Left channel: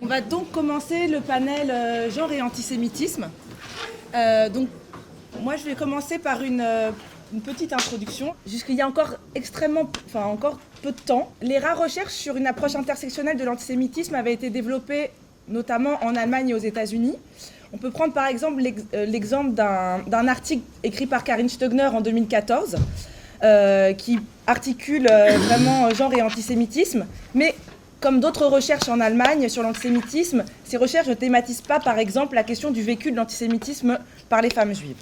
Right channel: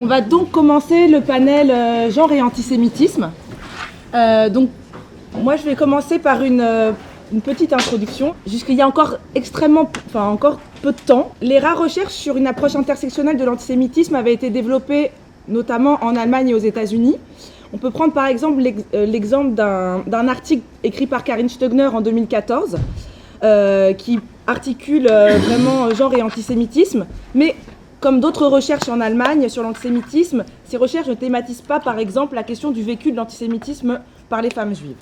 On va donc commencer le panel genre et antisémitisme. Donc, moi, je vais commencer par une petite introduction. Jusqu'il y a encore encore peu de temps, les rares recherches sur une approche intersectionnelle de l'antisémitisme avaient été développées notamment en Allemagne et aux États-Unis. On peut prendre par exemple l'exemple d'un article écrit par Karin Stegner en 2014 qui articule vraiment genre et antisémitisme, mais comme d'autres recherches en Allemagne sur l'antisémitisme, ces recherches ne thématisent pas, par exemple, la question du vécu de l'antisémitisme par les femmes juives.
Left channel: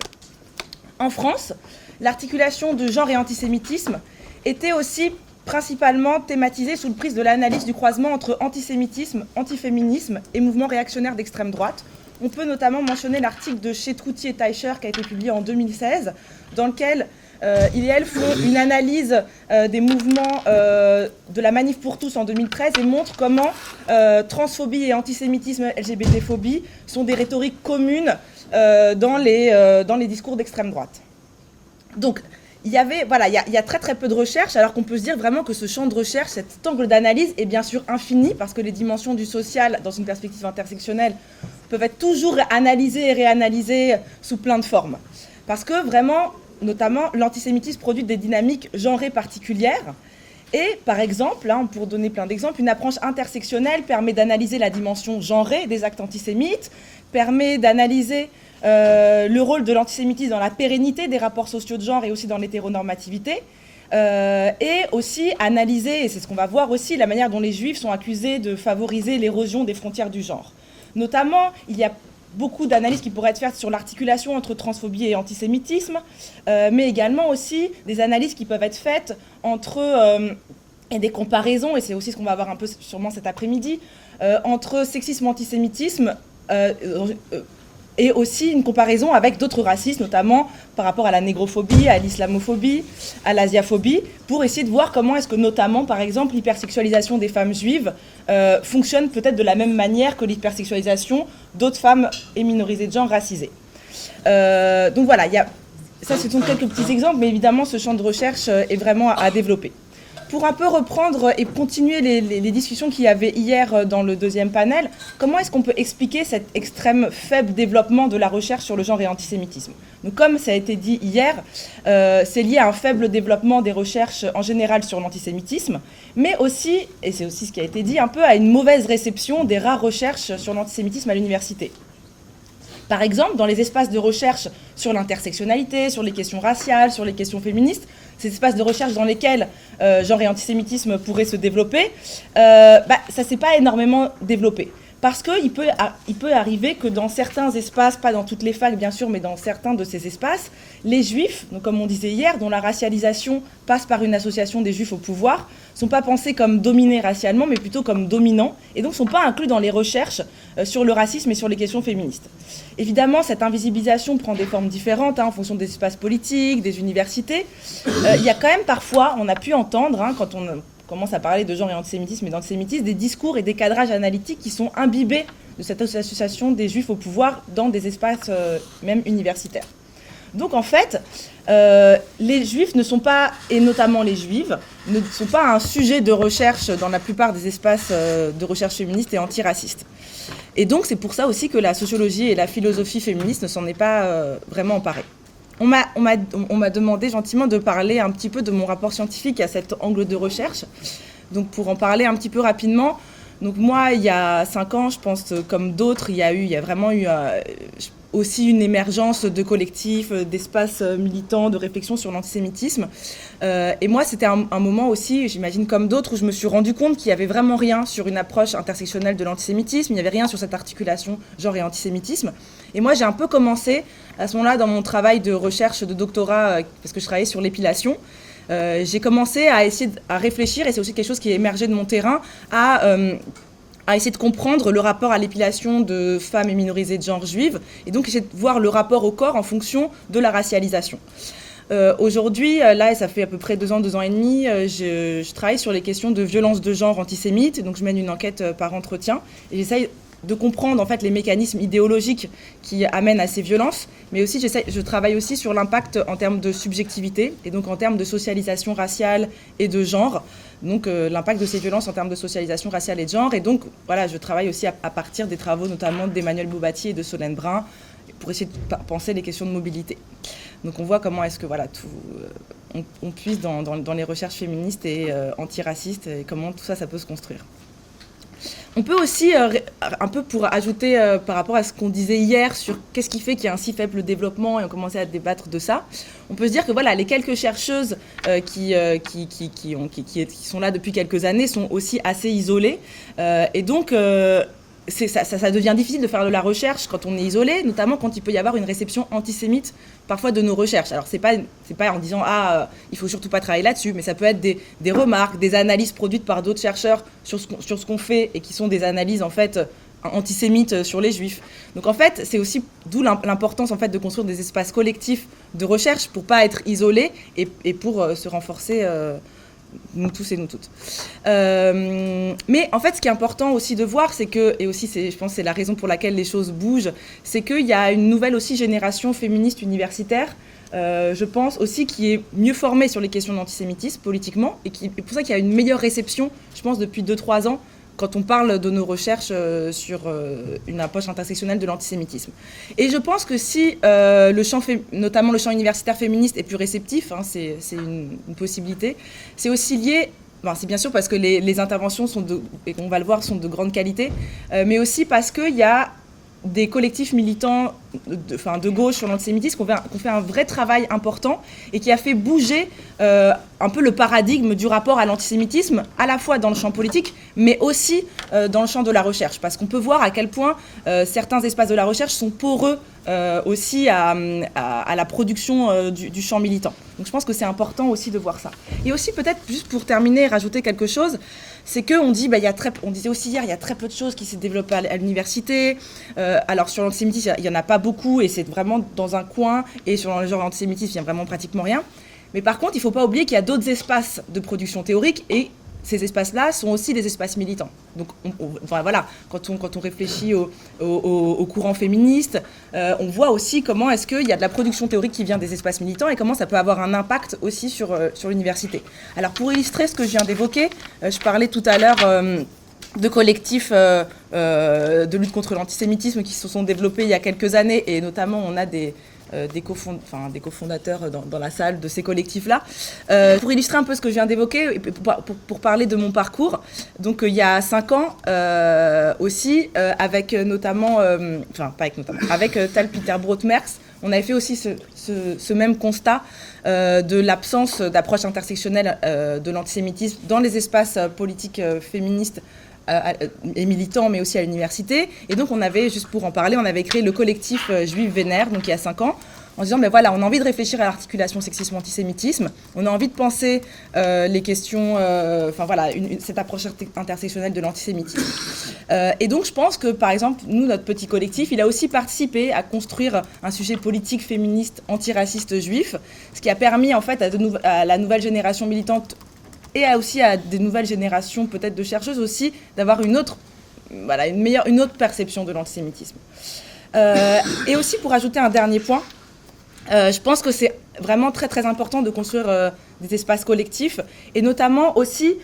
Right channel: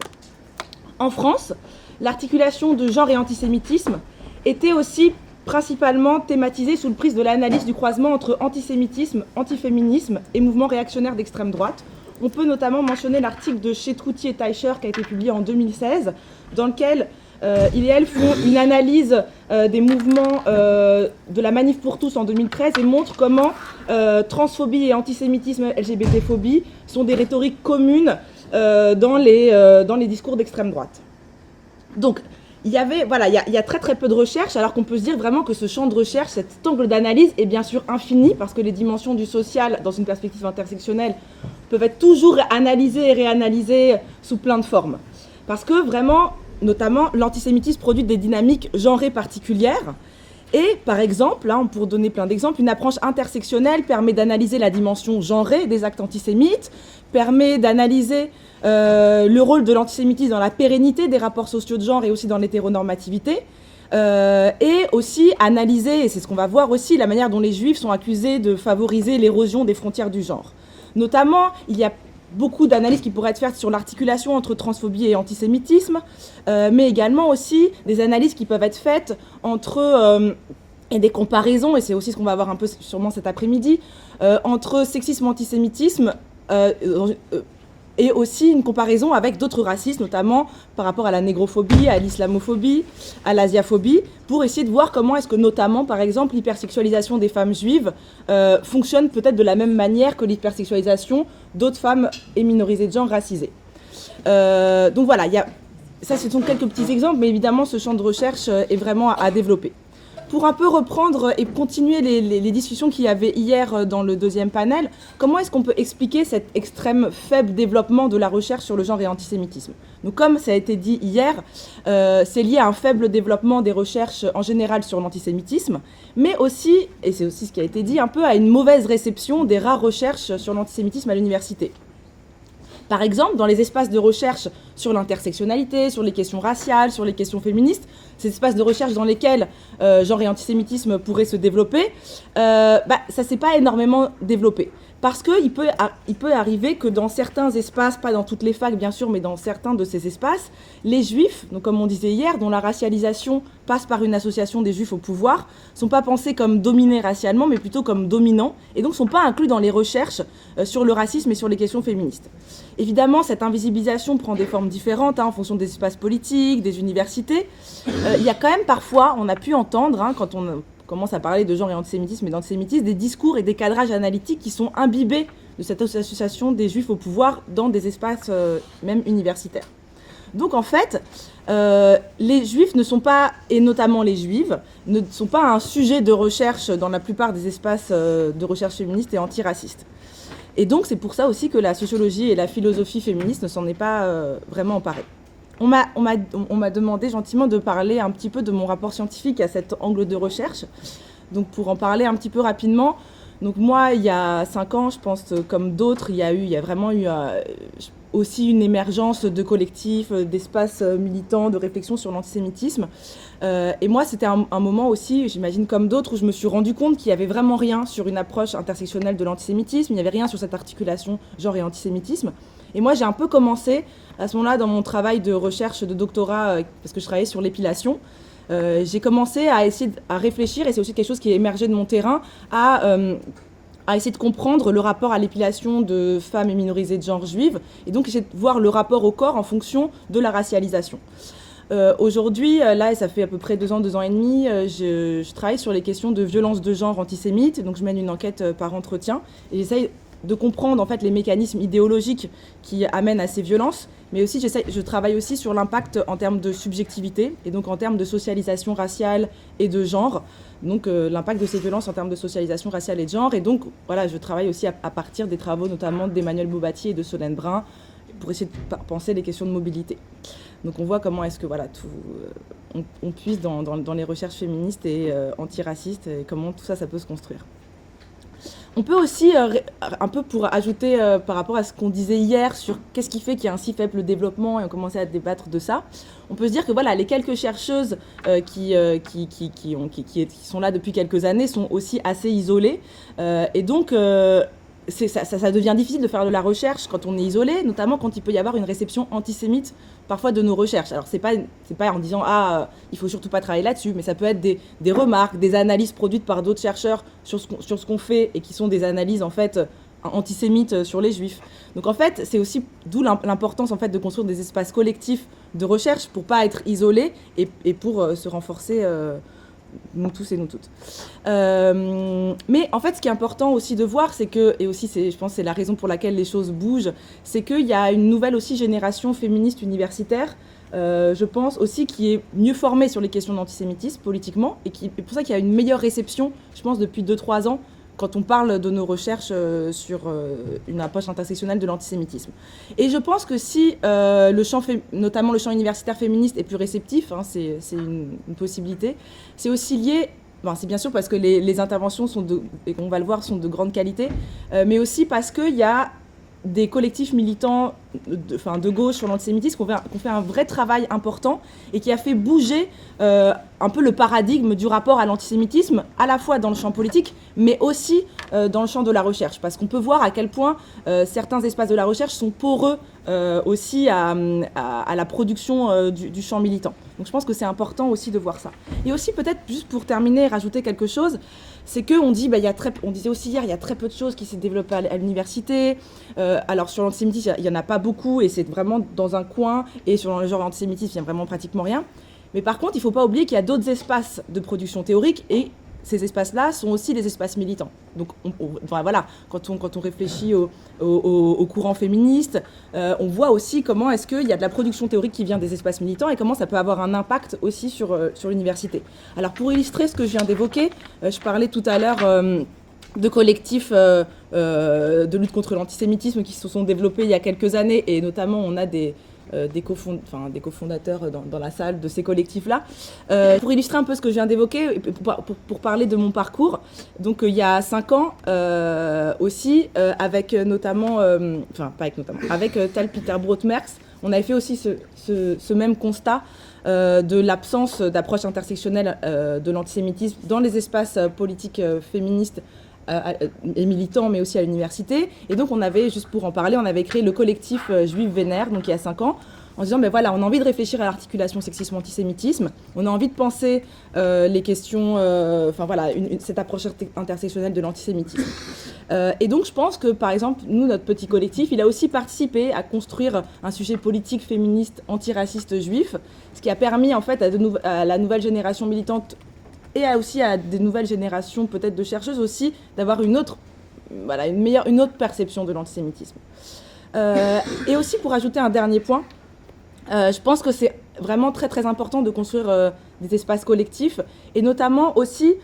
En France, l'articulation de genre et antisémitisme était aussi principalement thématisée sous le prisme de l'analyse du croisement entre antisémitisme, antiféminisme et mouvements réactionnaires d'extrême droite. On peut notamment mentionner l'article de Chetrouti et Teicher qui a été publié en 2016, dans lequel ils et elles font une analyse des mouvements de la Manif pour tous en 2013 et montrent comment transphobie et antisémitisme, LGBT-phobie sont des rhétoriques communes dans les discours d'extrême droite. Donc, il y a très très peu de recherches, alors qu'on peut se dire vraiment que ce champ de recherche, cet angle d'analyse est bien sûr infini, parce que les dimensions du social, dans une perspective intersectionnelle, peuvent être toujours analysées et réanalysées sous plein de formes. Parce que vraiment, notamment, l'antisémitisme produit des dynamiques genrées particulières. Et par exemple, pour donner plein d'exemples, une approche intersectionnelle permet d'analyser la dimension genrée des actes antisémites, permet d'analyser le rôle de l'antisémitisme dans la pérennité des rapports sociaux de genre et aussi dans l'hétéronormativité, et aussi analyser, et c'est ce qu'on va voir aussi, la manière dont les juifs sont accusés de favoriser l'érosion des frontières du genre. Notamment, il y a beaucoup d'analyses qui pourraient être faites sur l'articulation entre transphobie et antisémitisme, mais également aussi des analyses qui peuvent être faites entre, et des comparaisons, et c'est aussi ce qu'on va voir un peu sûrement cet après-midi, entre sexisme et antisémitisme, et aussi une comparaison avec d'autres racismes, notamment par rapport à la négrophobie, à l'islamophobie, à l'asiaphobie, pour essayer de voir comment est-ce que notamment, par exemple, l'hypersexualisation des femmes juives fonctionne peut-être de la même manière que l'hypersexualisation d'autres femmes et minorisées de genre racisées. Donc voilà, ça ce sont quelques petits exemples, mais évidemment ce champ de recherche est vraiment à développer. Pour un peu reprendre et continuer les discussions qu'il y avait hier dans le deuxième panel, comment est-ce qu'on peut expliquer cet extrême faible développement de la recherche sur le genre et l'antisémitisme ? Donc, comme ça a été dit hier, c'est lié à un faible développement des recherches en général sur l'antisémitisme, mais aussi, et c'est aussi ce qui a été dit, un peu à une mauvaise réception des rares recherches sur l'antisémitisme à l'université. Par exemple, dans les espaces de recherche sur l'intersectionnalité, sur les questions raciales, sur les questions féministes, ces espaces de recherche dans lesquels genre et antisémitisme pourraient se développer, ça ne s'est pas énormément développé. Parce qu'il peut arriver que dans certains espaces, pas dans toutes les facs bien sûr, mais dans certains de ces espaces, les juifs, donc comme on disait hier, dont la racialisation passe par une association des juifs au pouvoir, ne sont pas pensés comme dominés racialement, mais plutôt comme dominants, et donc ne sont pas inclus dans les recherches sur le racisme et sur les questions féministes. Évidemment, cette invisibilisation prend des formes différentes en fonction des espaces politiques, des universités. Il y a quand même parfois, on a pu entendre, quand on commence à parler de genre et antisémitisme et d'antisémitisme, des discours et des cadrages analytiques qui sont imbibés de cette association des juifs au pouvoir dans des espaces même universitaires. Donc en fait, les juifs ne sont pas, et notamment les juives, ne sont pas un sujet de recherche dans la plupart des espaces de recherche féministe et antiracistes. Et donc c'est pour ça aussi que la sociologie et la philosophie féministe ne s'en est pas vraiment emparée. On m'a demandé gentiment de parler un petit peu de mon rapport scientifique à cet angle de recherche. Donc pour en parler un petit peu rapidement, donc moi il y a 5 ans, je pense comme d'autres, il y a vraiment eu aussi une émergence de collectifs, d'espaces militants, de réflexion sur l'antisémitisme. Et moi, c'était un moment aussi, j'imagine comme d'autres, où je me suis rendu compte qu'il n'y avait vraiment rien sur une approche intersectionnelle de l'antisémitisme, il n'y avait rien sur cette articulation genre et antisémitisme. Et moi, j'ai un peu commencé, à ce moment-là, dans mon travail de recherche de doctorat, parce que je travaillais sur l'épilation, j'ai commencé à essayer à réfléchir, et c'est aussi quelque chose qui est émergé de mon terrain, à essayer de comprendre le rapport à l'épilation de femmes et minorisées de genre juives, et donc essayer de voir le rapport au corps en fonction de la racialisation. Aujourd'hui, là, ça fait à peu près 2 ans et demi, je travaille sur les questions de violence de genre antisémite, donc je mène une enquête par entretien, et j'essaye de comprendre en fait les mécanismes idéologiques qui amènent à ces violences, mais aussi je travaille aussi sur l'impact en termes de subjectivité et donc en termes de socialisation raciale et de genre, donc l'impact de ces violences en termes de socialisation raciale et de genre, et donc voilà, je travaille aussi à partir des travaux notamment d'Emmanuel Boubatier et de Solène Brun pour essayer de penser les questions de mobilité. Donc on voit comment est-ce que voilà, on puise dans les recherches féministes et antiracistes et comment tout ça peut se construire. On peut aussi, un peu pour ajouter par rapport à ce qu'on disait hier sur qu'est-ce qui fait qu'il y a un si faible développement, et on commençait à débattre de ça, on peut se dire que voilà, les quelques chercheuses qui sont là depuis quelques années sont aussi assez isolées. Et donc, ça devient difficile de faire de la recherche quand on est isolé, notamment quand il peut y avoir une réception antisémite parfois de nos recherches. Alors c'est pas en disant il faut surtout pas travailler là-dessus, mais ça peut être des remarques, des analyses produites par d'autres chercheurs sur ce qu'on fait et qui sont des analyses en fait antisémites sur les juifs. Donc en fait c'est aussi d'où l'importance en fait de construire des espaces collectifs de recherche pour pas être isolé et pour se renforcer. Nous tous et nous toutes. Mais en fait, ce qui est important aussi de voir, c'est que, et aussi je pense que c'est la raison pour laquelle les choses bougent, c'est qu'il y a une nouvelle aussi génération féministe universitaire, je pense aussi, qui est mieux formée sur les questions d'antisémitisme politiquement, et pour ça qu'il y a une meilleure réception, je pense, depuis 2-3 ans, quand on parle de nos recherches sur une approche intersectionnelle de l'antisémitisme. Et je pense que si notamment le champ universitaire féministe est plus réceptif, hein, c'est une possibilité, c'est aussi lié, c'est bien sûr parce que les interventions et on va le voir, sont de grande qualité, mais aussi parce qu'il y a des collectifs militants de gauche sur l'antisémitisme qui ont fait un vrai travail important et qui a fait bouger un peu le paradigme du rapport à l'antisémitisme, à la fois dans le champ politique, mais aussi dans le champ de la recherche. Parce qu'on peut voir à quel point certains espaces de la recherche sont poreux aussi à la production du champ militant. Donc je pense que c'est important aussi de voir ça. Et aussi peut-être, juste pour terminer, rajouter quelque chose, c'est qu'on dit, on disait aussi hier, il y a très peu de choses qui s'est développées à l'université. Alors sur l'antisémitisme, il n'y en a pas beaucoup et c'est vraiment dans un coin. Et sur le genre l'antisémitisme, il n'y a vraiment pratiquement rien. Mais par contre, il ne faut pas oublier qu'il y a d'autres espaces de production théorique et ces espaces-là sont aussi des espaces militants. Donc, voilà, quand on réfléchit au courant féministe, on voit aussi comment est-ce qu'il y a de la production théorique qui vient des espaces militants et comment ça peut avoir un impact aussi sur l'université. Alors, pour illustrer ce que je viens d'évoquer, je parlais tout à l'heure de collectifs de lutte contre l'antisémitisme qui se sont développés il y a quelques années, et notamment on a des cofondateurs dans la salle de ces collectifs-là. Pour illustrer un peu ce que je viens d'évoquer, et pour parler de mon parcours, donc il y a 5 ans aussi, avec notamment, avec Tal Peter Brood-Merks, on avait fait aussi ce même constat de l'absence d'approche intersectionnelle de l'antisémitisme dans les espaces politiques féministes et militants, mais aussi à l'université. Et donc on avait, juste pour en parler, on avait créé le collectif Juif Vénère, donc il y a 5 ans, en disant, on a envie de réfléchir à l'articulation sexisme-antisémitisme, on a envie de penser les questions, cette approche intersectionnelle de l'antisémitisme. Et donc je pense que, par exemple, nous, notre petit collectif, il a aussi participé à construire un sujet politique féministe antiraciste juif, ce qui a permis en fait à la nouvelle génération militante et aussi à des nouvelles générations peut-être de chercheuses aussi d'avoir une autre perception de l'antisémitisme. Et aussi, pour ajouter un dernier point, je pense que c'est vraiment très très important de construire des espaces collectifs, et notamment aussi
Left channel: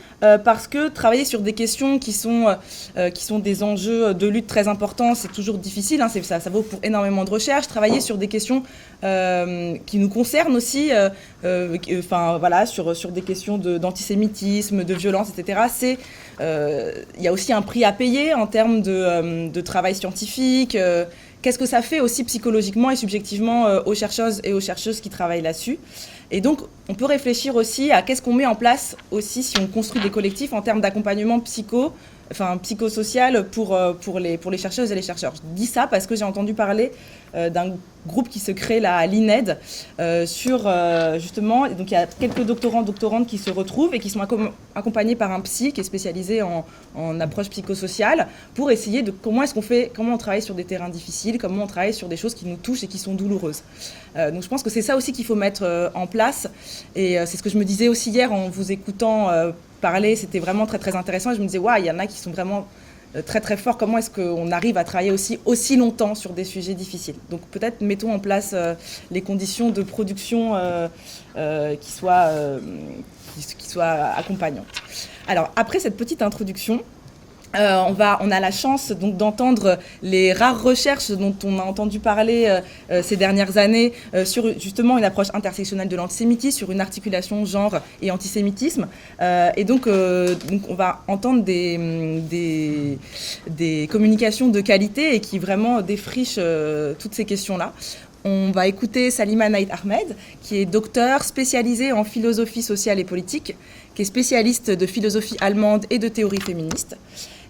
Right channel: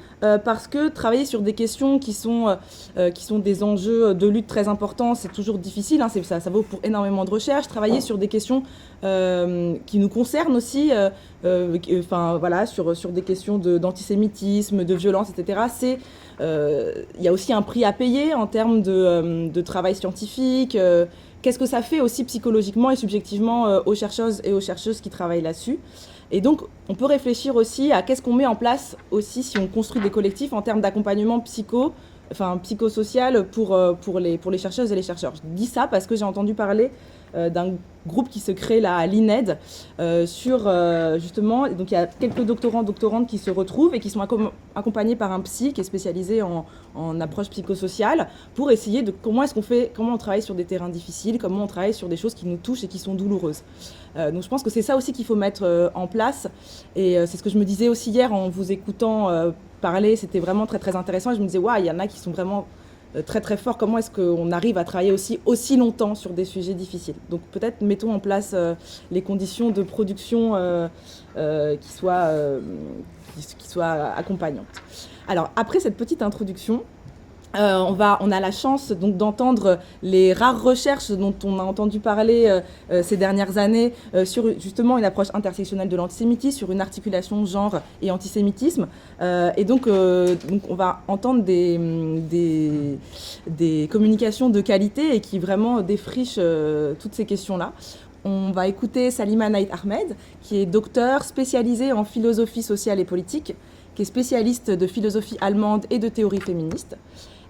parce que travailler sur des questions qui sont des enjeux de lutte très importants, c'est toujours difficile, hein, ça vaut pour énormément de recherches. Travailler sur des questions qui nous concernent aussi, sur des questions d'antisémitisme, de violence, etc., il y a aussi un prix à payer en termes de travail scientifique. Qu'est-ce que ça fait aussi psychologiquement et subjectivement aux chercheuses et aux chercheuses qui travaillent là-dessus. Et donc, on peut réfléchir aussi à qu'est-ce qu'on met en place aussi si on construit des collectifs en termes d'accompagnement psychosocial pour les chercheuses et les chercheurs. Je dis ça parce que j'ai entendu parler d'un groupe qui se crée là à l'INED justement, donc il y a quelques doctorantes qui se retrouvent et qui sont accompagnés par un psy qui est spécialisé en approche psychosociale pour essayer de comment on travaille sur des terrains difficiles, comment on travaille sur des choses qui nous touchent et qui sont douloureuses. Donc je pense que c'est ça aussi qu'il faut mettre en place, et c'est ce que je me disais aussi hier en vous écoutant parler, c'était vraiment très très intéressant, et je me disais il y en a qui sont vraiment très très fort comment est-ce qu'on arrive à travailler aussi longtemps sur des sujets difficiles. Donc peut-être mettons en place les conditions de production qui soient accompagnantes. Alors après cette petite introduction, on a la chance donc d'entendre les rares recherches dont on a entendu parler ces dernières années sur justement une approche intersectionnelle de l'antisémitisme, sur une articulation genre et antisémitisme. Et donc on va entendre des communications de qualité et qui vraiment défrichent toutes ces questions-là. On va écouter Salima Naïd Ahmed, qui est docteur spécialisée en philosophie sociale et politique, qui est spécialiste de philosophie allemande et de théorie féministe.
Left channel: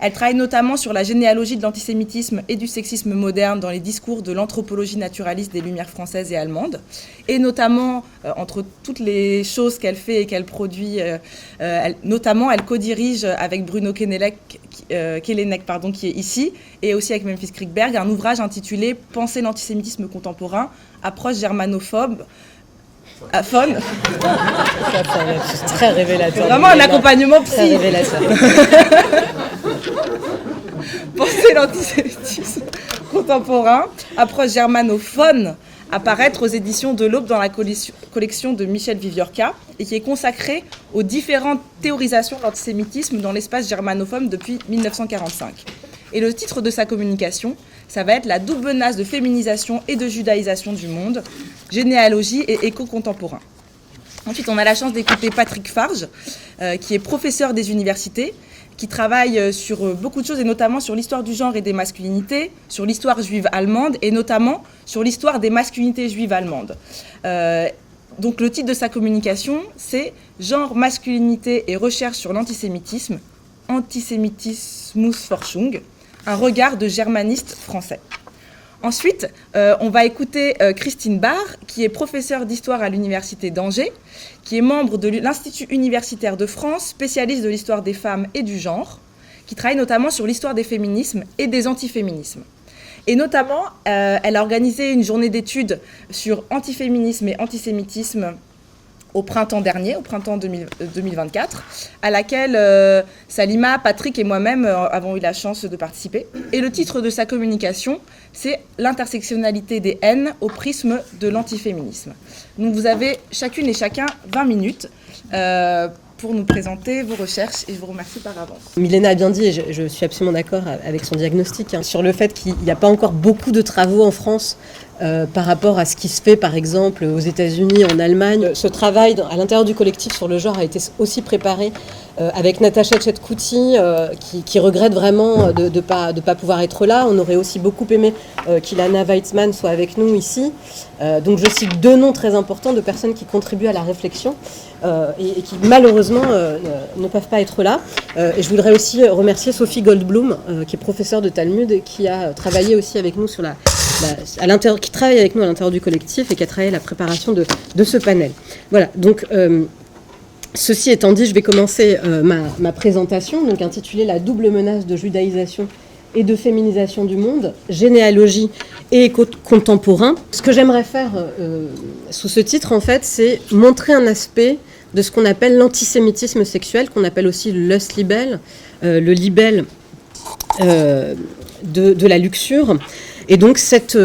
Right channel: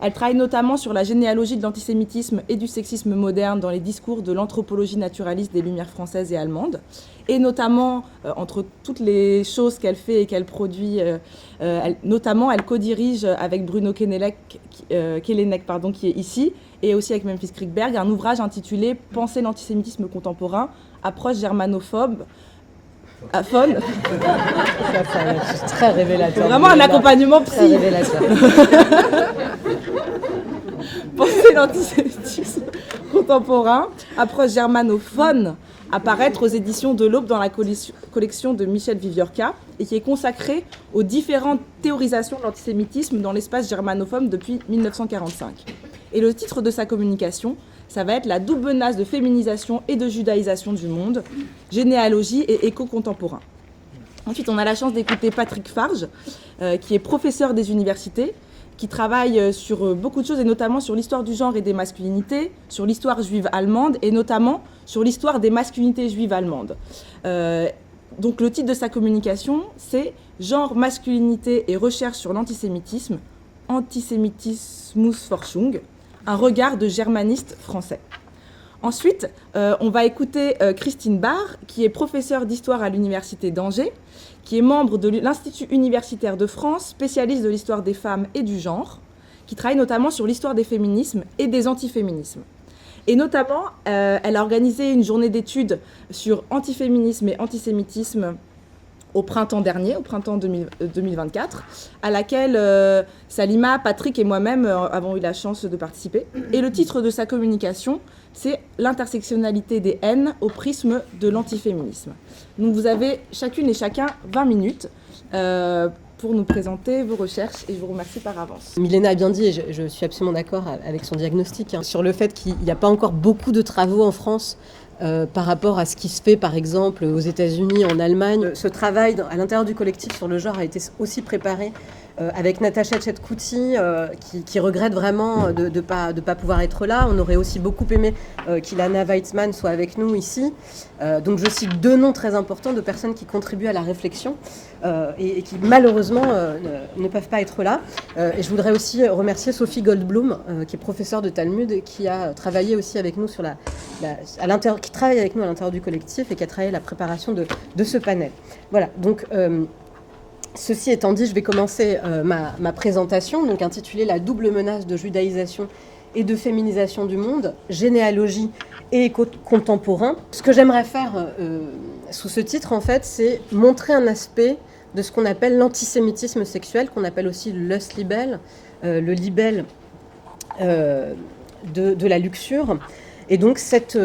Elle travaille notamment sur la généalogie de l'antisémitisme et du sexisme moderne dans les discours de l'anthropologie naturaliste des Lumières françaises et allemandes. Et notamment, entre toutes les choses qu'elle fait et qu'elle produit, elle co-dirige avec Bruno Kelenek, qui est ici, et aussi avec Memphis Kriegberg, un ouvrage intitulé « Penser l'antisémitisme contemporain, approche germanophobe ». Faune. C'est très révélateur. C'est vraiment un accompagnement psy. Très révélateur. Penser l'antisémitisme contemporain, approche germanophone, apparaître aux éditions de l'Aube dans la collection de Michel Viviorca et qui est consacrée aux différentes théorisations de l'antisémitisme dans l'espace germanophone depuis 1945. Et le titre de sa communication, ça va être « La double menace de féminisation et de judaïsation du monde, généalogie et écho contemporain ». Ensuite, on a la chance d'écouter Patrick Farge, qui est professeur des universités, qui travaille sur beaucoup de choses, et notamment sur l'histoire du genre et des masculinités, sur l'histoire juive allemande, et notamment sur l'histoire des masculinités juives allemandes. Donc le titre de sa communication, c'est « Genre, masculinité et recherche sur l'antisémitisme, Antisemitismusforschung », un regard de germaniste français. Ensuite, on va écouter Christine Barr, qui est professeure d'histoire à l'Université d'Angers, qui est membre de l'Institut universitaire de France, spécialiste de l'histoire des femmes et du genre, qui travaille notamment sur l'histoire des féminismes et des antiféminismes. Et notamment, elle a organisé une journée d'études sur antiféminisme et antisémitisme au printemps dernier, au printemps 2024, à laquelle Salima, Patrick et moi-même avons eu la chance de participer. Et le titre de sa communication, c'est « L'intersectionnalité des haines au prisme de l'antiféminisme ». Donc vous avez chacune et chacun 20 minutes pour nous présenter vos recherches et je vous remercie par avance. Milena a bien dit, et je suis absolument d'accord avec son diagnostic, sur le fait qu'il n'y a pas encore beaucoup de travaux en France par rapport à ce qui se fait, par exemple, aux États-Unis, en Allemagne. Ce travail à l'intérieur du collectif sur le genre a été aussi préparé avec Natacha Tchetkouti, qui regrette vraiment de ne pas pouvoir être là. On aurait aussi beaucoup aimé qu'Ilana Weitzman soit avec nous ici. Donc je cite deux noms très importants de personnes qui contribuent à la réflexion et qui malheureusement ne peuvent pas être là. Et je voudrais aussi remercier Sophie Goldblum, qui est professeure de Talmud et qui a travaillé aussi avec nous sur qui travaille avec nous à l'intérieur du collectif et qui a travaillé à la préparation de ce panel. Voilà, donc ceci étant dit, je vais commencer ma présentation, donc intitulée « La double menace de judaïsation et de féminisation du monde, généalogie et écho contemporain ». Ce que j'aimerais faire sous ce titre, en fait, c'est montrer un aspect de ce qu'on appelle l'antisémitisme sexuel, qu'on appelle aussi le Lust-Libel, le libelle de la luxure. Et donc cette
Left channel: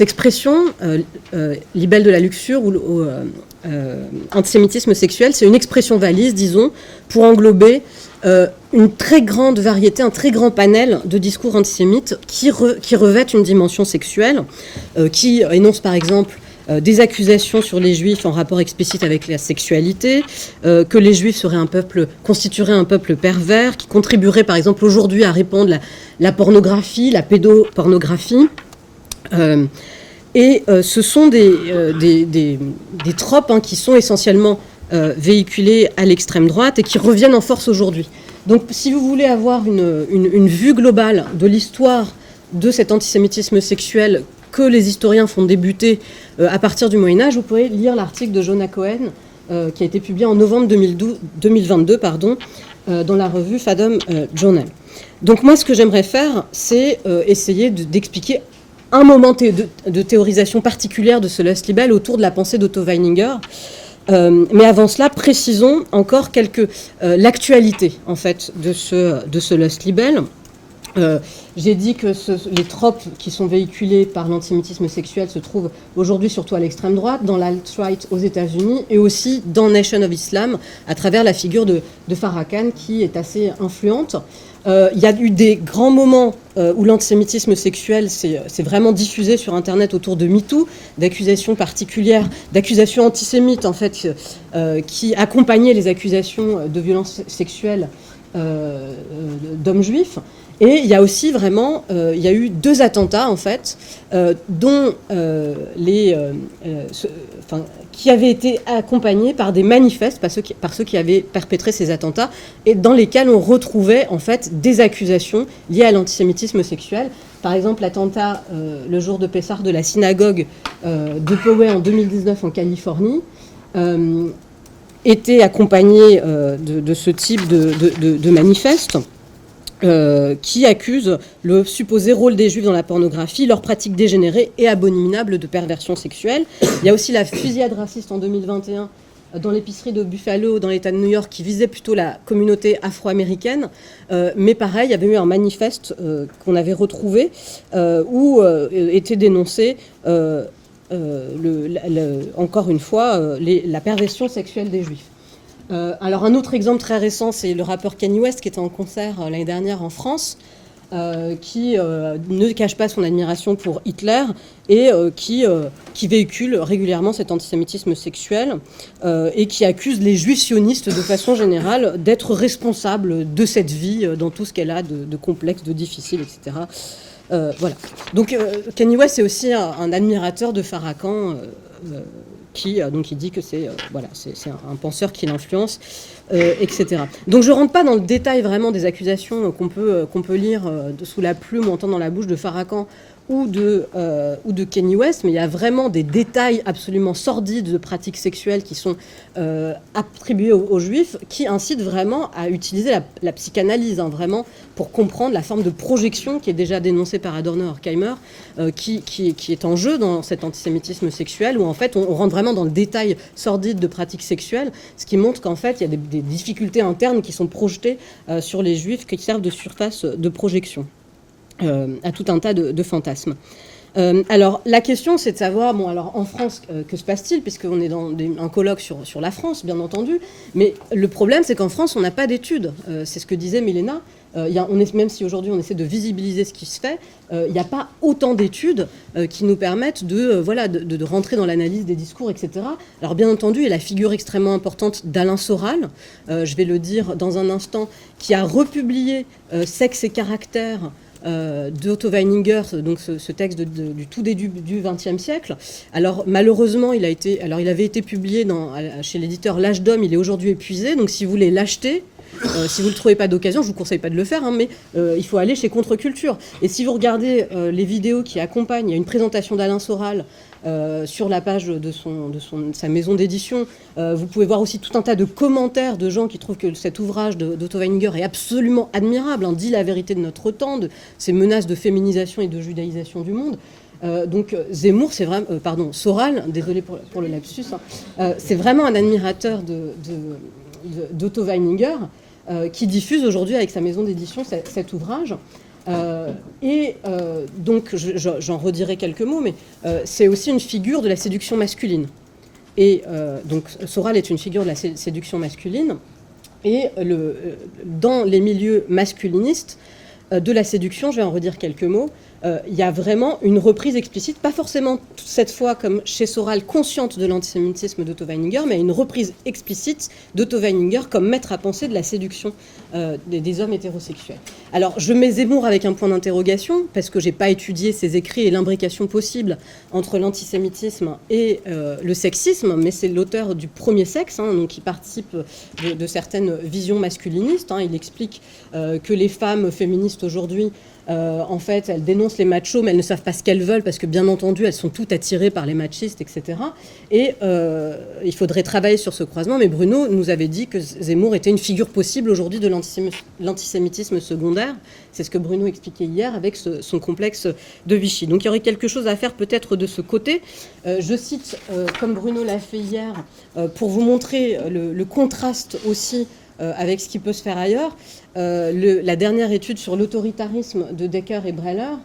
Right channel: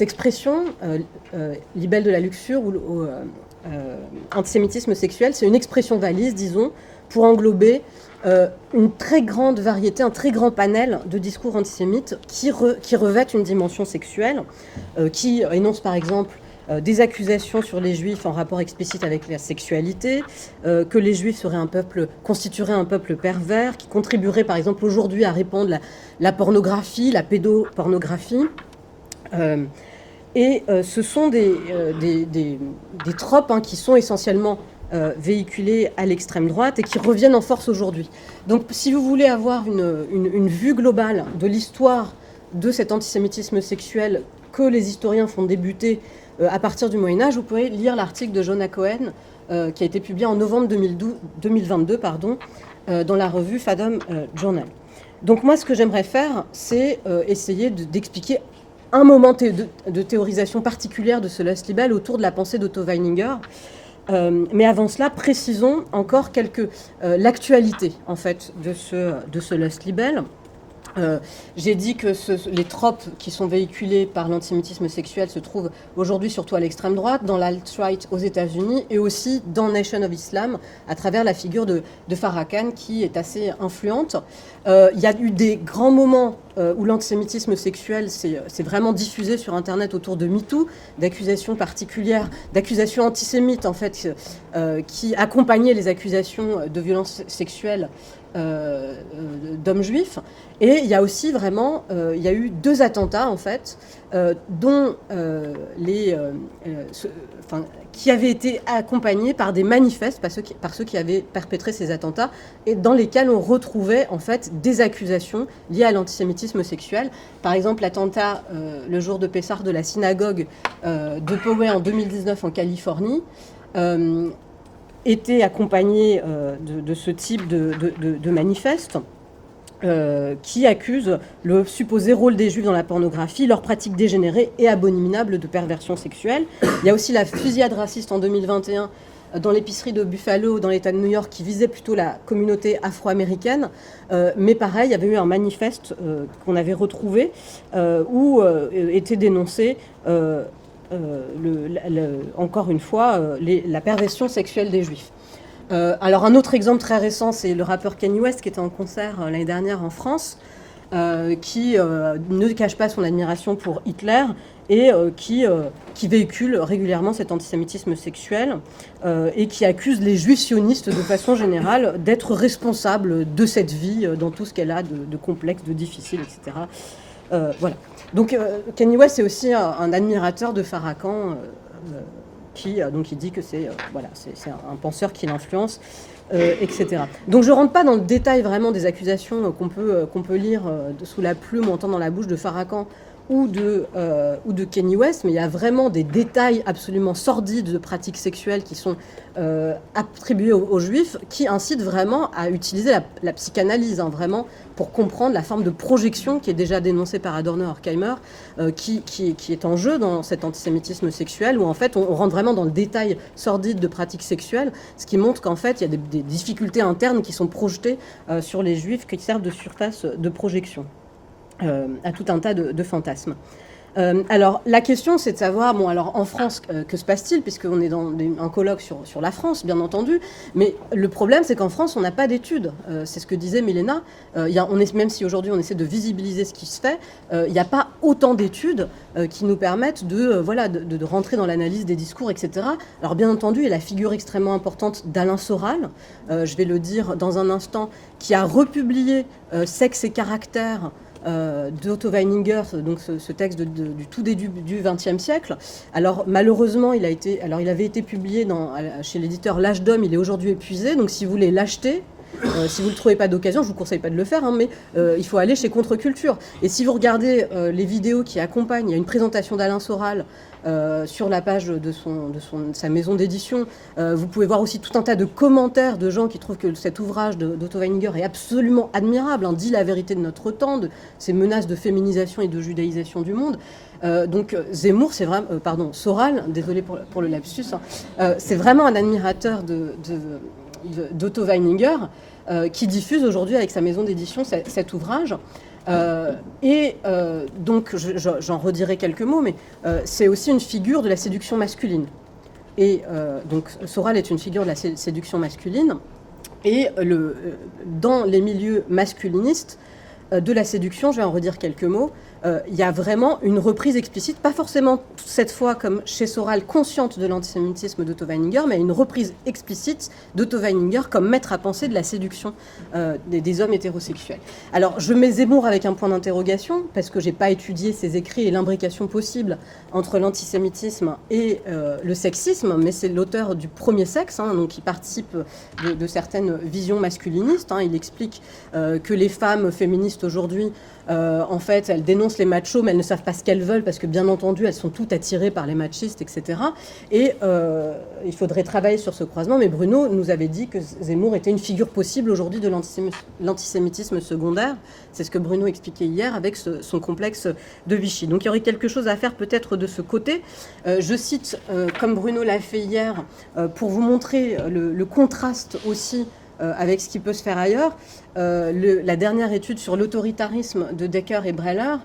expression, libelle de la luxure ou antisémitisme sexuel, c'est une expression valise, disons, pour englober une très grande variété, un très grand panel de discours antisémites qui revêtent une dimension sexuelle, qui énoncent par exemple des accusations sur les juifs en rapport explicite avec la sexualité, que les juifs constitueraient un peuple pervers, qui contribuerait par exemple aujourd'hui à répandre la pornographie, la pédopornographie. Ce sont des tropes qui sont essentiellement véhiculés à l'extrême droite et qui reviennent en force aujourd'hui. Donc si vous voulez avoir une vue globale de l'histoire de cet antisémitisme sexuel que les historiens font débuter à partir du Moyen-Âge, vous pouvez lire l'article de Jonah Cohen qui a été publié en novembre 2022 dans la revue Fathom Journal. Donc moi, ce que j'aimerais faire, c'est essayer d'expliquer un moment de théorisation particulière de ce Lust-Libel autour de la pensée d'Otto Weininger. Mais avant cela, précisons encore l'actualité en fait de ce Lust-Libel. J'ai dit que les tropes qui sont véhiculés par l'antisémitisme sexuel se trouvent aujourd'hui surtout à l'extrême droite, dans l'alt-right aux États-Unis et aussi dans Nation of Islam, à travers la figure de Farrakhan qui est assez influente. Il y a eu des grands moments où l'antisémitisme sexuel s'est vraiment diffusé sur Internet autour de MeToo, d'accusations particulières, d'accusations antisémites en fait, qui accompagnaient les accusations de violences sexuelles d'hommes juifs. Et il y a aussi vraiment, il y a eu 2 attentats en fait, dont qui avaient été accompagnés par des manifestes par ceux qui avaient perpétré ces attentats, et dans lesquels on retrouvait en fait des accusations liées à l'antisémitisme sexuel. Par exemple, l'attentat le jour de Pessah de la synagogue de Poway en 2019 en Californie. Était accompagné de ce type de manifeste qui accusent le supposé rôle des Juifs dans la pornographie, leurs pratiques dégénérées et abominables de perversion sexuelle. Il y a aussi la fusillade raciste en 2021 dans l'épicerie de Buffalo, dans l'État de New York, qui visait plutôt la communauté afro-américaine. Mais pareil, il y avait eu un manifeste qu'on avait retrouvé où était dénoncé encore une fois, la perversion sexuelle des Juifs. Alors un autre exemple très récent, c'est le rappeur Kanye West qui était en concert l'année dernière en France, qui ne cache pas son admiration pour Hitler et qui véhicule régulièrement cet antisémitisme sexuel et qui accuse les juifs sionistes de façon générale d'être responsables de cette vie dans tout ce qu'elle a de complexe, de difficile, etc. Voilà. Donc Kanye West est aussi un admirateur de Farrakhan qui dit que c'est un penseur qui l'influence, etc. Donc je ne rentre pas dans le détail vraiment des accusations qu'on peut lire sous la plume ou entendre dans la bouche de Farrakhan ou de Kanye West, mais il y a vraiment des détails absolument sordides de pratiques sexuelles qui sont attribuées aux Juifs, qui incitent vraiment à utiliser la psychanalyse, vraiment, pour comprendre la forme de projection qui est déjà dénoncée par Adorno et Horkheimer, qui est en jeu dans cet antisémitisme sexuel, où en fait on rentre vraiment dans le détail sordide de pratiques sexuelles, ce qui montre qu'en fait il y a des difficultés internes qui sont projetées sur les Juifs, qui servent de surface de projection à tout un tas de fantasmes. Alors la question c'est de savoir, bon alors en France que se passe-t-il, puisqu'on est dans un colloque sur la France bien entendu, mais le problème c'est qu'en France on n'a pas d'études, c'est ce que disait Milena, même si aujourd'hui on essaie de visibiliser ce qui se fait, il n'y a pas autant d'études qui nous permettent de rentrer dans l'analyse des discours, etc. Alors bien entendu il y a la figure extrêmement importante d'Alain Soral, je vais le dire dans un instant, qui a republié Sexe et caractère d'Otto Weininger, donc ce texte du tout début du XXe siècle. Alors malheureusement, il avait été publié chez l'éditeur L'Âge d'Homme, il est aujourd'hui épuisé, donc si vous voulez l'acheter, si vous ne le trouvez pas d'occasion, je ne vous conseille pas de le faire, mais il faut aller chez Contre-Culture. Et si vous regardez les vidéos qui accompagnent, il y a une présentation d'Alain Soral sur la page de sa maison d'édition. Vous pouvez voir aussi tout un tas de commentaires de gens qui trouvent que cet ouvrage d'Otto Weininger est absolument admirable, dit la vérité de notre temps, de ces menaces de féminisation et de judaïsation du monde. Donc Zemmour, c'est vraiment, Soral, désolé pour le lapsus, c'est vraiment un admirateur d'Otto Weininger qui diffuse aujourd'hui avec sa maison d'édition cet ouvrage. Donc j'en redirai quelques mots, mais c'est aussi une figure de la séduction masculine. Et donc Soral est une figure de la séduction masculine, et dans les milieux masculinistes de la séduction, je vais en redire quelques mots, il y a vraiment une reprise explicite, pas forcément cette fois comme chez Soral, consciente de l'antisémitisme d'Otto Weininger, mais une reprise explicite d'Otto Weininger comme maître à penser de la séduction des hommes hétérosexuels. Alors je mets Zemmour avec un point d'interrogation, parce que je n'ai pas étudié ses écrits et l'imbrication possible entre l'antisémitisme et le sexisme, mais c'est l'auteur du Premier Sexe, donc qui participe de certaines visions masculinistes. Il explique que les femmes féministes aujourd'hui, en fait, elles dénoncent les machos, mais elles ne savent pas ce qu'elles veulent, parce que bien entendu, elles sont toutes attirées par les machistes, etc. Et il faudrait travailler sur ce croisement, mais Bruno nous avait dit que Zemmour était une figure possible aujourd'hui de l'antisémitisme secondaire. C'est ce que Bruno expliquait hier avec son complexe de Vichy. Donc il y aurait quelque chose à faire peut-être de ce côté. Je cite, comme Bruno l'a fait hier, pour vous montrer le contraste aussi avec ce qui peut se faire ailleurs. La dernière étude sur l'autoritarisme de Decker et Breller,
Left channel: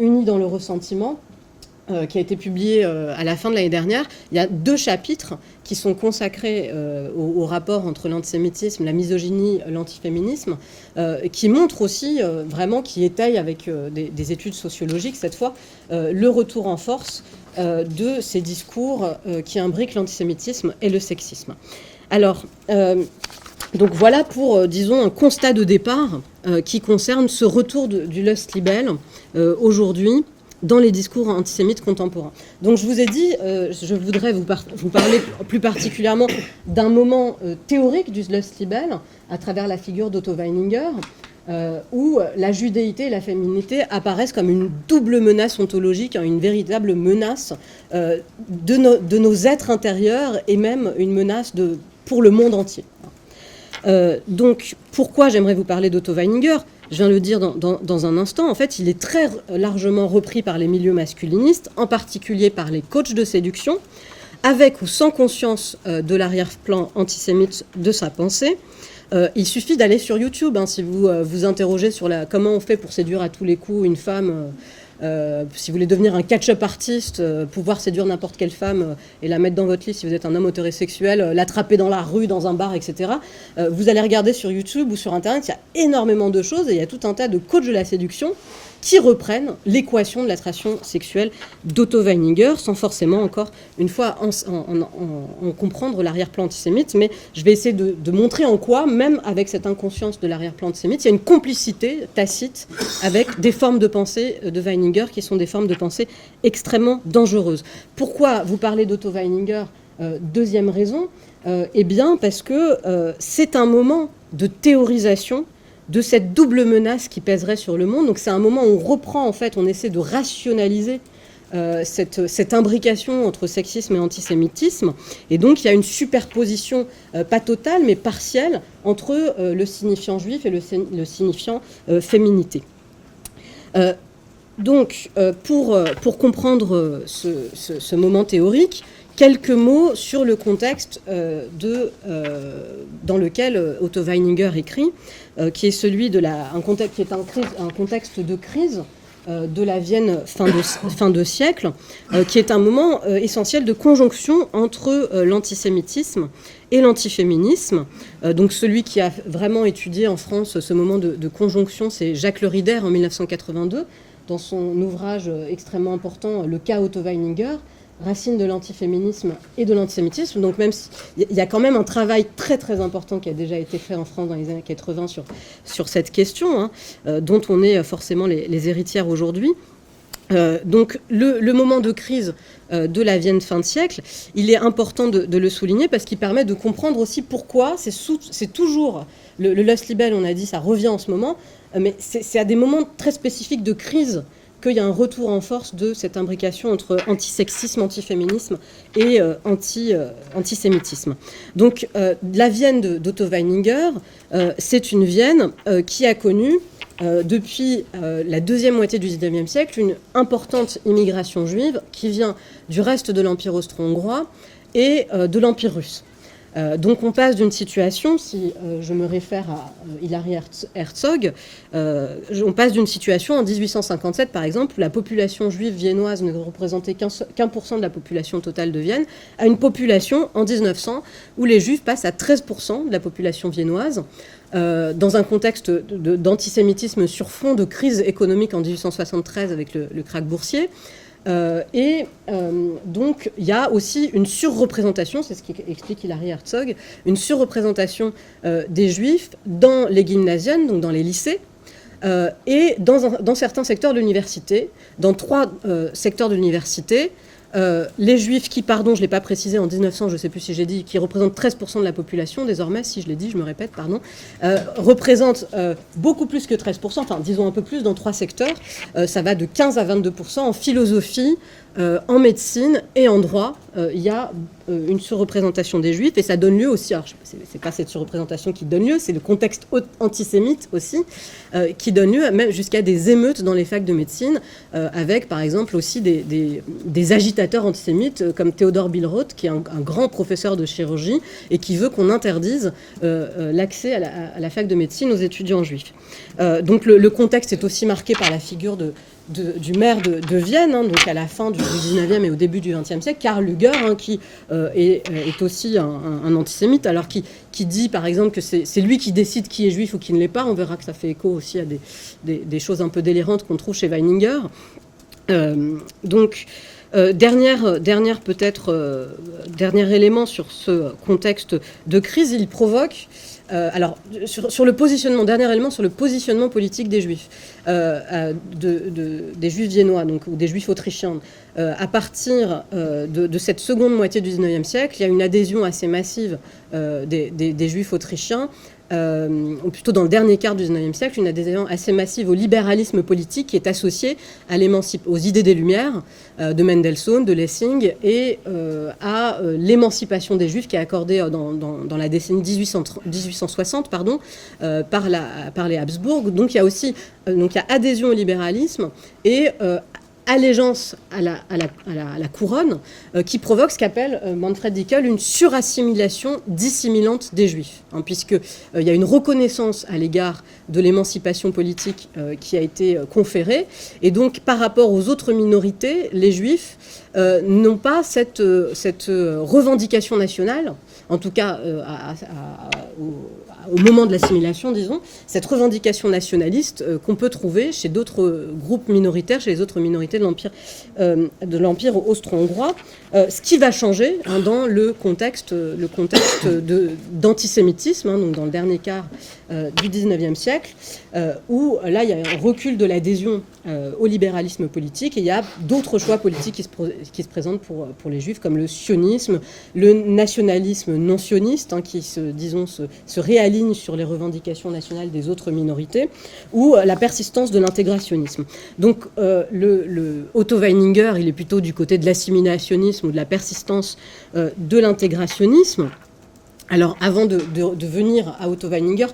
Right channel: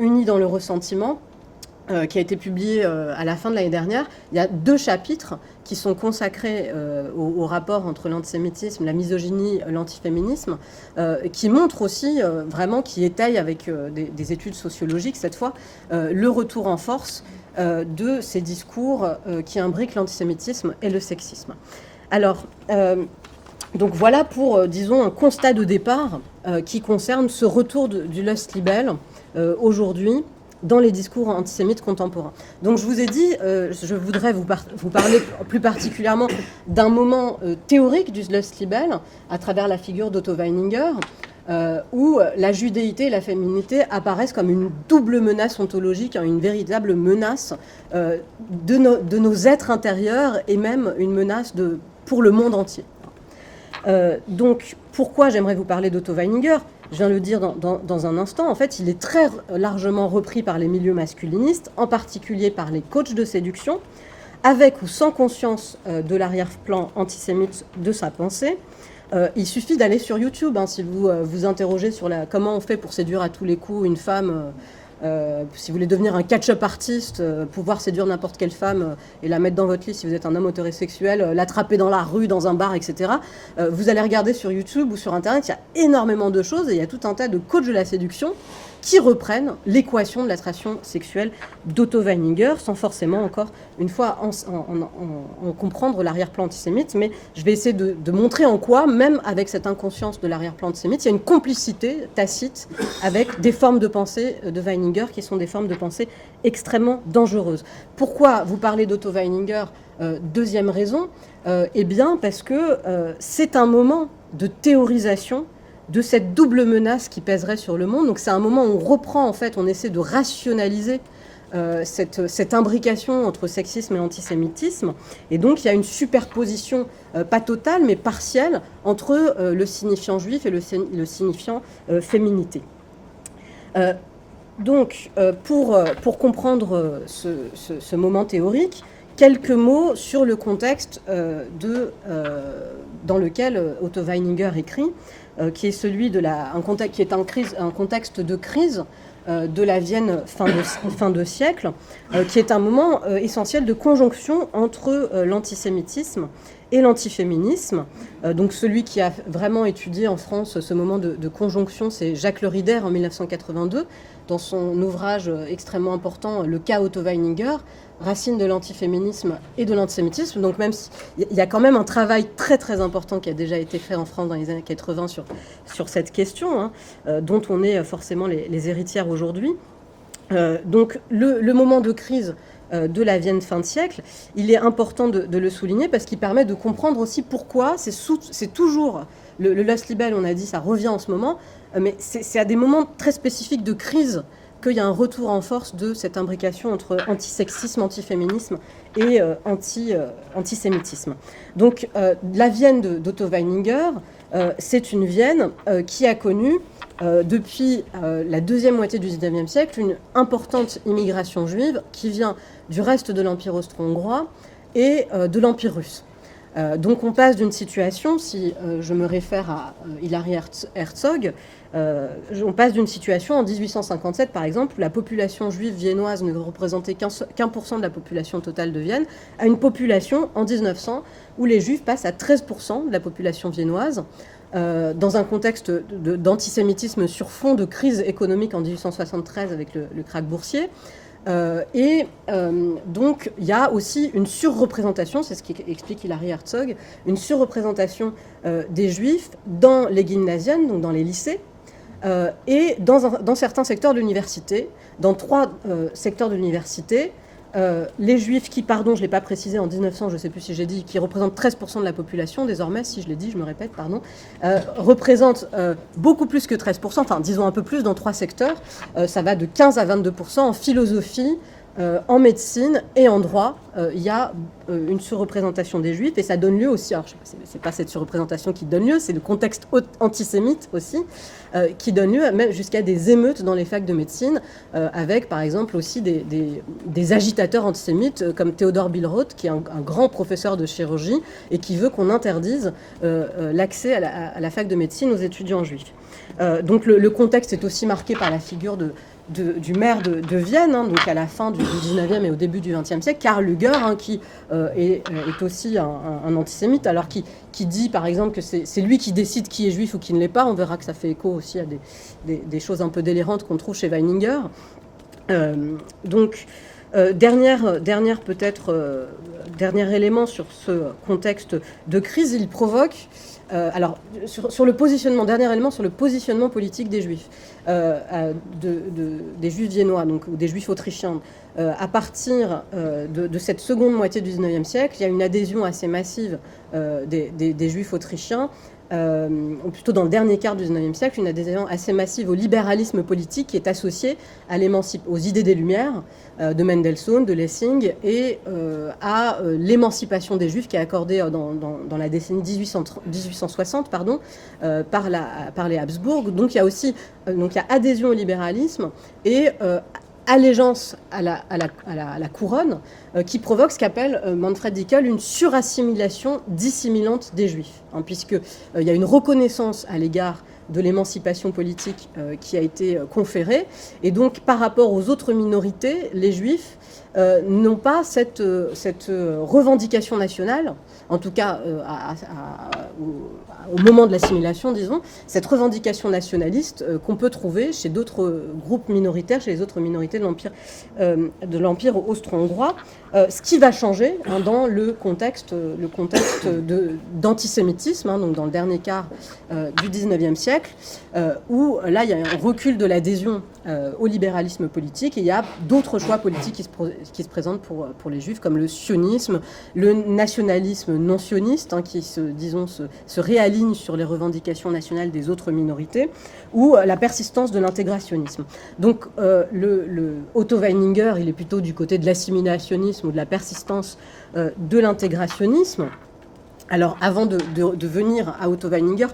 unis dans le ressentiment, qui a été publié à la fin de l'année dernière, il y a 2 chapitres qui sont consacrés au rapport entre l'antisémitisme, la misogynie, l'antiféminisme, qui montrent aussi vraiment, qui étayent avec des études sociologiques cette fois, le retour en force de ces discours qui imbriquent l'antisémitisme et le sexisme. Alors, donc voilà pour, disons, un constat de départ qui concerne ce retour du Lust Libel aujourd'hui dans les discours antisémites contemporains. Donc je vous ai dit, je voudrais vous parler plus particulièrement d'un moment théorique du Lust Libel à travers la figure d'Otto Weininger, où la judéité et la féminité apparaissent comme une double menace ontologique, une véritable menace de nos êtres intérieurs et même une menace pour le monde entier. Donc pourquoi j'aimerais vous parler d'Otto Weininger ? Je viens de le dire dans un instant, en fait, il est très largement repris par les milieux masculinistes, en particulier par les coachs de séduction, avec ou sans conscience de l'arrière-plan antisémite de sa pensée. Il suffit d'aller sur YouTube, si vous vous interrogez sur comment on fait pour séduire à tous les coups une femme, si vous voulez devenir un catch-up artiste, pouvoir séduire n'importe quelle femme et la mettre dans votre lit si vous êtes un homme hétérosexuel, l'attraper dans la rue, dans un bar, etc. Vous allez regarder sur YouTube ou sur Internet, il y a énormément de choses et il y a tout un tas de coachs de la séduction qui reprennent l'équation de l'attraction sexuelle d'Otto Weininger, sans forcément, encore une fois, en comprendre l'arrière-plan antisémite. Mais je vais essayer de montrer en quoi, même avec cette inconscience de l'arrière-plan antisémite, il y a une complicité tacite avec des formes de pensée de Weininger qui sont des formes de pensée extrêmement dangereuses. Pourquoi vous parlez d'Otto Weininger ? Deuxième raison, eh bien parce que c'est un moment de théorisation de cette double menace qui pèserait sur le monde. Donc c'est un moment où on reprend, en fait, on essaie de rationaliser cette imbrication entre sexisme et antisémitisme. Et donc il y a une superposition, pas totale, mais partielle, entre le signifiant juif et le signifiant féminité. Donc pour comprendre ce moment théorique, quelques mots sur le contexte dans lequel Otto Weininger écrit, qui est celui un contexte de crise de la Vienne fin de siècle, qui est un moment essentiel de conjonction entre l'antisémitisme et l'antiféminisme. Donc celui qui a vraiment étudié en France ce moment de conjonction, c'est Jacques Le Rider en 1982, dans son ouvrage extrêmement important, Le cas Otto Weininger, racines de l'antiféminisme et de l'antisémitisme. Donc même il y a quand même un travail très très important qui a déjà été fait en France dans les années 80 sur cette question, dont on est forcément les héritières aujourd'hui. Donc le moment de crise de la Vienne fin de siècle, il est important de le souligner parce qu'il permet de comprendre aussi pourquoi c'est toujours le Lust Libel, on a dit, ça revient en ce moment, mais c'est à des moments très spécifiques de crise qu'il y a un retour en force de cette imbrication entre antisexisme, antiféminisme et antisémitisme. Donc la Vienne d'Otto Weininger, c'est une Vienne qui a connu depuis la deuxième moitié du XIXe siècle une importante immigration juive qui vient du reste de l'Empire austro-hongrois et de l'Empire russe. Donc on passe d'une situation, si je me réfère à Hilary Herzog, on passe d'une situation en 1857 par exemple où la population juive viennoise ne représentait qu'1% de la population totale de Vienne, à une population en 1900 où les juifs passent à 13% de la population viennoise, dans un contexte d'antisémitisme sur fond de crise économique en 1873 avec le krach boursier. Donc il y a aussi une surreprésentation, c'est ce qu'explique Hilary Herzog, une surreprésentation des juifs dans les gymnasien, donc dans les lycées, et dans certains secteurs de l'université, dans 3 secteurs de l'université. Les juifs qui, pardon, je ne l'ai pas précisé en 1900, je ne sais plus si j'ai dit, qui représentent 13% de la population, désormais, si je l'ai dit, je me répète, pardon, représentent beaucoup plus que 13%, enfin disons un peu plus dans 3 secteurs, ça va de 15 à 22%, en philosophie, en médecine et en droit, il y a une surreprésentation des juifs, et ça donne lieu aussi, alors c'est pas cette surreprésentation qui donne lieu, c'est le contexte antisémite aussi, qui donne lieu même jusqu'à des émeutes dans les facs de médecine, avec par exemple aussi des agitateurs antisémites comme Theodor Billroth, qui est un grand professeur de chirurgie, et qui veut qu'on interdise l'accès à la fac de médecine aux étudiants juifs. Donc le contexte est aussi marqué par la figure du maire de Vienne, hein, donc à la fin du 19e et au début du 20e siècle, Karl Lueger, hein, qui est aussi un antisémite, alors qui dit par exemple que c'est lui qui décide qui est juif ou qui ne l'est pas. On verra que ça fait écho aussi à des choses un peu délirantes qu'on trouve chez Weininger. Dernier élément sur ce contexte de crise, il provoque sur le positionnement, dernier élément sur le positionnement politique des juifs, des juifs viennois, donc, ou des juifs autrichiens. À partir de cette seconde moitié du XIXe siècle, il y a une adhésion assez massive des juifs autrichiens, ou plutôt dans le dernier quart du XIXe siècle, une adhésion assez massive au libéralisme politique qui est associé aux idées des Lumières de Mendelssohn, de Lessing, et à l'émancipation des Juifs qui est accordée dans la décennie 1860 par les Habsbourg. Donc il y a aussi adhésion au libéralisme et allégeance à la couronne, qui provoque ce qu'appelle Manfred Dickel une surassimilation dissimilante des Juifs, hein, puisqu'il y a une reconnaissance à l'égard de l'émancipation politique qui a été conférée, et donc par rapport aux autres minorités, les Juifs n'ont pas cette revendication nationale, en tout cas au moment de l'assimilation, disons, cette revendication nationaliste qu'on peut trouver chez d'autres groupes minoritaires, chez les autres minorités de l'Empire austro-hongrois, ce qui va changer hein, dans le contexte d'antisémitisme, hein, donc dans le dernier quart du XIXe siècle, où là, il y a un recul de l'adhésion au libéralisme politique, et il y a d'autres choix politiques qui se présentent pour les Juifs, comme le sionisme, le nationalisme non sioniste, hein, qui se réaligne sur les revendications nationales des autres minorités, ou la persistance de l'intégrationnisme. Donc Otto Weininger, il est plutôt du côté de l'assimilationnisme ou de la persistance de l'intégrationnisme. Alors, avant de venir à Otto Weininger,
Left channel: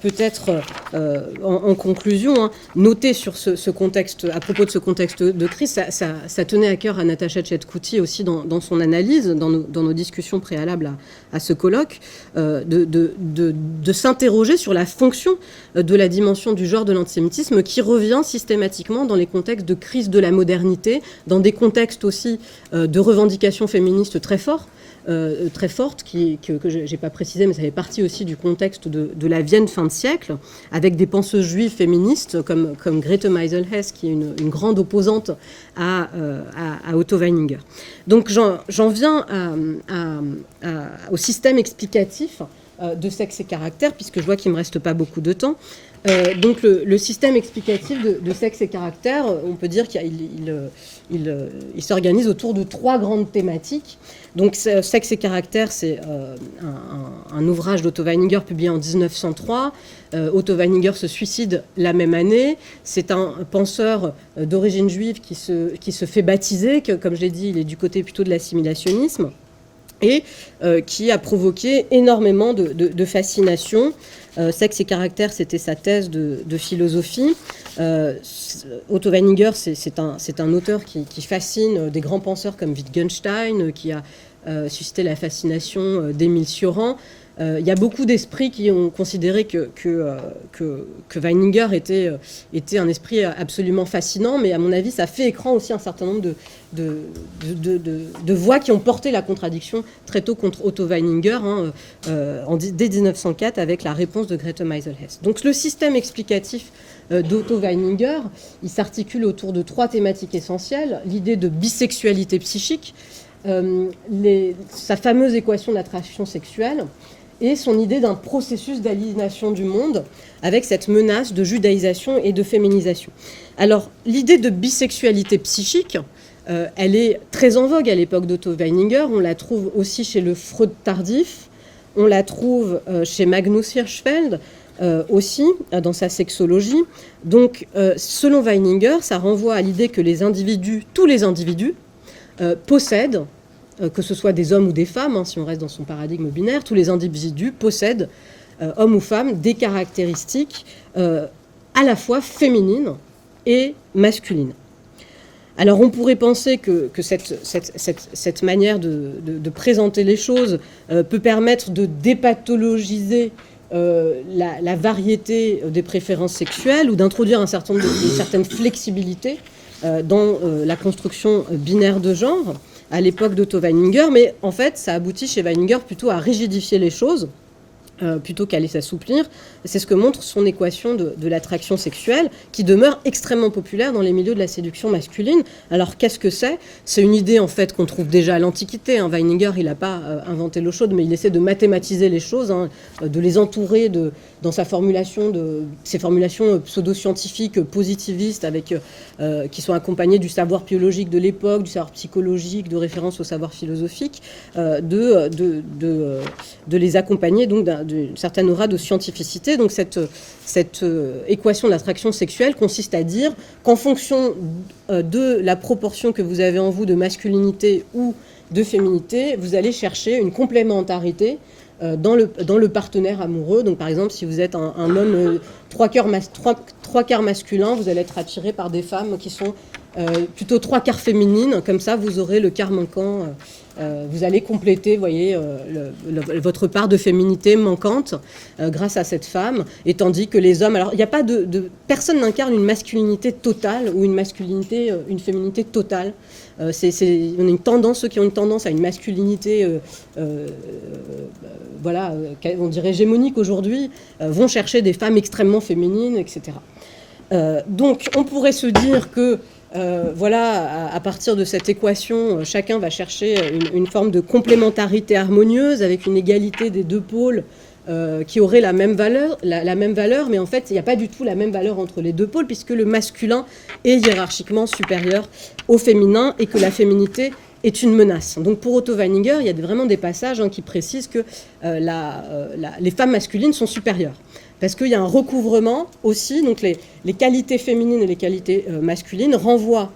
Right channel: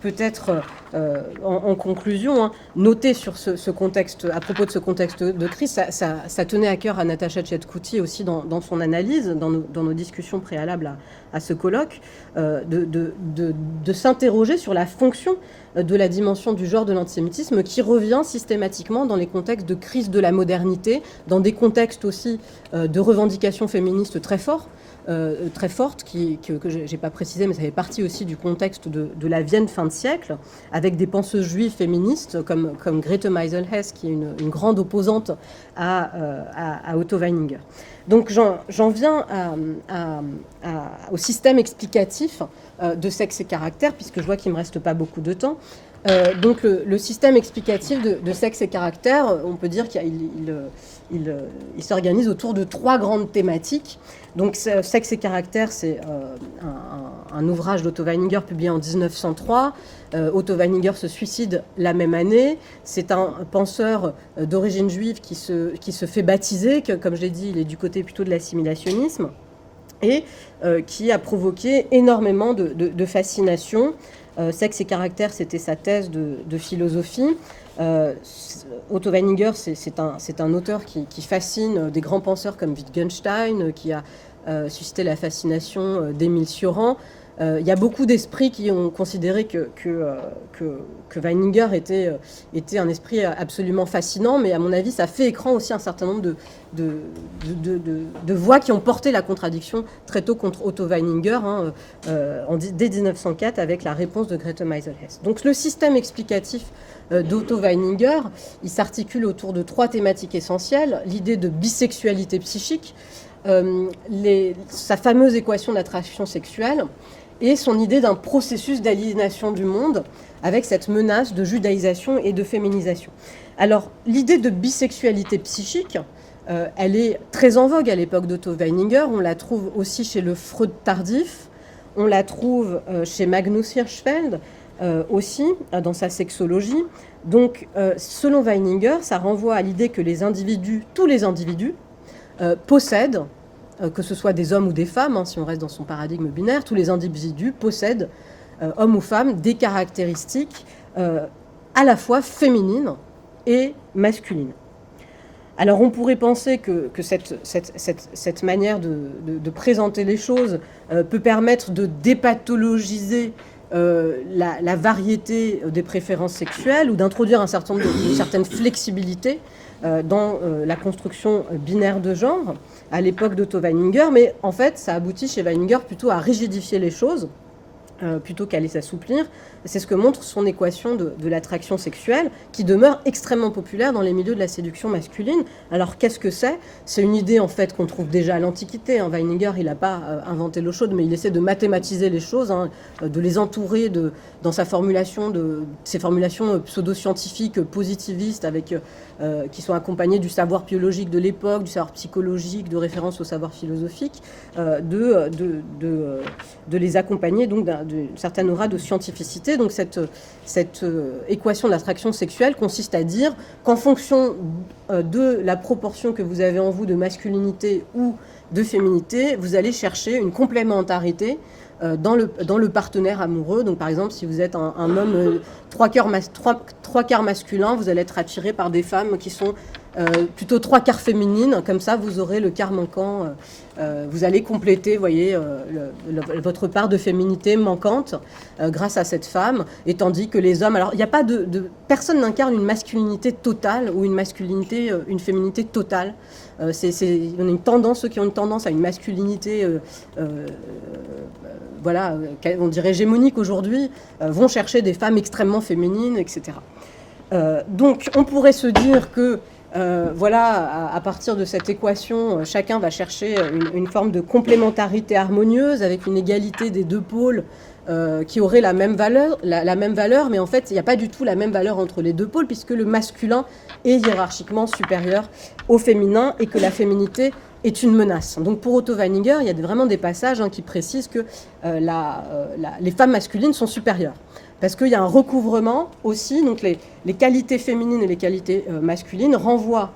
peut-être en conclusion, hein, noter sur ce contexte, à propos de ce contexte de crise, ça tenait à cœur à Natacha Tchaikovsky aussi dans son analyse, dans nos discussions préalables à ce colloque, de s'interroger sur la fonction de la dimension du genre de l'antisémitisme qui revient systématiquement dans les contextes de crise de la modernité, dans des contextes aussi de revendications féministes très fortes, que je n'ai pas précisé, mais ça fait partie aussi du contexte de la Vienne fin de siècle, avec des penseuses juives féministes comme Grete Meisel-Hess, qui est une grande opposante à Otto Weininger. Donc j'en viens au système explicatif de sexe et caractère, puisque je vois qu'il ne me reste pas beaucoup de temps. Donc le système explicatif de sexe et caractère, on peut dire qu'il s'organise autour de 3 grandes thématiques. Donc sexe et caractère, c'est un ouvrage d'Otto Weininger publié en 1903. Otto Weininger se suicide la même année. C'est un penseur d'origine juive qui se fait baptiser, comme je l'ai dit, il est du côté plutôt de l'assimilationnisme, et qui a provoqué énormément de fascination. Sexe et caractère, c'était sa thèse de philosophie. Otto Weininger, c'est un auteur qui fascine des grands penseurs comme Wittgenstein, qui a suscité la fascination d'Émile Cioran. Il y a beaucoup d'esprits qui ont considéré que Weininger était un esprit absolument fascinant, mais à mon avis, ça fait écran aussi un certain nombre de voix qui ont porté la contradiction très tôt contre Otto Weininger, hein, dès 1904, avec la réponse de Grete Meisel-Hess. Donc le système explicatif d'Otto Weininger, il s'articule autour de 3 thématiques essentielles. L'idée de bisexualité psychique, sa fameuse équation d'attraction sexuelle, et son idée d'un processus d'aliénation du monde avec cette menace de judaïsation et de féminisation. Alors, l'idée de bisexualité psychique, elle est très en vogue à l'époque d'Otto Weininger. On la trouve aussi chez le Freud tardif, on la trouve chez Magnus Hirschfeld aussi, dans sa sexologie. Donc, selon Weininger, ça renvoie à l'idée que tous les individus, possèdent que ce soit des hommes ou des femmes, si on reste dans son paradigme binaire, tous les individus possèdent, hommes ou femmes, des caractéristiques à la fois féminines et masculines. Alors on pourrait penser que cette manière de présenter les choses peut permettre de dépathologiser la variété des préférences sexuelles ou d'introduire une certaine flexibilité dans la construction binaire de genre à l'époque d'Otto Weininger, mais en fait ça aboutit chez Weininger plutôt à rigidifier les choses plutôt qu'à les assouplir. C'est ce que montre son équation de l'attraction sexuelle, qui demeure extrêmement populaire dans les milieux de la séduction masculine. Alors qu'est-ce que c'est ? C'est une idée en fait qu'on trouve déjà à l'Antiquité. Weininger, il n'a pas inventé l'eau chaude, mais il essaie de mathématiser les choses, de les entourer dans ses formulations pseudo-scientifiques positivistes, qui sont accompagnées du savoir biologique de l'époque, du savoir psychologique, de référence au savoir philosophique, de les accompagner donc d'une certaine aura de scientificité. Donc cette équation de l'attraction sexuelle consiste à dire qu'en fonction de la proportion que vous avez en vous de masculinité ou de féminité, vous allez chercher une complémentarité dans le partenaire amoureux. Donc par exemple, si vous êtes un homme trois quarts masculin, vous allez être attiré par des femmes qui sont plutôt 3/4 féminines. Comme ça, vous aurez le quart manquant. Vous allez compléter, vous voyez, votre part de féminité manquante grâce à cette femme. Et tandis que les hommes, alors il n'y a pas personne n'incarne une masculinité totale ou une féminité totale. On a une tendance, ceux qui ont une tendance à une masculinité, voilà, on dirait hégémonique aujourd'hui, vont chercher des femmes extrêmement féminines, etc. Donc on pourrait se dire que voilà, à partir de cette équation, chacun va chercher une forme de complémentarité harmonieuse avec une égalité des deux pôles qui auraient la même valeur, mais en fait, il n'y a pas du tout la même valeur entre les deux pôles, puisque le masculin est hiérarchiquement supérieur au féminin et que la féminité est une menace. Donc pour Otto Weininger, il y a vraiment des passages qui précisent que les femmes masculines sont supérieures. Parce qu'il y a un recouvrement aussi, donc les qualités féminines et les qualités masculines renvoient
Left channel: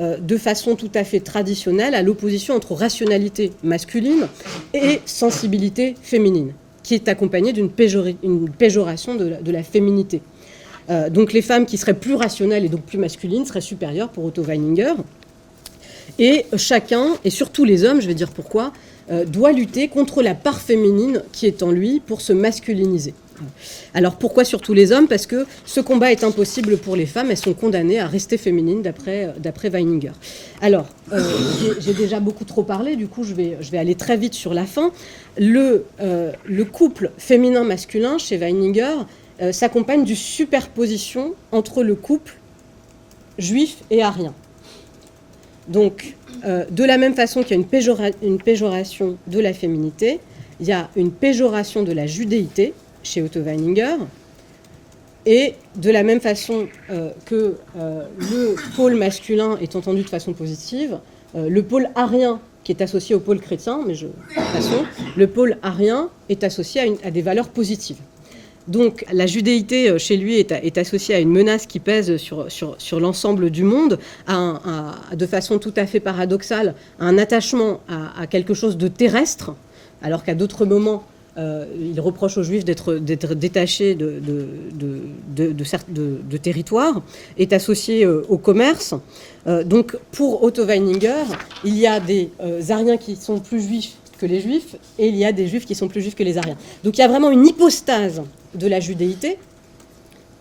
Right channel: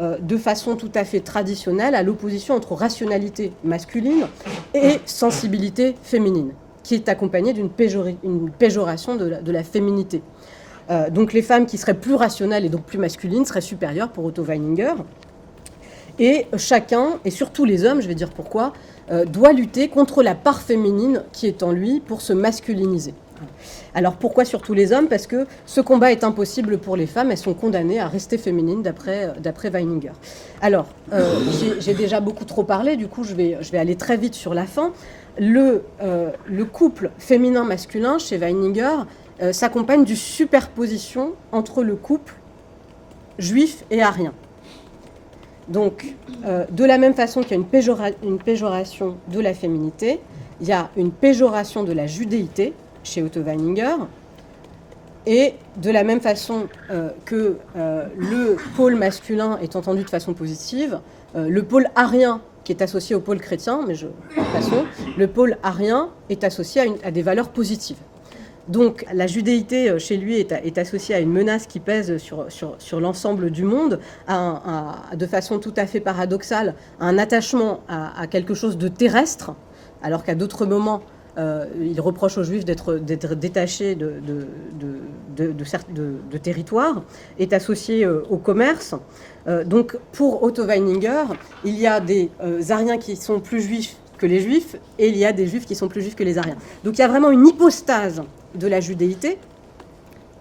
de façon tout à fait traditionnelle à l'opposition entre rationalité masculine et sensibilité féminine, qui est accompagnée d'une péjoration de la féminité. Donc les femmes qui seraient plus rationnelles et donc plus masculines seraient supérieures pour Otto Weininger. Et chacun, et surtout les hommes, je vais dire pourquoi, doit lutter contre la part féminine qui est en lui pour se masculiniser. Alors pourquoi surtout les hommes ? Parce que ce combat est impossible pour les femmes, elles sont condamnées à rester féminines d'après Weininger. Alors, j'ai déjà beaucoup trop parlé, du coup je vais aller très vite sur la fin. Le couple féminin-masculin chez Weininger s'accompagne d'une superposition entre le couple juif et arien. Donc, de la même façon qu'il y a une péjoration de la féminité, il y a une péjoration de la judéité chez Otto Weininger, et de la même façon que le pôle masculin est entendu de façon positive, le pôle arien qui est associé au pôle chrétien, le pôle arien est associé à des valeurs positives. Donc la judéité chez lui est associée à une menace qui pèse sur l'ensemble du monde, de façon tout à fait paradoxale, à un attachement à quelque chose de terrestre, alors qu'à d'autres moments, il reproche aux Juifs d'être détachés de territoire, est associé au commerce. Donc pour Otto Weininger, il y a des Ariens qui sont plus juifs que les Juifs, et il y a des Juifs qui sont plus juifs que les Ariens. Donc il y a vraiment une hypostase de la judéité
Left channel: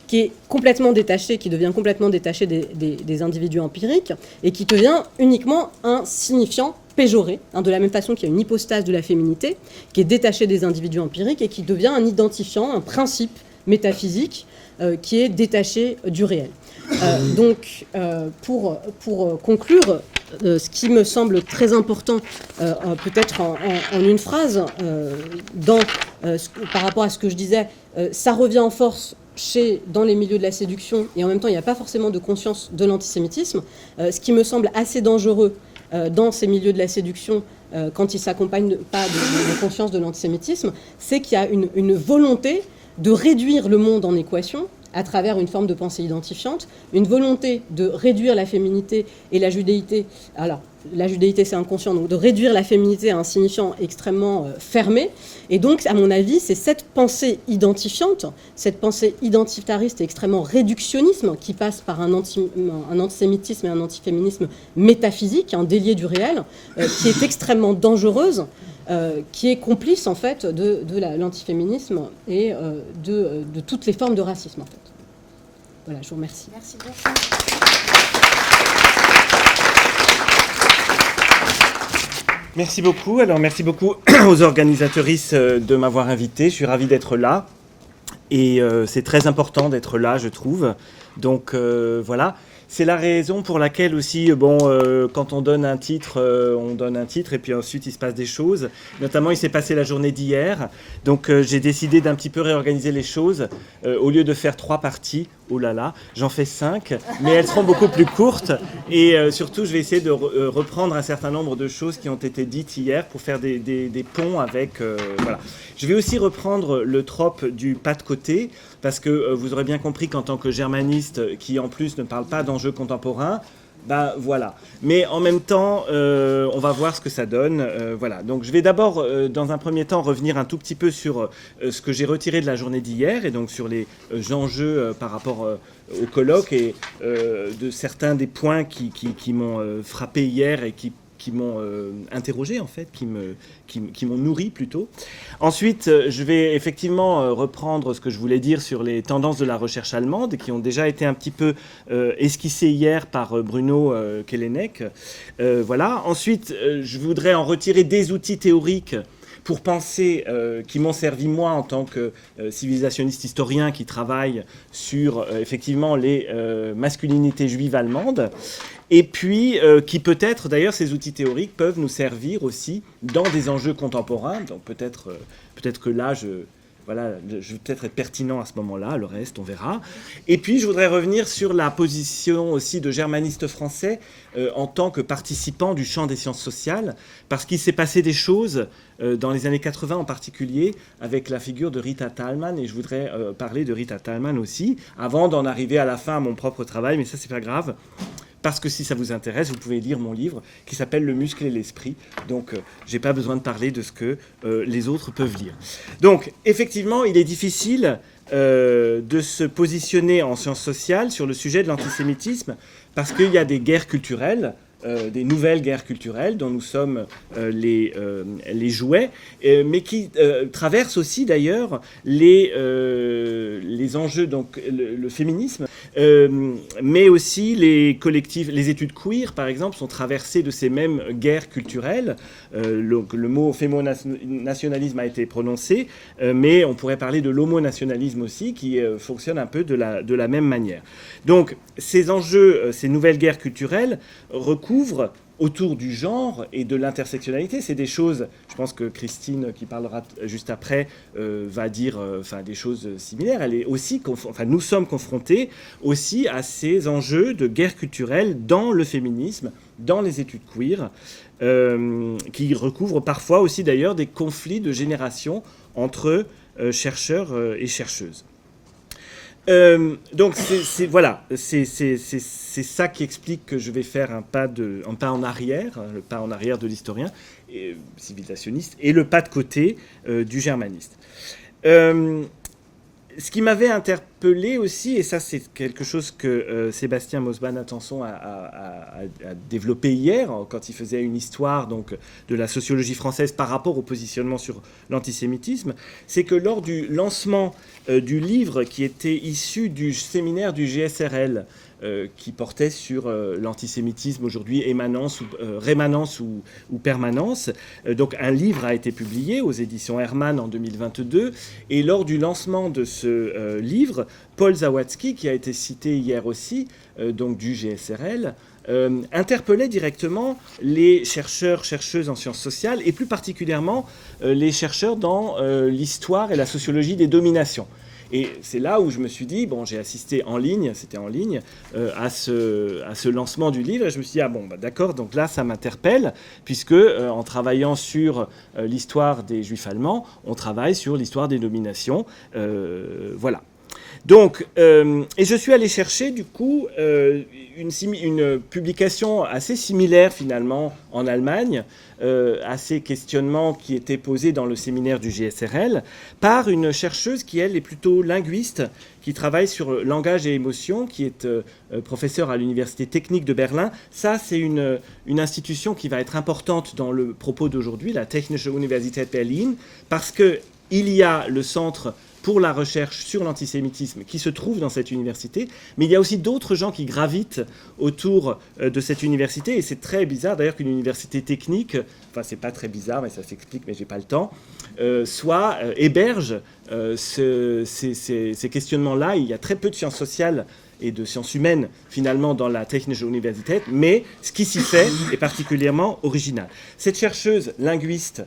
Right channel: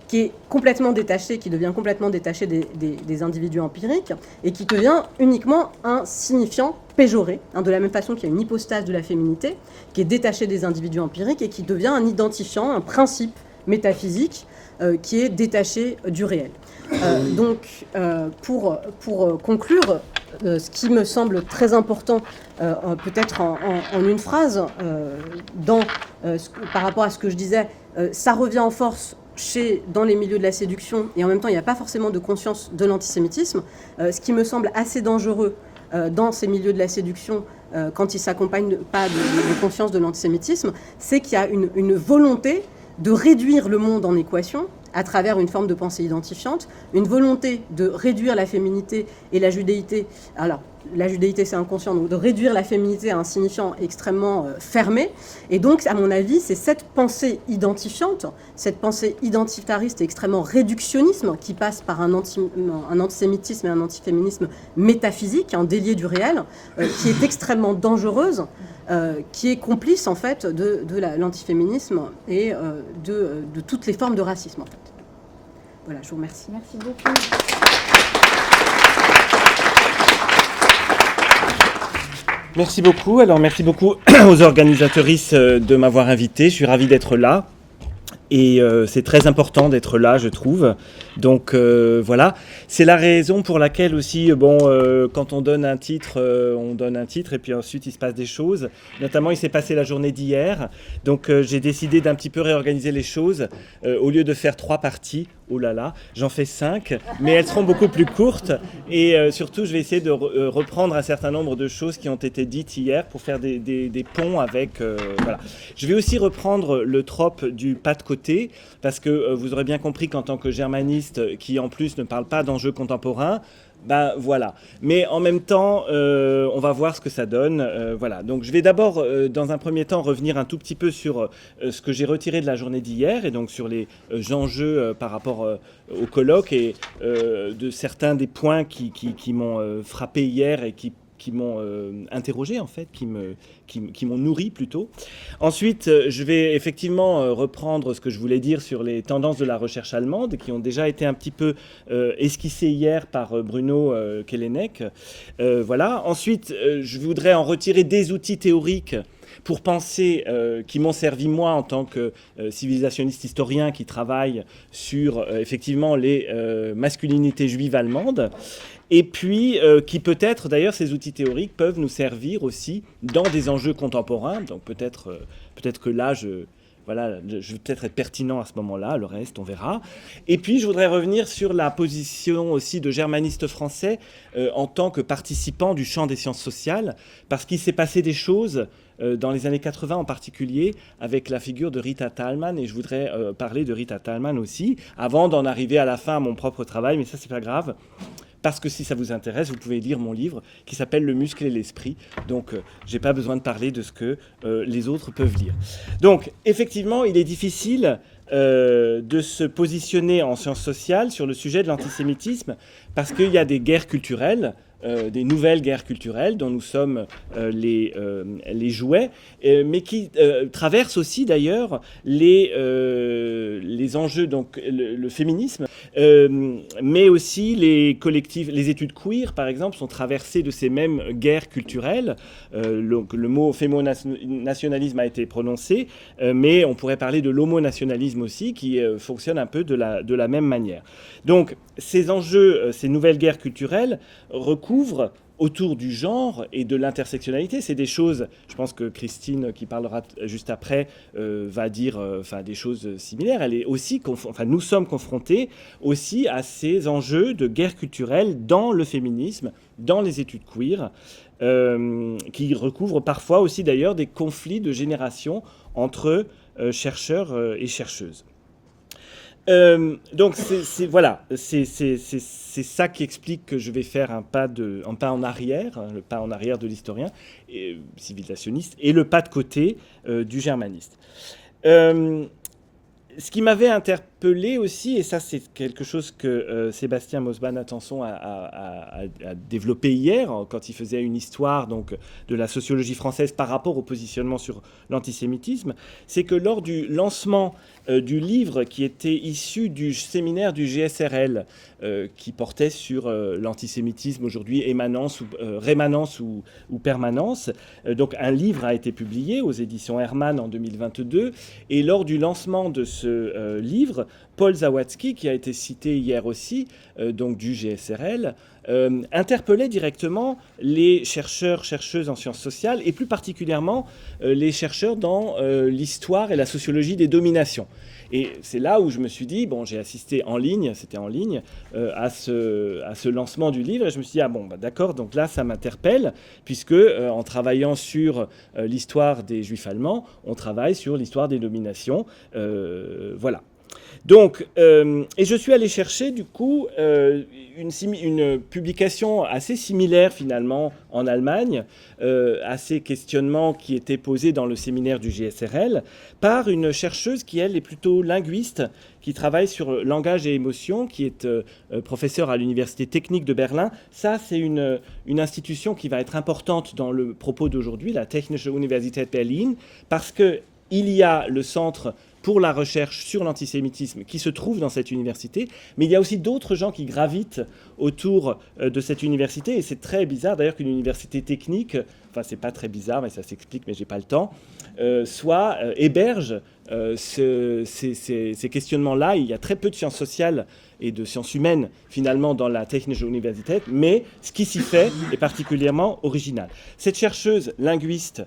qui est complètement détachée, qui devient complètement détachée des individus empiriques, et qui devient uniquement un signifiant péjoré, de la même façon qu'il y a une hypostase de la féminité, qui est détachée des individus empiriques, et qui devient un identifiant, un principe métaphysique, qui est détaché du réel. Donc, pour conclure, ce qui me semble très important, peut-être en une phrase, par rapport à ce que je disais, ça revient en force dans les milieux de la séduction, et en même temps, il n'y a pas forcément de conscience de l'antisémitisme. Ce qui me semble assez dangereux dans ces milieux de la séduction, quand ils ne s'accompagnent pas de conscience de l'antisémitisme, c'est qu'il y a une volonté de réduire le monde en équation à travers une forme de pensée identifiante, une volonté de réduire la féminité et la judéité. Alors, la judéité, c'est inconscient, donc de réduire la féminité à un signifiant extrêmement fermé. Et donc, à mon avis, c'est cette pensée identifiante, cette pensée identitariste et extrêmement réductionniste qui passe par un antisémitisme et un antiféminisme métaphysique, délié du réel, qui est extrêmement dangereuse, qui est complice, en fait, de l'antiféminisme et de toutes les formes de racisme, en fait. Voilà, je vous remercie. Merci beaucoup. Merci beaucoup. Alors, merci beaucoup aux organisatrices de m'avoir invité. Je suis ravi d'être là. Et c'est très important d'être là, je trouve. Donc voilà, c'est la raison pour laquelle aussi, quand on donne un titre et puis ensuite il se passe des choses. Notamment, il s'est passé la journée d'hier. Donc j'ai décidé d'un petit peu réorganiser les choses. Au lieu de faire 3 parties, oh là là, j'en fais 5, mais elles seront beaucoup plus courtes. Et surtout, je vais essayer de reprendre un certain nombre de choses qui ont été dites hier pour faire des ponts avec... voilà. Je vais aussi reprendre le trope du pas de côté, parce que vous aurez bien compris qu'en tant que germaniste, qui en plus ne parle pas d'enjeux contemporains, voilà. Mais en même temps, on va voir ce que ça donne. Voilà. Donc je vais d'abord, dans un premier temps, revenir un tout petit peu sur ce que j'ai retiré de la journée d'hier, et donc sur les enjeux par rapport au colloque, et de certains des points qui m'ont frappé hier et qui m'ont interrogé, en fait, qui m'ont nourri plutôt. Ensuite, je vais effectivement reprendre ce que je voulais dire sur les tendances de la recherche allemande, qui ont déjà été un petit peu esquissées hier par Bruno Kellenek. Voilà. Ensuite, je voudrais en retirer des outils théoriques pour penser, qui m'ont servi moi en tant que civilisationniste historien qui travaille sur effectivement les masculinités juives allemandes. Et puis, qui peut-être, d'ailleurs, ces outils théoriques peuvent nous servir aussi dans des enjeux contemporains. Donc peut-être que là, je vais peut-être être pertinent à ce moment-là, le reste, on verra. Et puis, je voudrais revenir sur la position aussi de germanistes français en tant que participants du champ des sciences sociales, parce qu'il s'est passé des choses dans les années 80 en particulier, avec la figure de Rita Thalmann, et je voudrais parler de Rita Thalmann aussi, avant d'en arriver à la fin à mon propre travail, mais ça, c'est pas grave. Parce que si ça vous intéresse, vous pouvez lire mon livre qui s'appelle « Le muscle et l'esprit ». Donc, je n'ai pas besoin de parler de ce que les autres peuvent lire. Donc, effectivement, il est difficile de se positionner en sciences sociales sur le sujet de l'antisémitisme parce qu'il y a des guerres culturelles, des nouvelles guerres culturelles dont nous sommes les jouets, mais qui traversent aussi d'ailleurs les enjeux, donc le féminisme, mais aussi les collectifs, les études queer par exemple sont traversées de ces mêmes guerres culturelles. Le mot fémonationalisme a été prononcé, mais on pourrait parler de l'homonationalisme aussi qui fonctionne un peu de la même manière. Donc ces enjeux, ces nouvelles guerres culturelles recouvrent autour du genre et de l'intersectionnalité. C'est des choses, je pense que Christine, qui parlera juste après, va dire des choses similaires. Elle est aussi nous sommes confrontés aussi à ces enjeux de guerre culturelle dans le féminisme, dans les études queer, qui recouvrent parfois aussi d'ailleurs des conflits de génération entre chercheurs et chercheuses. Donc c'est ça qui explique que je vais faire un pas en arrière, le pas en arrière de l'historien civilisationniste et le pas de côté du germaniste. Ce qui m'avait interpellé aussi, et ça c'est quelque chose que Sébastien Mosban-Attenson a développé hier, quand il faisait une histoire donc, de la sociologie française par rapport au positionnement sur l'antisémitisme, c'est que lors du lancement du livre qui était issu du séminaire du GSRL, qui portait sur l'antisémitisme aujourd'hui, rémanence ou permanence. Donc un livre a été publié aux éditions Hermann en 2022, et lors du lancement de ce livre, Paul Zawadzki, qui a été cité hier aussi, donc du GSRL, interpellait directement les chercheurs, chercheuses en sciences sociales, et plus particulièrement les chercheurs dans l'histoire et la sociologie des dominations. Et c'est là où je me suis dit, bon, j'ai assisté en ligne, c'était en ligne, à ce lancement du livre. Et je me suis dit, d'accord, donc là, ça m'interpelle, puisque en travaillant sur l'histoire des Juifs allemands, on travaille sur l'histoire des dominations. Voilà. Donc, et je suis allé chercher du coup une publication assez similaire finalement en Allemagne à ces questionnements qui étaient posés dans le séminaire du GSRL par une chercheuse qui elle est plutôt linguiste, qui travaille sur langage et émotion, qui est professeure à l'Université technique de Berlin. Ça, c'est une institution qui va être importante dans le propos d'aujourd'hui, la Technische Universität Berlin, parce qu'il y a le centre pour la recherche sur l'antisémitisme qui se trouve dans cette université, mais il y a aussi d'autres gens qui gravitent autour de cette université, et c'est très bizarre d'ailleurs qu'une université technique, enfin c'est pas très bizarre, mais ça s'explique, mais j'ai pas le temps, héberge ces questionnements-là. Il y a très peu de sciences sociales et de sciences humaines, finalement, dans la Technische Universität, mais ce qui s'y fait est particulièrement original. Cette chercheuse linguiste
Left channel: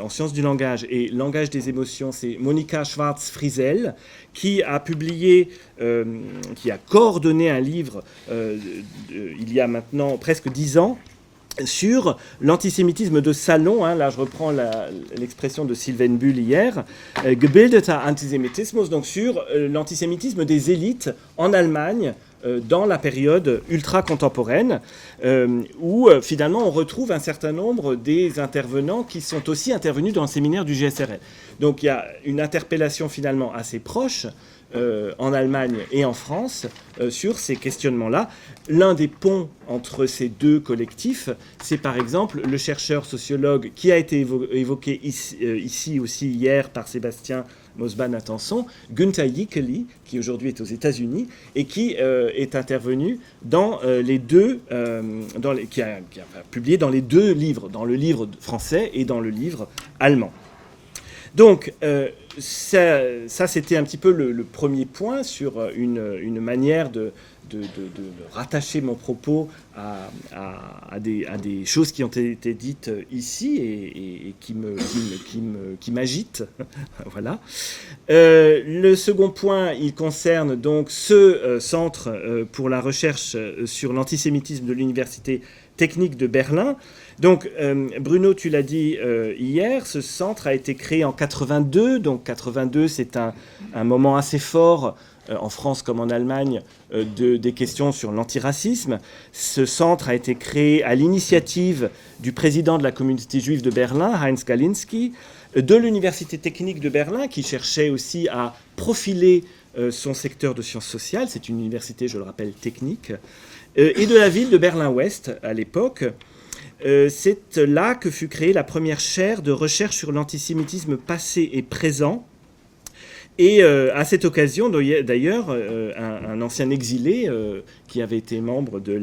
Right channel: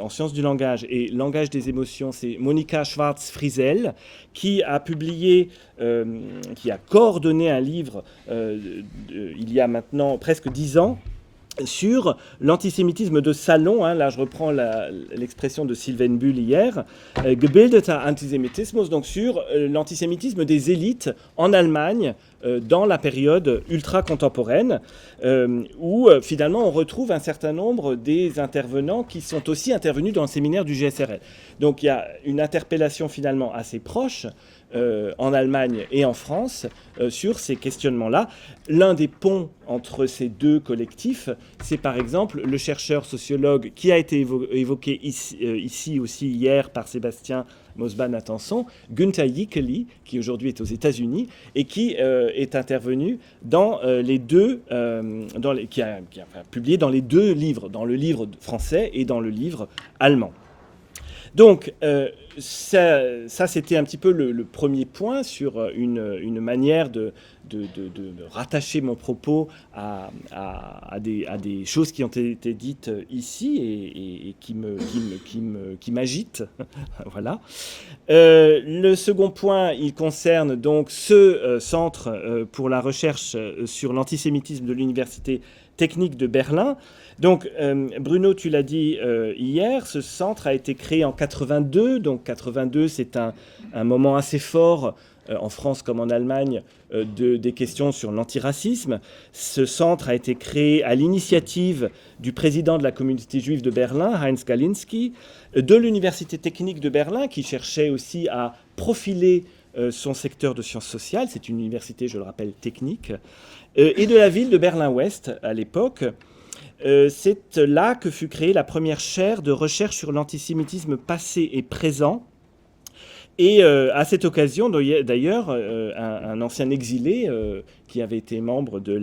en sciences du langage et langage des émotions, c'est Monika Schwarz-Friesel, qui a publié, qui a coordonné un livre il y a maintenant presque 10 ans, sur l'antisémitisme de salon, là je reprends l'expression de Sylvain Bull hier, gebildeter Antisemitismus, donc sur l'antisémitisme des élites en Allemagne dans la période ultra-contemporaine, où finalement on retrouve un certain nombre des intervenants qui sont aussi intervenus dans le séminaire du GSRL. Donc il y a une interpellation finalement assez proche en Allemagne et en France sur ces questionnements-là. L'un des ponts entre ces deux collectifs, c'est par exemple le chercheur sociologue qui a été évoqué ici aussi hier par Sébastien Mosban-Attenson, Günther Jikeli, qui aujourd'hui est aux États-Unis et qui est intervenu dans les deux, qui a publié dans les deux livres, dans le livre français et dans le livre allemand. Donc, ça c'était un petit peu le premier point sur une manière de rattacher mon propos à des choses qui ont été dites ici et qui m'agitent. Voilà. Le second point, il concerne donc ce centre pour la recherche sur l'antisémitisme de l'Université technique de Berlin. Donc, Bruno, tu l'as dit hier, ce centre a été créé en 82. Donc, 82, c'est un moment assez fort en France comme en Allemagne des questions sur l'antiracisme. Ce centre a été créé à l'initiative du président de la communauté juive de Berlin, Heinz Galinski, de l'Université technique de Berlin, qui cherchait aussi à profiler son secteur de sciences sociales. C'est une université, je le rappelle, technique. Et de la ville de Berlin-Ouest à l'époque. C'est là que fut créée la première chaire de recherche sur l'antisémitisme passé et présent. Et à cette occasion, d'ailleurs, un ancien exilé qui avait été membre de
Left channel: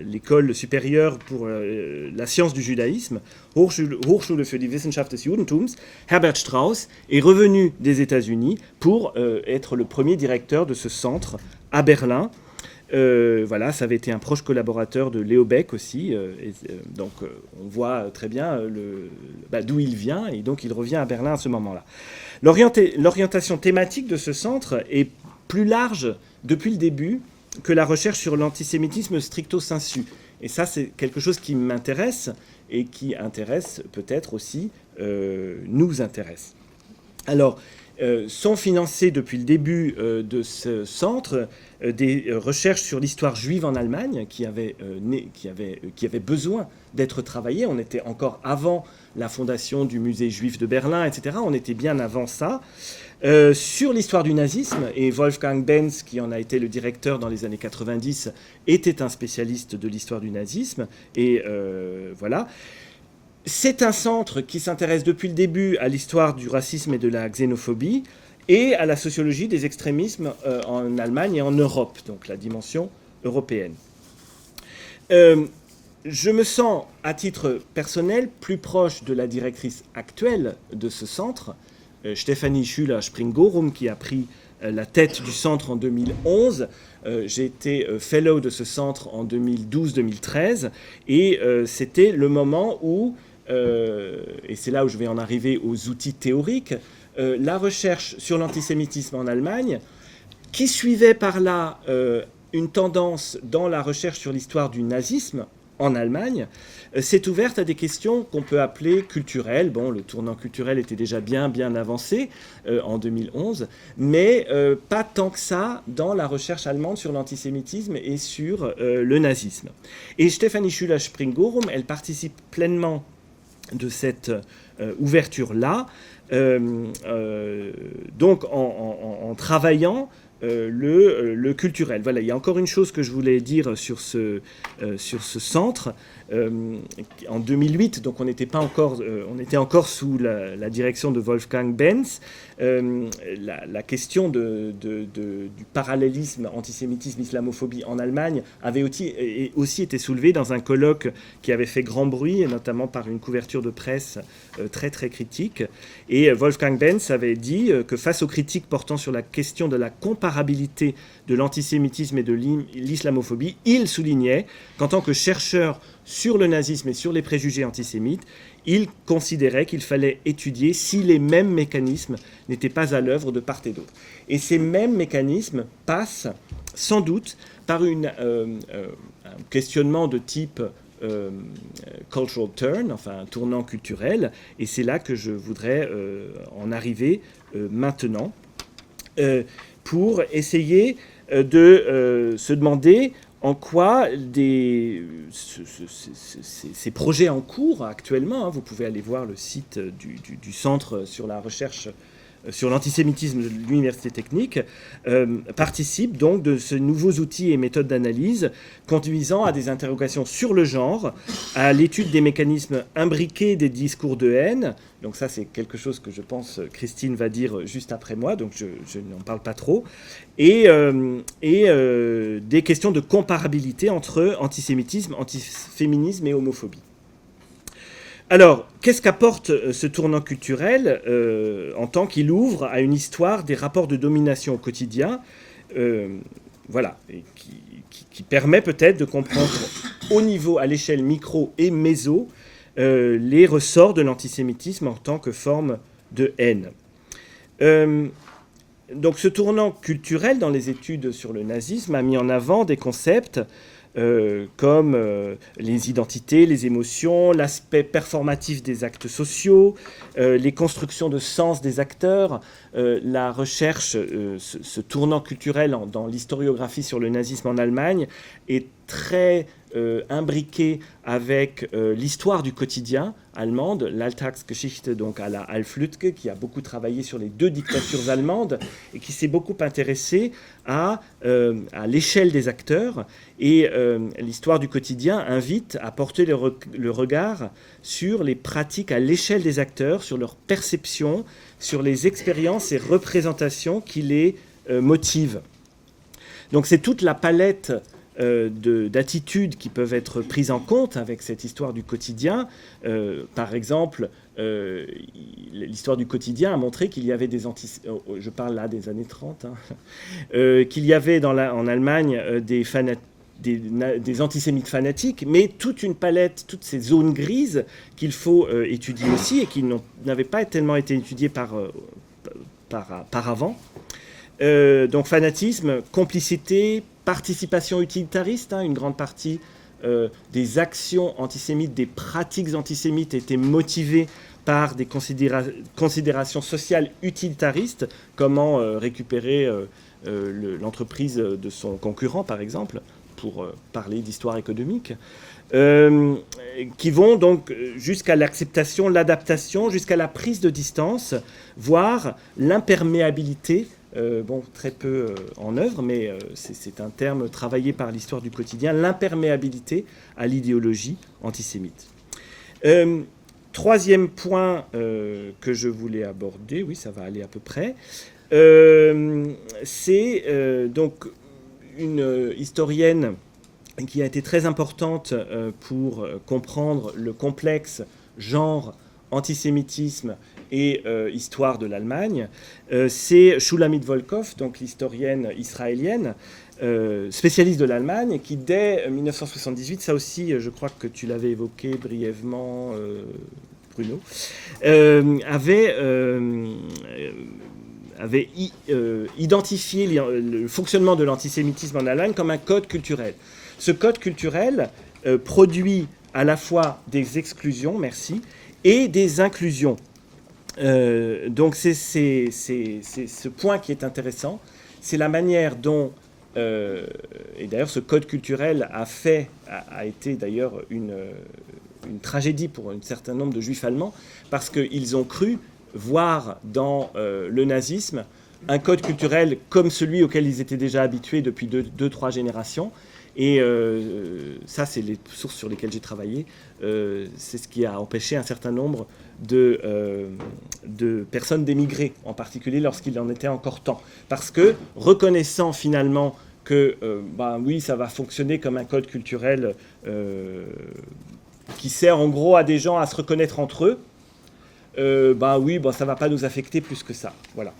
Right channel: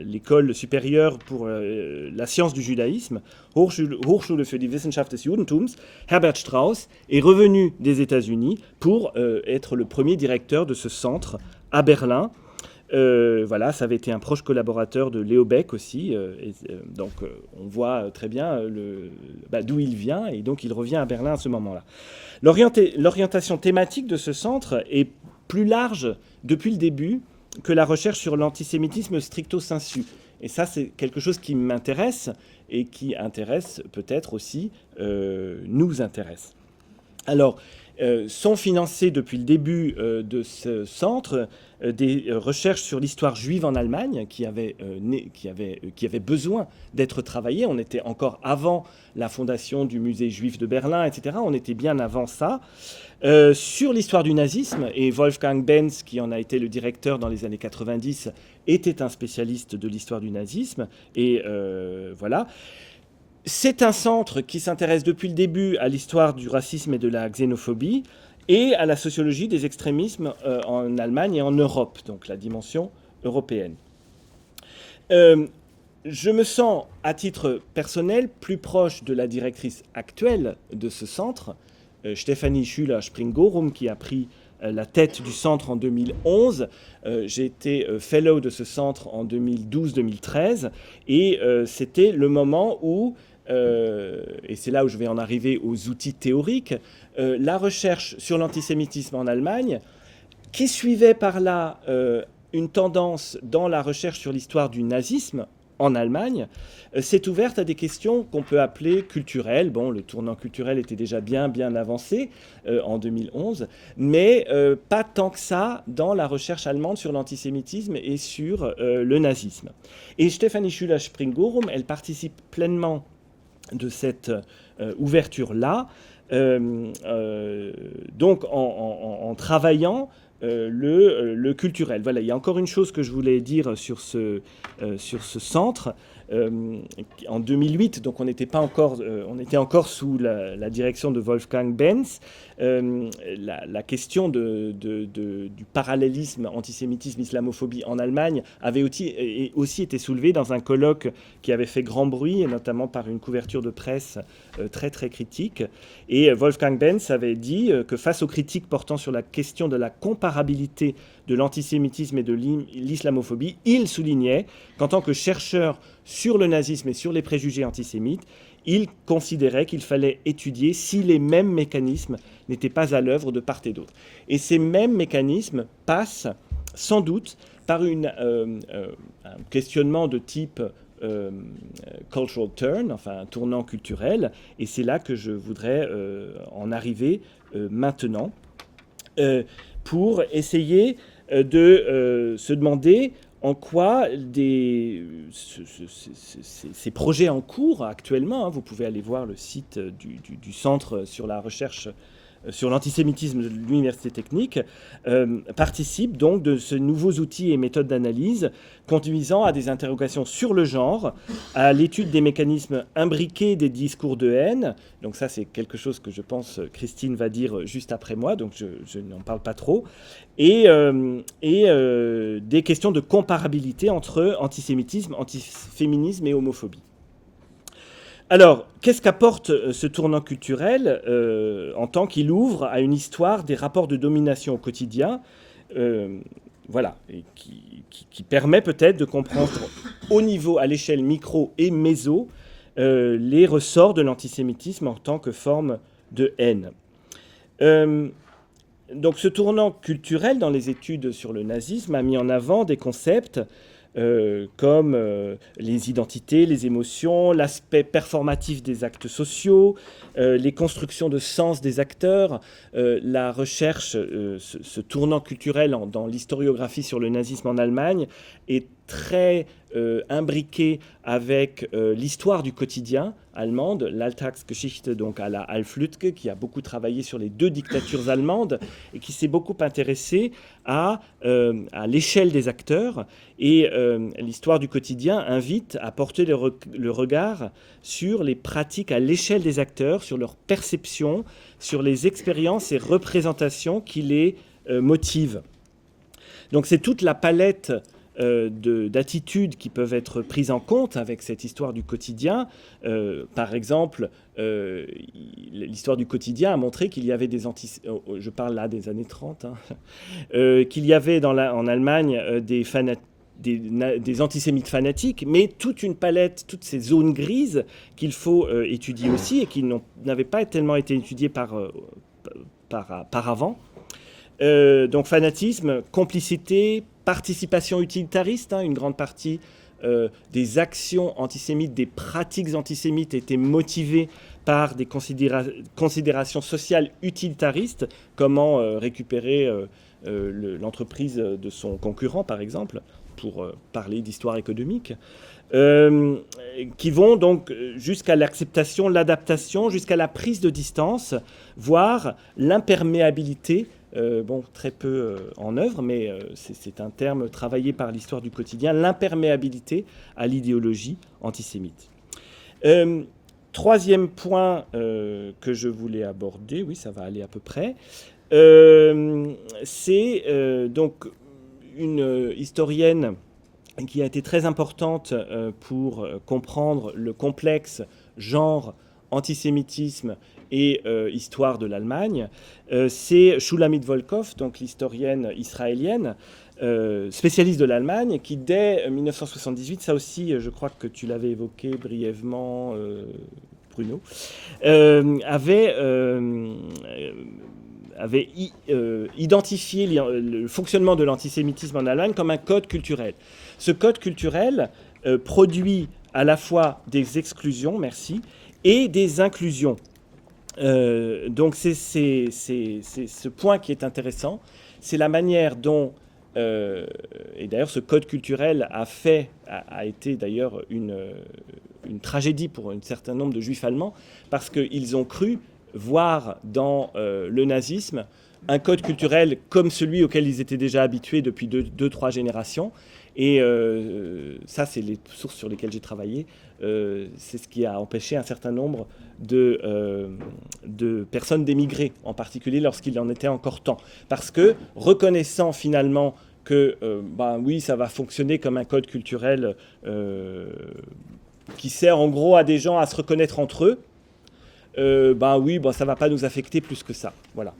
l'école supérieure pour la science du judaïsme, Hochschule für die Wissenschaft des Judentums, Herbert Strauss, est revenu des États-Unis pour être le premier directeur de ce centre à Berlin. Voilà, ça avait été un proche collaborateur de Léo Beck aussi, donc on voit très bien d'où il vient, et donc il revient à Berlin à ce moment-là. L'orientation thématique de ce centre est plus large depuis le début que la recherche sur l'antisémitisme stricto sensu. Et ça, c'est quelque chose qui m'intéresse et qui intéresse peut-être aussi, nous intéresse. Alors, sont financées depuis le début de ce centre des recherches sur l'histoire juive en Allemagne qui avaient besoin d'être travaillées. On était encore avant la fondation du musée juif de Berlin, etc. On était bien avant ça. Sur l'histoire du nazisme, et Wolfgang Benz, qui en a été le directeur dans les années 90, était un spécialiste de l'histoire du nazisme. Et voilà. C'est un centre qui s'intéresse depuis le début à l'histoire du racisme et de la xénophobie et à la sociologie des extrémismes en Allemagne et en Europe, donc la dimension européenne. Je me sens, à titre personnel, plus proche de la directrice actuelle de ce centre, Stefanie Schüler-Springorum, qui a pris la tête du centre en 2011. J'ai été fellow de ce centre en 2012-2013 et c'était le moment où, et c'est là où je vais en arriver aux outils théoriques, la recherche sur l'antisémitisme en Allemagne, qui suivait par là une tendance dans la recherche sur l'histoire du nazisme en Allemagne, s'est ouverte à des questions qu'on peut appeler culturelles. Bon, le tournant culturel était déjà bien avancé en 2011, mais pas tant que ça dans la recherche allemande sur l'antisémitisme et sur le nazisme. Et Stefanie Schüler-Springorum, elle participe pleinement de cette ouverture-là, donc en travaillant le culturel. Voilà, il y a encore une chose que je voulais dire sur ce centre. En 2008, donc on était encore sous la direction de Wolfgang Benz. La question du parallélisme antisémitisme-islamophobie en Allemagne avait aussi été soulevée dans un colloque qui avait fait grand bruit, et notamment par une couverture de presse très très critique. Et Wolfgang Benz avait dit que face aux critiques portant sur la question de la comparabilité de l'antisémitisme et de l'islamophobie, il soulignait qu'en tant que chercheur sur le nazisme et sur les préjugés antisémites, il considérait qu'il fallait étudier si les mêmes mécanismes n'étaient pas à l'œuvre de part et d'autre. Et ces mêmes mécanismes passent sans doute par un questionnement de type cultural turn, enfin un tournant culturel, et c'est là que je voudrais en arriver maintenant, pour essayer de se demander en quoi ces projets en cours actuellement, vous pouvez aller voir le site du Centre sur la recherche sur l'antisémitisme de l'Université technique, participent donc de ces nouveaux outils et méthodes d'analyse conduisant à des interrogations sur le genre, à l'étude des mécanismes imbriqués des discours de haine. Donc ça, c'est quelque chose que je pense Christine va dire juste après moi, donc je n'en parle pas trop. Et des questions de comparabilité entre antisémitisme, antiféminisme et homophobie. Alors, qu'est-ce qu'apporte ce tournant culturel en tant qu'il ouvre à une histoire des rapports de domination au quotidien, voilà, et qui permet peut-être de comprendre au niveau, à l'échelle micro et méso, les ressorts de l'antisémitisme en tant que forme de haine. Donc, ce tournant culturel dans les études sur le nazisme a mis en avant des concepts comme les identités, les émotions, l'aspect performatif des actes sociaux, les constructions de sens des acteurs, la recherche, ce tournant culturel dans l'historiographie sur le nazisme en Allemagne est très imbriqué avec l'histoire du quotidien allemande, l'Alltagsgeschichte, donc à la Alf Lüdtke, qui a beaucoup travaillé sur les deux dictatures allemandes et qui s'est beaucoup intéressé à l'échelle des acteurs. Et l'histoire du quotidien invite à porter le regard sur les pratiques à l'échelle des acteurs, sur leur perception, sur les expériences et représentations qui les motivent. Donc c'est toute la palette d'attitudes qui peuvent être prises en compte avec cette histoire du quotidien. Par exemple, l'histoire du quotidien a montré qu'il y avait je parle là des années 30, qu'il y avait en Allemagne des antisémites fanatiques, mais toute une palette, toutes ces zones grises qu'il faut étudier aussi et qui n'avaient pas tellement été étudiées par avant. Donc fanatisme, complicité, participation utilitariste, une grande partie des actions antisémites, des pratiques antisémites étaient motivées par des considérations sociales utilitaristes, comment récupérer l'entreprise de son concurrent, par exemple, pour parler d'histoire économique, qui vont donc jusqu'à l'acceptation, l'adaptation, jusqu'à la prise de distance, voire l'imperméabilité. Très peu en œuvre, mais c'est un terme travaillé par l'histoire du quotidien, l'imperméabilité à l'idéologie antisémite. Troisième point que je voulais aborder, oui, ça va aller à peu près, c'est donc une historienne qui a été très importante pour comprendre le complexe genre, antisémitisme et histoire de l'Allemagne, c'est Shulamit Volkov, donc l'historienne israélienne, spécialiste de l'Allemagne, qui dès 1978, ça aussi je crois que tu l'avais évoqué brièvement Bruno, avait identifié le fonctionnement de l'antisémitisme en Allemagne comme un code culturel. Ce code culturel produit à la fois des exclusions, et des inclusions. Donc c'est ce point qui est intéressant, c'est la manière dont, et d'ailleurs ce code culturel a été d'ailleurs une tragédie pour un certain nombre de juifs allemands, parce qu'ils ont cru voir dans le nazisme un code culturel comme celui auquel ils étaient déjà habitués depuis 2-3 générations. Et ça, c'est les sources sur lesquelles j'ai travaillé. C'est ce qui a empêché un certain nombre de personnes d'émigrer, en particulier lorsqu'il en était encore temps. Parce que, reconnaissant finalement que, oui, ça va fonctionner comme un code culturel qui sert en gros à des gens à se reconnaître entre eux, ça ne va pas nous affecter plus que ça. Voilà.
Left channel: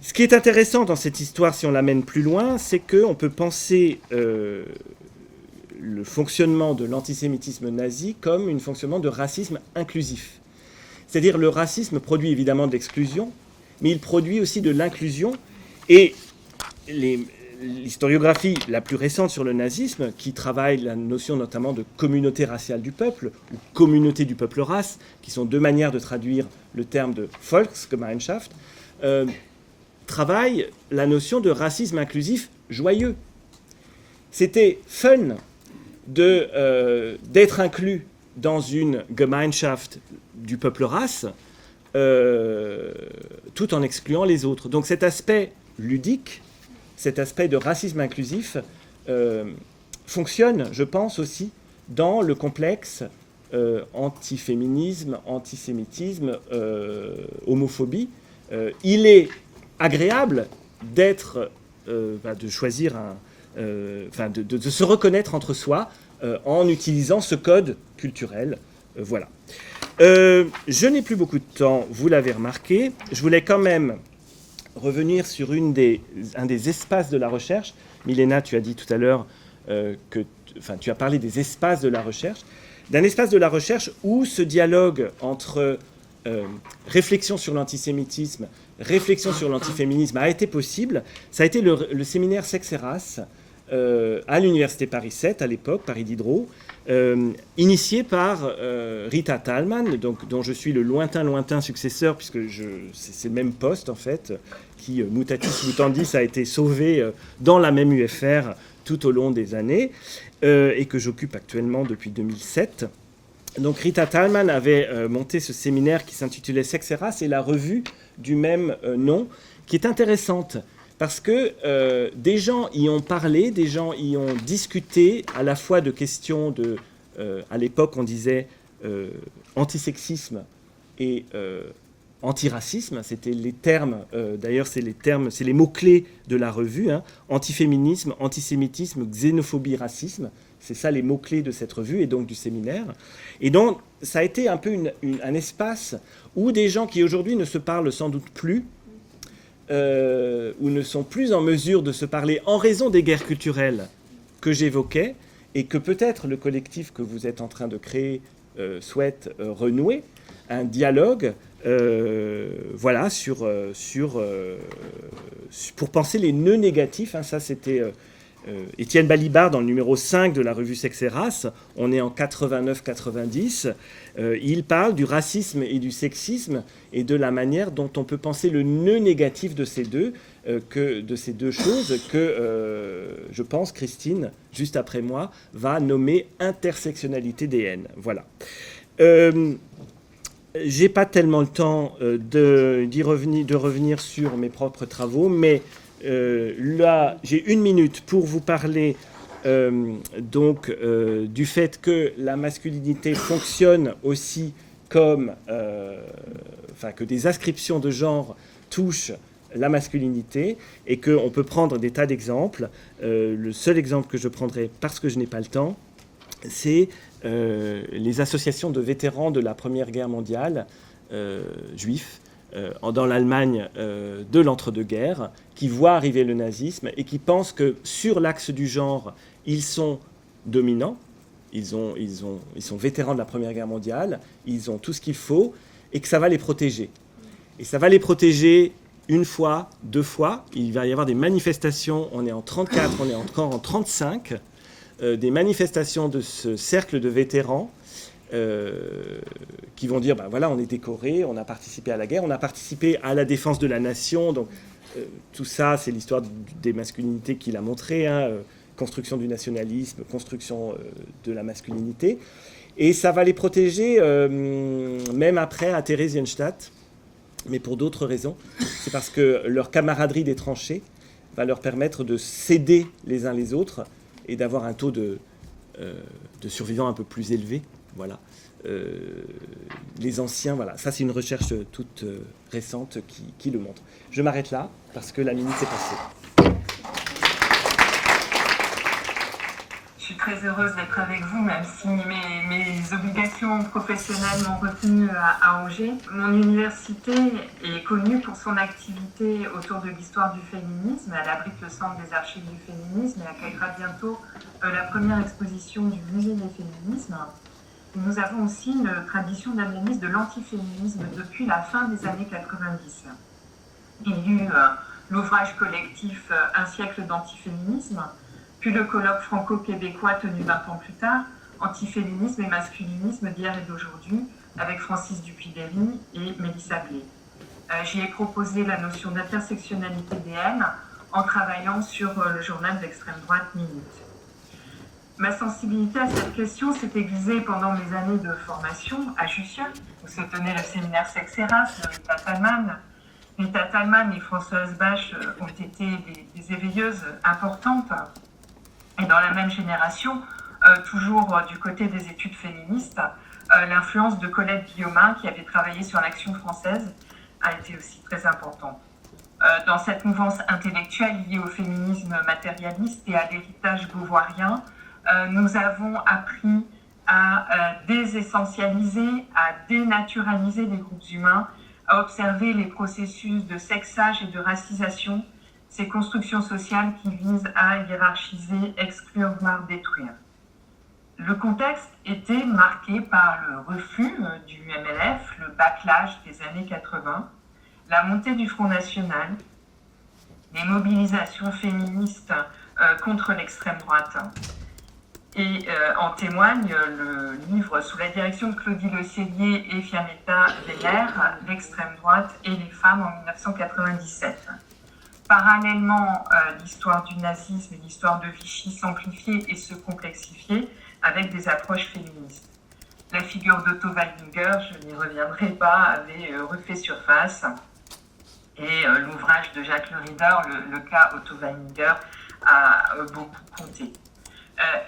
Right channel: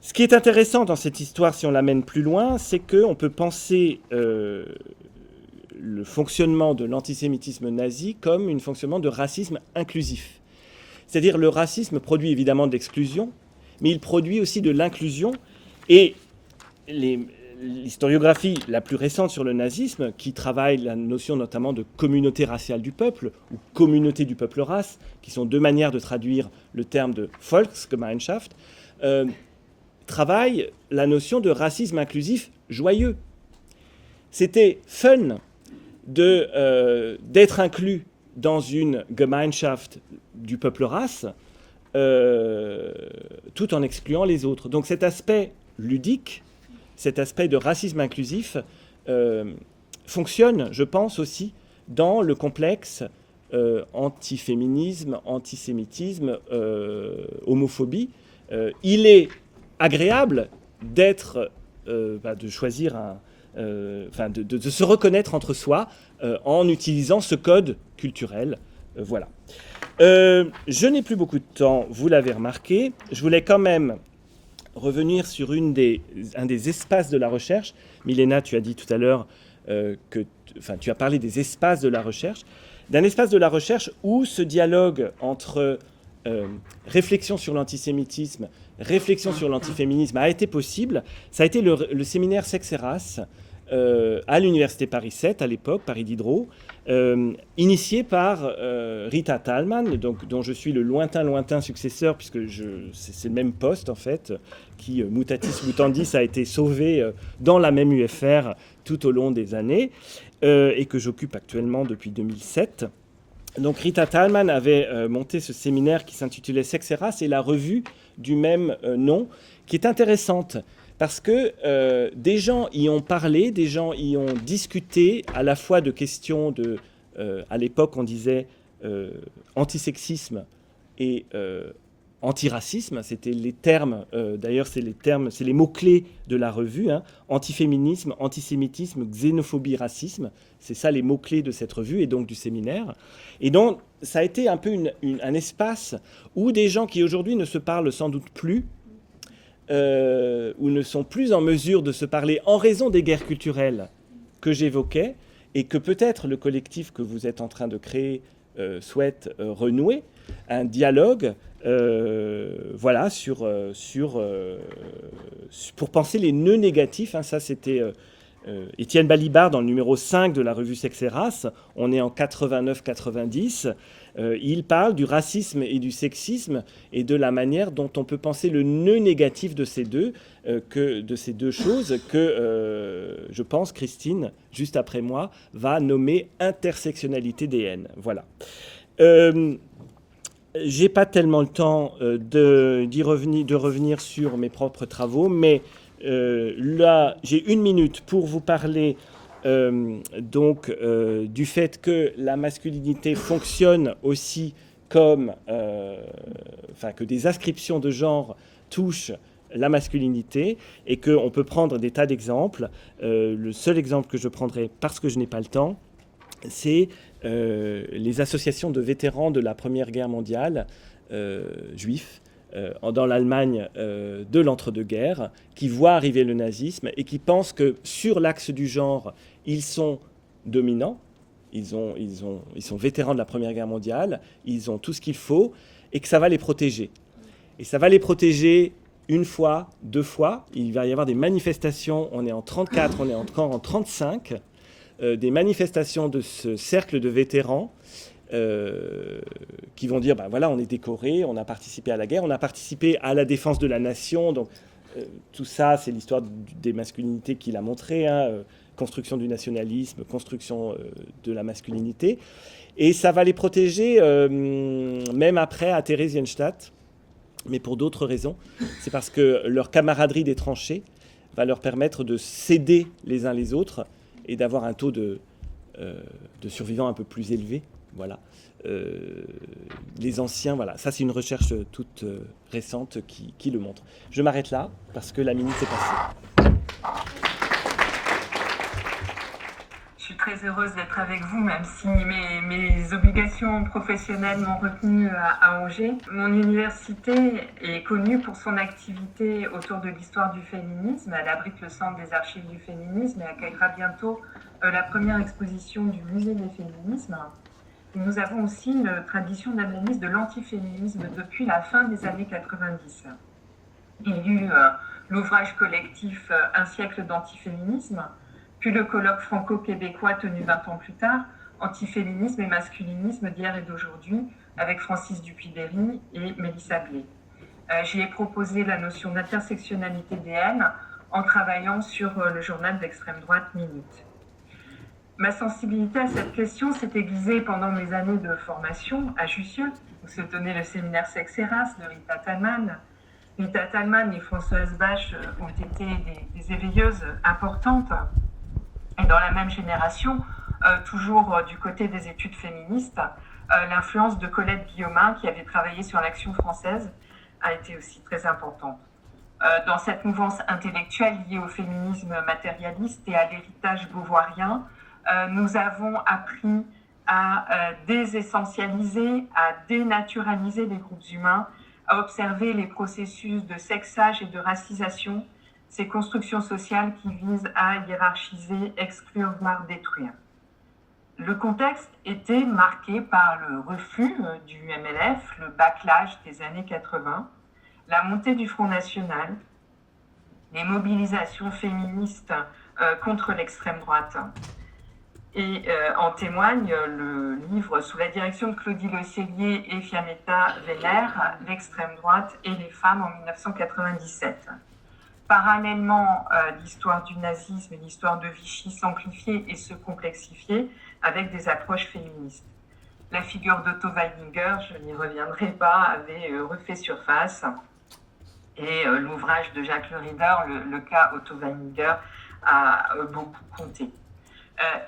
Ce qui est intéressant dans cette histoire, si on l'amène plus loin, c'est qu'on peut penser le fonctionnement de l'antisémitisme nazi comme un fonctionnement de racisme inclusif. C'est-à-dire le racisme produit évidemment de l'exclusion, mais il produit aussi de l'inclusion. Et l'historiographie la plus récente sur le nazisme, qui travaille la notion notamment de communauté raciale du peuple, ou communauté du peuple race, qui sont deux manières de traduire le terme de Volksgemeinschaft, travaille la notion de racisme inclusif joyeux. C'était fun d'être inclus dans une Gemeinschaft du peuple race, tout en excluant les autres. Donc cet aspect ludique, cet aspect de racisme inclusif fonctionne, je pense, aussi dans le complexe antiféminisme, antisémitisme, homophobie. Il est agréable de choisir de se reconnaître entre soi en utilisant ce code culturel. Voilà. Je n'ai plus beaucoup de temps, vous l'avez remarqué. Je voulais quand même revenir sur un des espaces de la recherche. Milena, tu as dit tout à l'heure tu as parlé des espaces de la recherche. D'un espace de la recherche où ce dialogue entre réflexion sur l'antisémitisme, réflexion sur l'antiféminisme a été possible. Ça a été le séminaire Sexe et Race à l'université Paris 7 à l'époque, Paris Diderot, initié par Rita Thalmann, dont je suis le lointain successeur, puisque c'est le même poste en fait, qui mutatis mutandis a été sauvé dans la même UFR tout au long des années, et que j'occupe actuellement depuis 2007. Donc Rita Thalmann avait monté ce séminaire qui s'intitulait Sexe et Race, et la revue du même nom, qui est intéressante parce que des gens y ont parlé, des gens y ont discuté à la fois de questions de, à l'époque on disait antisexisme et antiracisme, c'était les termes, d'ailleurs c'est les mots-clés de la revue, antiféminisme, antisémitisme, xénophobie, racisme, c'est ça les mots-clés de cette revue et donc du séminaire. Et donc ça a été un peu un espace où des gens qui aujourd'hui ne se parlent sans doute plus, ou ne sont plus en mesure de se parler en raison des guerres culturelles que j'évoquais, et que peut-être le collectif que vous êtes en train de créer souhaite renouer, un dialogue pour penser les nœuds négatifs. Ça c'était Étienne Balibar dans le numéro 5 de la revue Sexe et Race, on est en 89-90, il parle du racisme et du sexisme et de la manière dont on peut penser le nœud négatif de ces deux choses que je pense Christine, juste après moi, va nommer intersectionnalité des haines. Voilà. J'ai pas tellement le temps de revenir sur mes propres travaux, mais là, j'ai 1 minute pour vous parler du fait que la masculinité fonctionne aussi comme... que des ascriptions de genre touchent la masculinité et qu'on peut prendre des tas d'exemples. Le seul exemple que je prendrai, parce que je n'ai pas le temps, c'est les associations de vétérans de la Première Guerre mondiale, juifs, dans l'Allemagne de l'entre-deux-guerres, qui voient arriver le nazisme et qui pensent que sur l'axe du genre, ils sont dominants, ils sont vétérans de la Première Guerre mondiale, ils ont tout ce qu'il faut, et que ça va les protéger. Et ça va les protéger une fois, 2 fois. Il va y avoir des manifestations, on est en 1934, on est encore en 1935, des manifestations de ce cercle de vétérans qui vont dire, ben voilà, on est décoré, on a participé à la guerre, on a participé à la défense de la nation. Donc tout ça, c'est l'histoire des masculinités qu'il a montré, hein, construction du nationalisme, construction de la masculinité. Et ça va les protéger même après à Theresienstadt, mais pour d'autres raisons. C'est parce que leur camaraderie des tranchées va leur permettre de s'aider les uns les autres et d'avoir un taux de survivants un peu plus élevé. Voilà. Les anciens, voilà. Ça, c'est une recherche toute récente qui le montre. Je m'arrête là parce que la minute est passée. Je suis très heureuse d'être avec vous, même si mes obligations professionnelles m'ont retenue à Angers. Mon université est connue pour son activité autour de l'histoire du féminisme. Elle abrite le centre des archives du féminisme et accueillera bientôt la première exposition du musée des féminismes. Nous avons aussi une tradition d'analyse de l'antiféminisme depuis la fin des années 90. Il y a eu l'ouvrage collectif « Un siècle d'antiféminisme », puis le colloque franco-québécois tenu 20 ans plus tard, « Antiféminisme et masculinisme d'hier et d'aujourd'hui » avec Francis Dupuy-Berry et Mélissa Blé. J'y ai proposé la notion d'intersectionnalité des haines en travaillant sur le journal d'extrême droite Minute. Ma sensibilité à cette question s'est aiguisée pendant mes années de formation à Jussieu, où se tenait le séminaire Sexe-Eras de Rita Thalmann. Rita Thalmann et Françoise Bache ont été des éveilleuses importantes. Et dans la même génération, toujours du côté des études féministes, l'influence de Colette Guillaumin, qui avait travaillé sur l'Action française, a été aussi très importante. Dans cette mouvance intellectuelle liée au féminisme matérialiste et à l'héritage beauvoirien, nous avons appris à désessentialiser, à dénaturaliser les groupes humains, à observer les processus de sexage et de racisation, ces constructions sociales qui visent à hiérarchiser, exclure, voire détruire. Le contexte était marqué par le refus du MLF, le backlash des années 80, la montée du Front National, les mobilisations féministes contre l'extrême droite. Et en témoigne le livre sous la direction de Claudie Le Cellier et Fiametta Weller, L'extrême droite et les femmes en 1997. Parallèlement, l'histoire du nazisme et l'histoire de Vichy s'amplifiaient et se complexifiaient avec des approches féministes. La figure d'Otto Wallinger, je n'y reviendrai pas, avait refait surface. Et l'ouvrage de Jacques Le Rider, le cas Otto Wallinger, a beaucoup compté.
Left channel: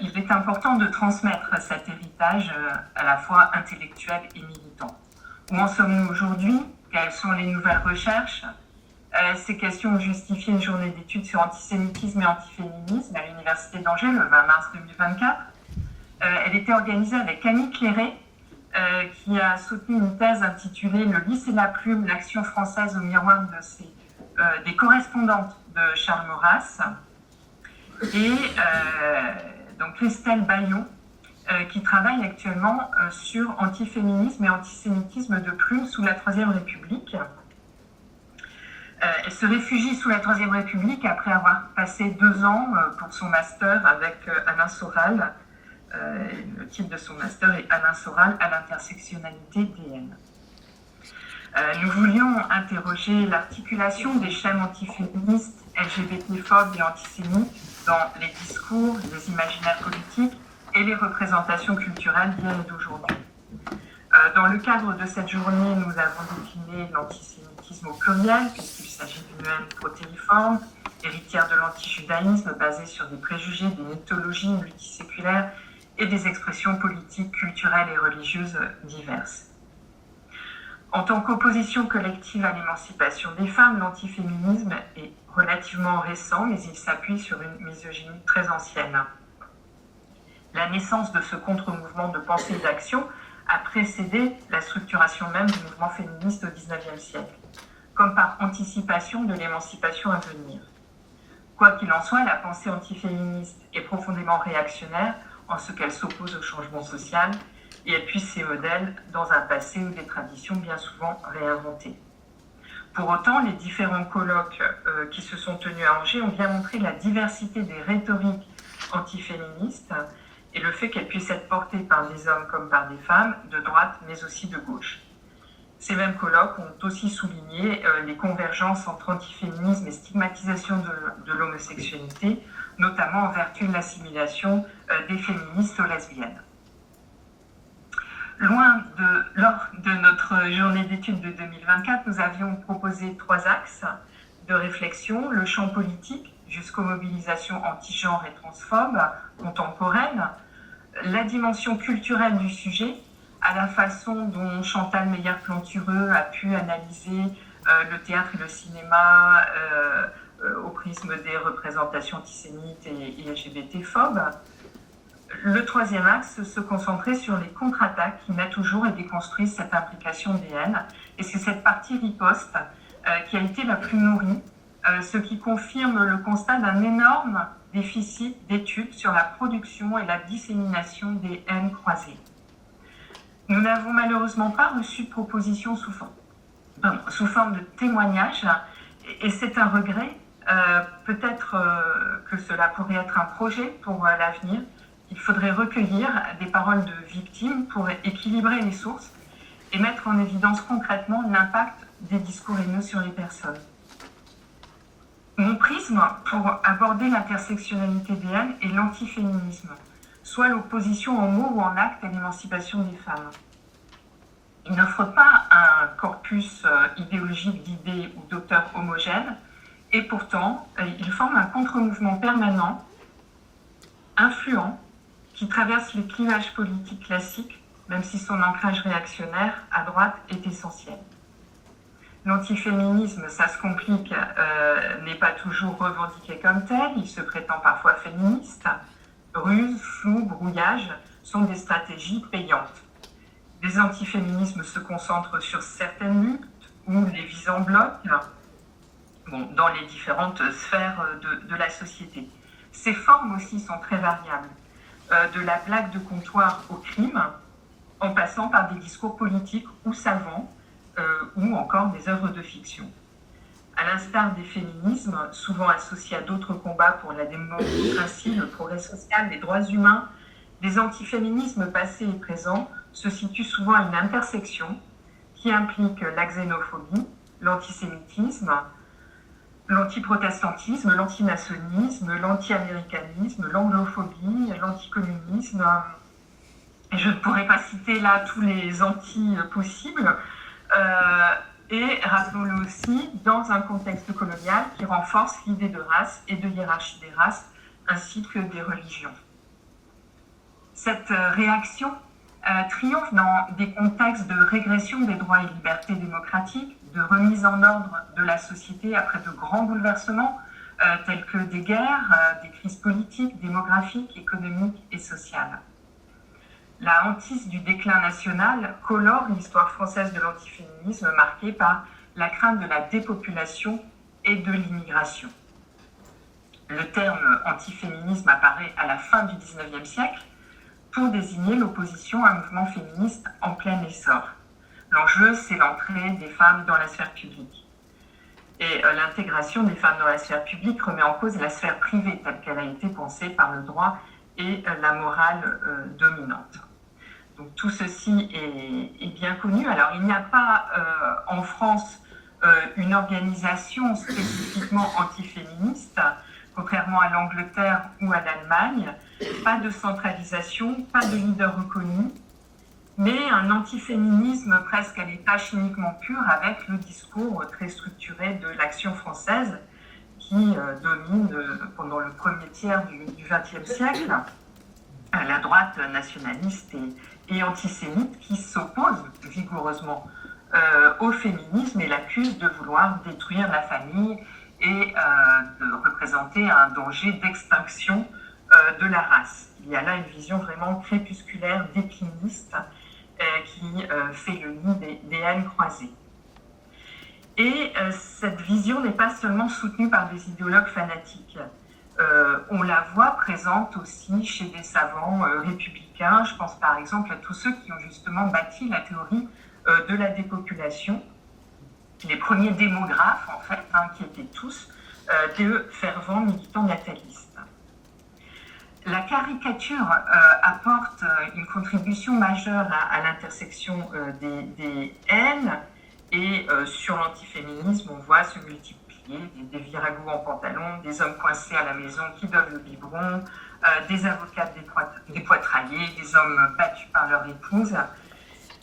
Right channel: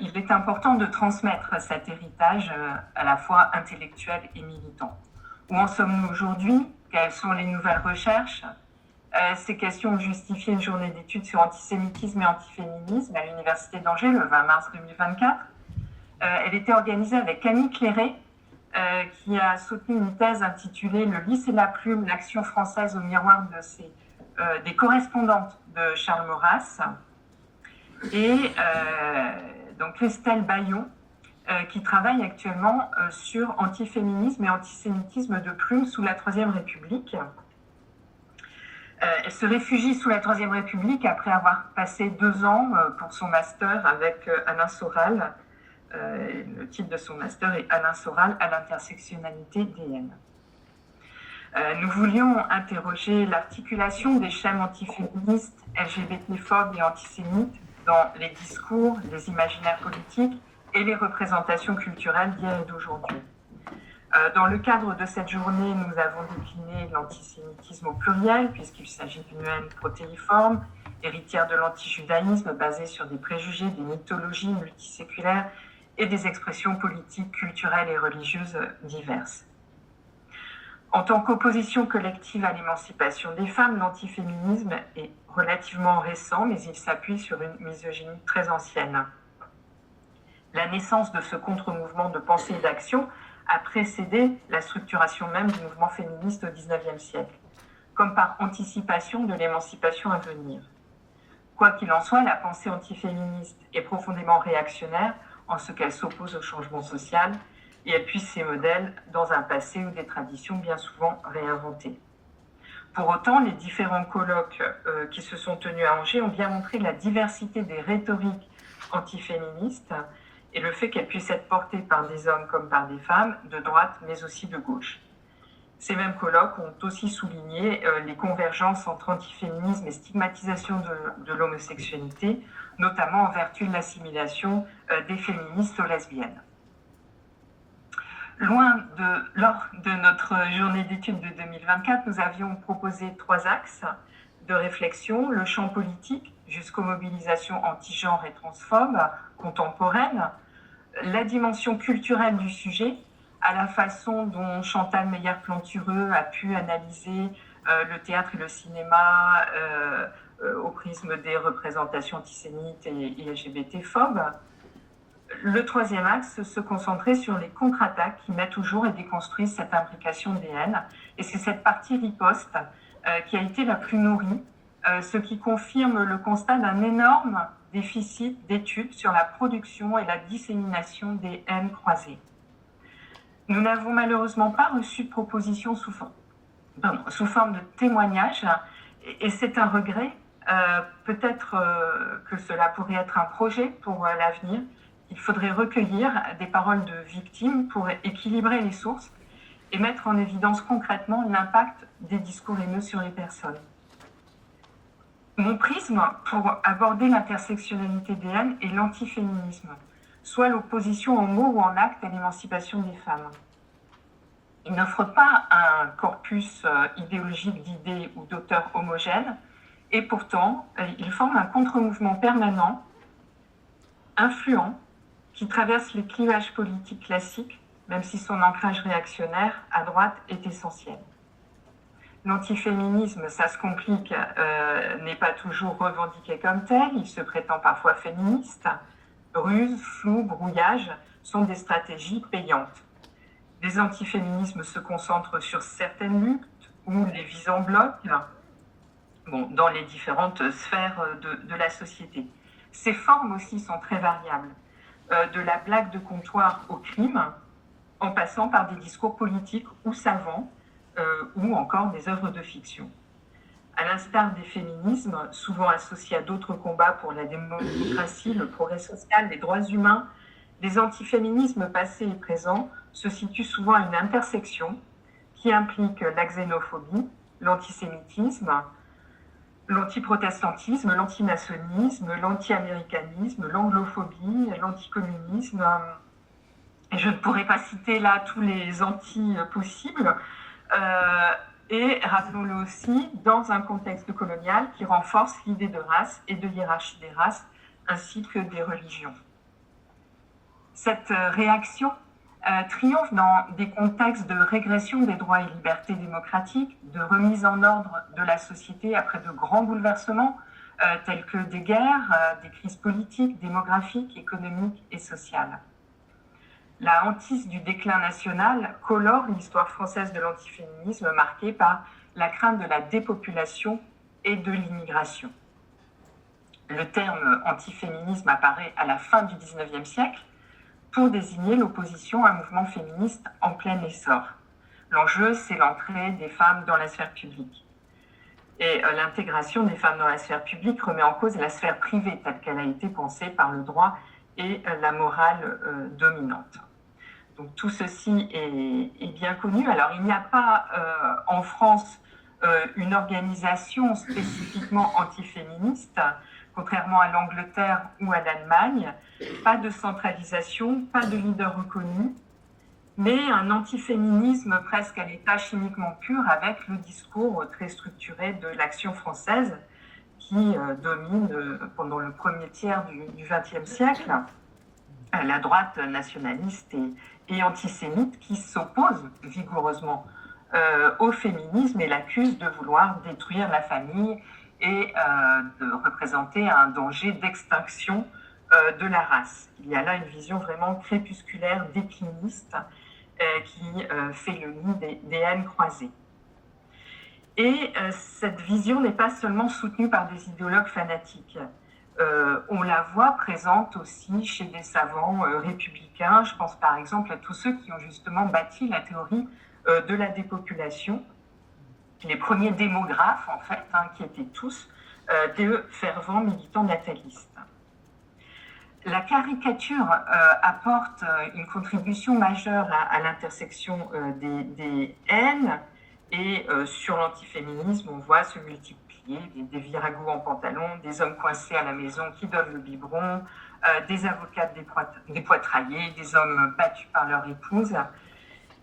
Il est important de transmettre cet héritage à la fois intellectuel et militant. Où en sommes-nous aujourd'hui? Quelles sont les nouvelles recherches? Ces questions ont justifié une journée d'études sur antisémitisme et antiféminisme à l'Université d'Angers le 20 mars 2024. Elle était organisée avec Camille Clairet, qui a soutenu une thèse intitulée « Le lys et la plume, l'action française au miroir des correspondantes de Charles Maurras ». Et donc Christelle Bayon, qui travaille actuellement sur antiféminisme et antisémitisme de plume sous la Troisième République. Elle se réfugie sous la Troisième République après avoir passé 2 ans pour son master avec Alain Soral. Le titre de son master est Alain Soral à l'intersectionnalité des haines. Nous voulions interroger l'articulation des schèmes antiféministes, LGBT-phobes et antisémites dans les discours, les imaginaires politiques et les représentations culturelles d'hier et d'aujourd'hui. Dans le cadre de cette journée, nous avons décliné l'antisémitisme au pluriel, puisqu'il s'agit d'une haine protériforme, héritière de l'antijudaïsme basée sur des préjugés, des mythologies multiséculaires et des expressions politiques, culturelles et religieuses diverses. En tant qu'opposition collective à l'émancipation des femmes, l'antiféminisme est relativement récent, mais il s'appuie sur une misogynie très ancienne. La naissance de ce contre-mouvement de pensée et d'action a précédé la structuration même du mouvement féministe au XIXe siècle, comme par anticipation de l'émancipation à venir. Quoi qu'il en soit, la pensée antiféministe est profondément réactionnaire, en ce qu'elle s'oppose au changement social et appuie ses modèles dans un passé ou des traditions bien souvent réinventées. Pour autant, les différents colloques qui se sont tenus à Angers ont bien montré la diversité des rhétoriques antiféministes et le fait qu'elles puissent être portées par des hommes comme par des femmes, de droite mais aussi de gauche. Ces mêmes colloques ont aussi souligné les convergences entre antiféminisme et stigmatisation de l'homosexualité, notamment en vertu de l'assimilation des féministes aux lesbiennes. Lors de notre journée d'études de 2024, nous avions proposé 3 axes de réflexion: le champ politique jusqu'aux mobilisations anti-genre et transphobes contemporaines, la dimension culturelle du sujet, à la façon dont Chantal Meyer-Plantureux a pu analyser le théâtre et le cinéma au prisme des représentations antisémites et LGBT-phobes. Le 3e axe se concentrait sur les contre-attaques qui mettent au jour et déconstruisent cette implication des haines. Et c'est cette partie riposte qui a été la plus nourrie, ce qui confirme le constat d'un énorme déficit d'études sur la production et la dissémination des haines croisées. Nous n'avons malheureusement pas reçu de propositions sous forme de témoignages, et c'est un regret. Peut-être que cela pourrait être un projet pour l'avenir. Il faudrait recueillir des paroles de victimes pour équilibrer les sources et mettre en évidence concrètement l'impact des discours haineux sur les personnes. Mon prisme pour aborder l'intersectionnalité des haines est l'antiféminisme, soit l'opposition en mots ou en actes à l'émancipation des femmes. Il n'offre pas un corpus idéologique d'idées ou d'auteurs homogènes, et pourtant, il forme un contre-mouvement permanent, influent, qui traverse les clivages politiques classiques, même si son ancrage réactionnaire à droite est essentiel. L'antiféminisme, ça se complique, n'est pas toujours revendiqué comme tel, il se prétend parfois féministe. Ruse, flou, brouillage sont des stratégies payantes. Les antiféminismes se concentrent sur certaines luttes ou les visent en bloc, dans les différentes sphères de la société. Ces formes aussi sont très variables, de la blague de comptoir au crime, en passant par des discours politiques ou savants, ou encore des œuvres de fiction. À l'instar des féminismes, souvent associés à d'autres combats pour la démocratie, le progrès social, les droits humains, les antiféminismes passés et présents se situent souvent à une intersection qui implique la xénophobie, l'antisémitisme, l'antiprotestantisme, l'antimaçonnisme, l'anti-américanisme, l'anglophobie, l'anticommunisme. Et je ne pourrais pas citer là tous les anti possibles. Et rappelons-le aussi dans un contexte colonial qui renforce l'idée de race et de hiérarchie des races, ainsi que des religions. Cette réaction triomphe dans des contextes de régression des droits et libertés démocratiques, de remise en ordre de la société après de grands bouleversements tels que des guerres, des crises politiques, démographiques, économiques et sociales. La hantise du déclin national colore l'histoire française de l'antiféminisme marquée par la crainte de la dépopulation et de l'immigration. Le terme antiféminisme apparaît à la fin du XIXe siècle pour désigner l'opposition à un mouvement féministe en plein essor. L'enjeu, c'est l'entrée des femmes dans la sphère publique. Et l'intégration des femmes dans la sphère publique remet en cause la sphère privée telle qu'elle a été pensée par le droit et la morale dominante. Donc tout ceci est bien connu. Alors il n'y a pas en France une organisation spécifiquement antiféministe, contrairement à l'Angleterre ou à l'Allemagne. Pas de centralisation, pas de leader reconnu, mais un antiféminisme presque à l'état chimiquement pur avec le discours très structuré de l'Action française qui domine pendant le premier tiers du XXe siècle, la droite nationaliste et antisémite qui s'oppose vigoureusement au féminisme et l'accuse de vouloir détruire la famille et de représenter un danger d'extinction de la race. Il y a là une vision vraiment crépusculaire, décliniste, qui fait le nid des haines croisées. Et cette vision n'est pas seulement soutenue par des idéologues fanatiques. on la voit présente aussi chez des savants républicains. Je pense par exemple à tous ceux qui ont justement bâti la théorie de la dépopulation, les premiers démographes en fait, qui étaient tous des fervents militants natalistes. La caricature apporte une contribution majeure à l'intersection des haines, et sur l'antiféminisme, on voit se multiplier des viragos en pantalon, des hommes coincés à la maison qui donnent le biberon, des avocats dépoitraillés, des hommes battus par leur épouse,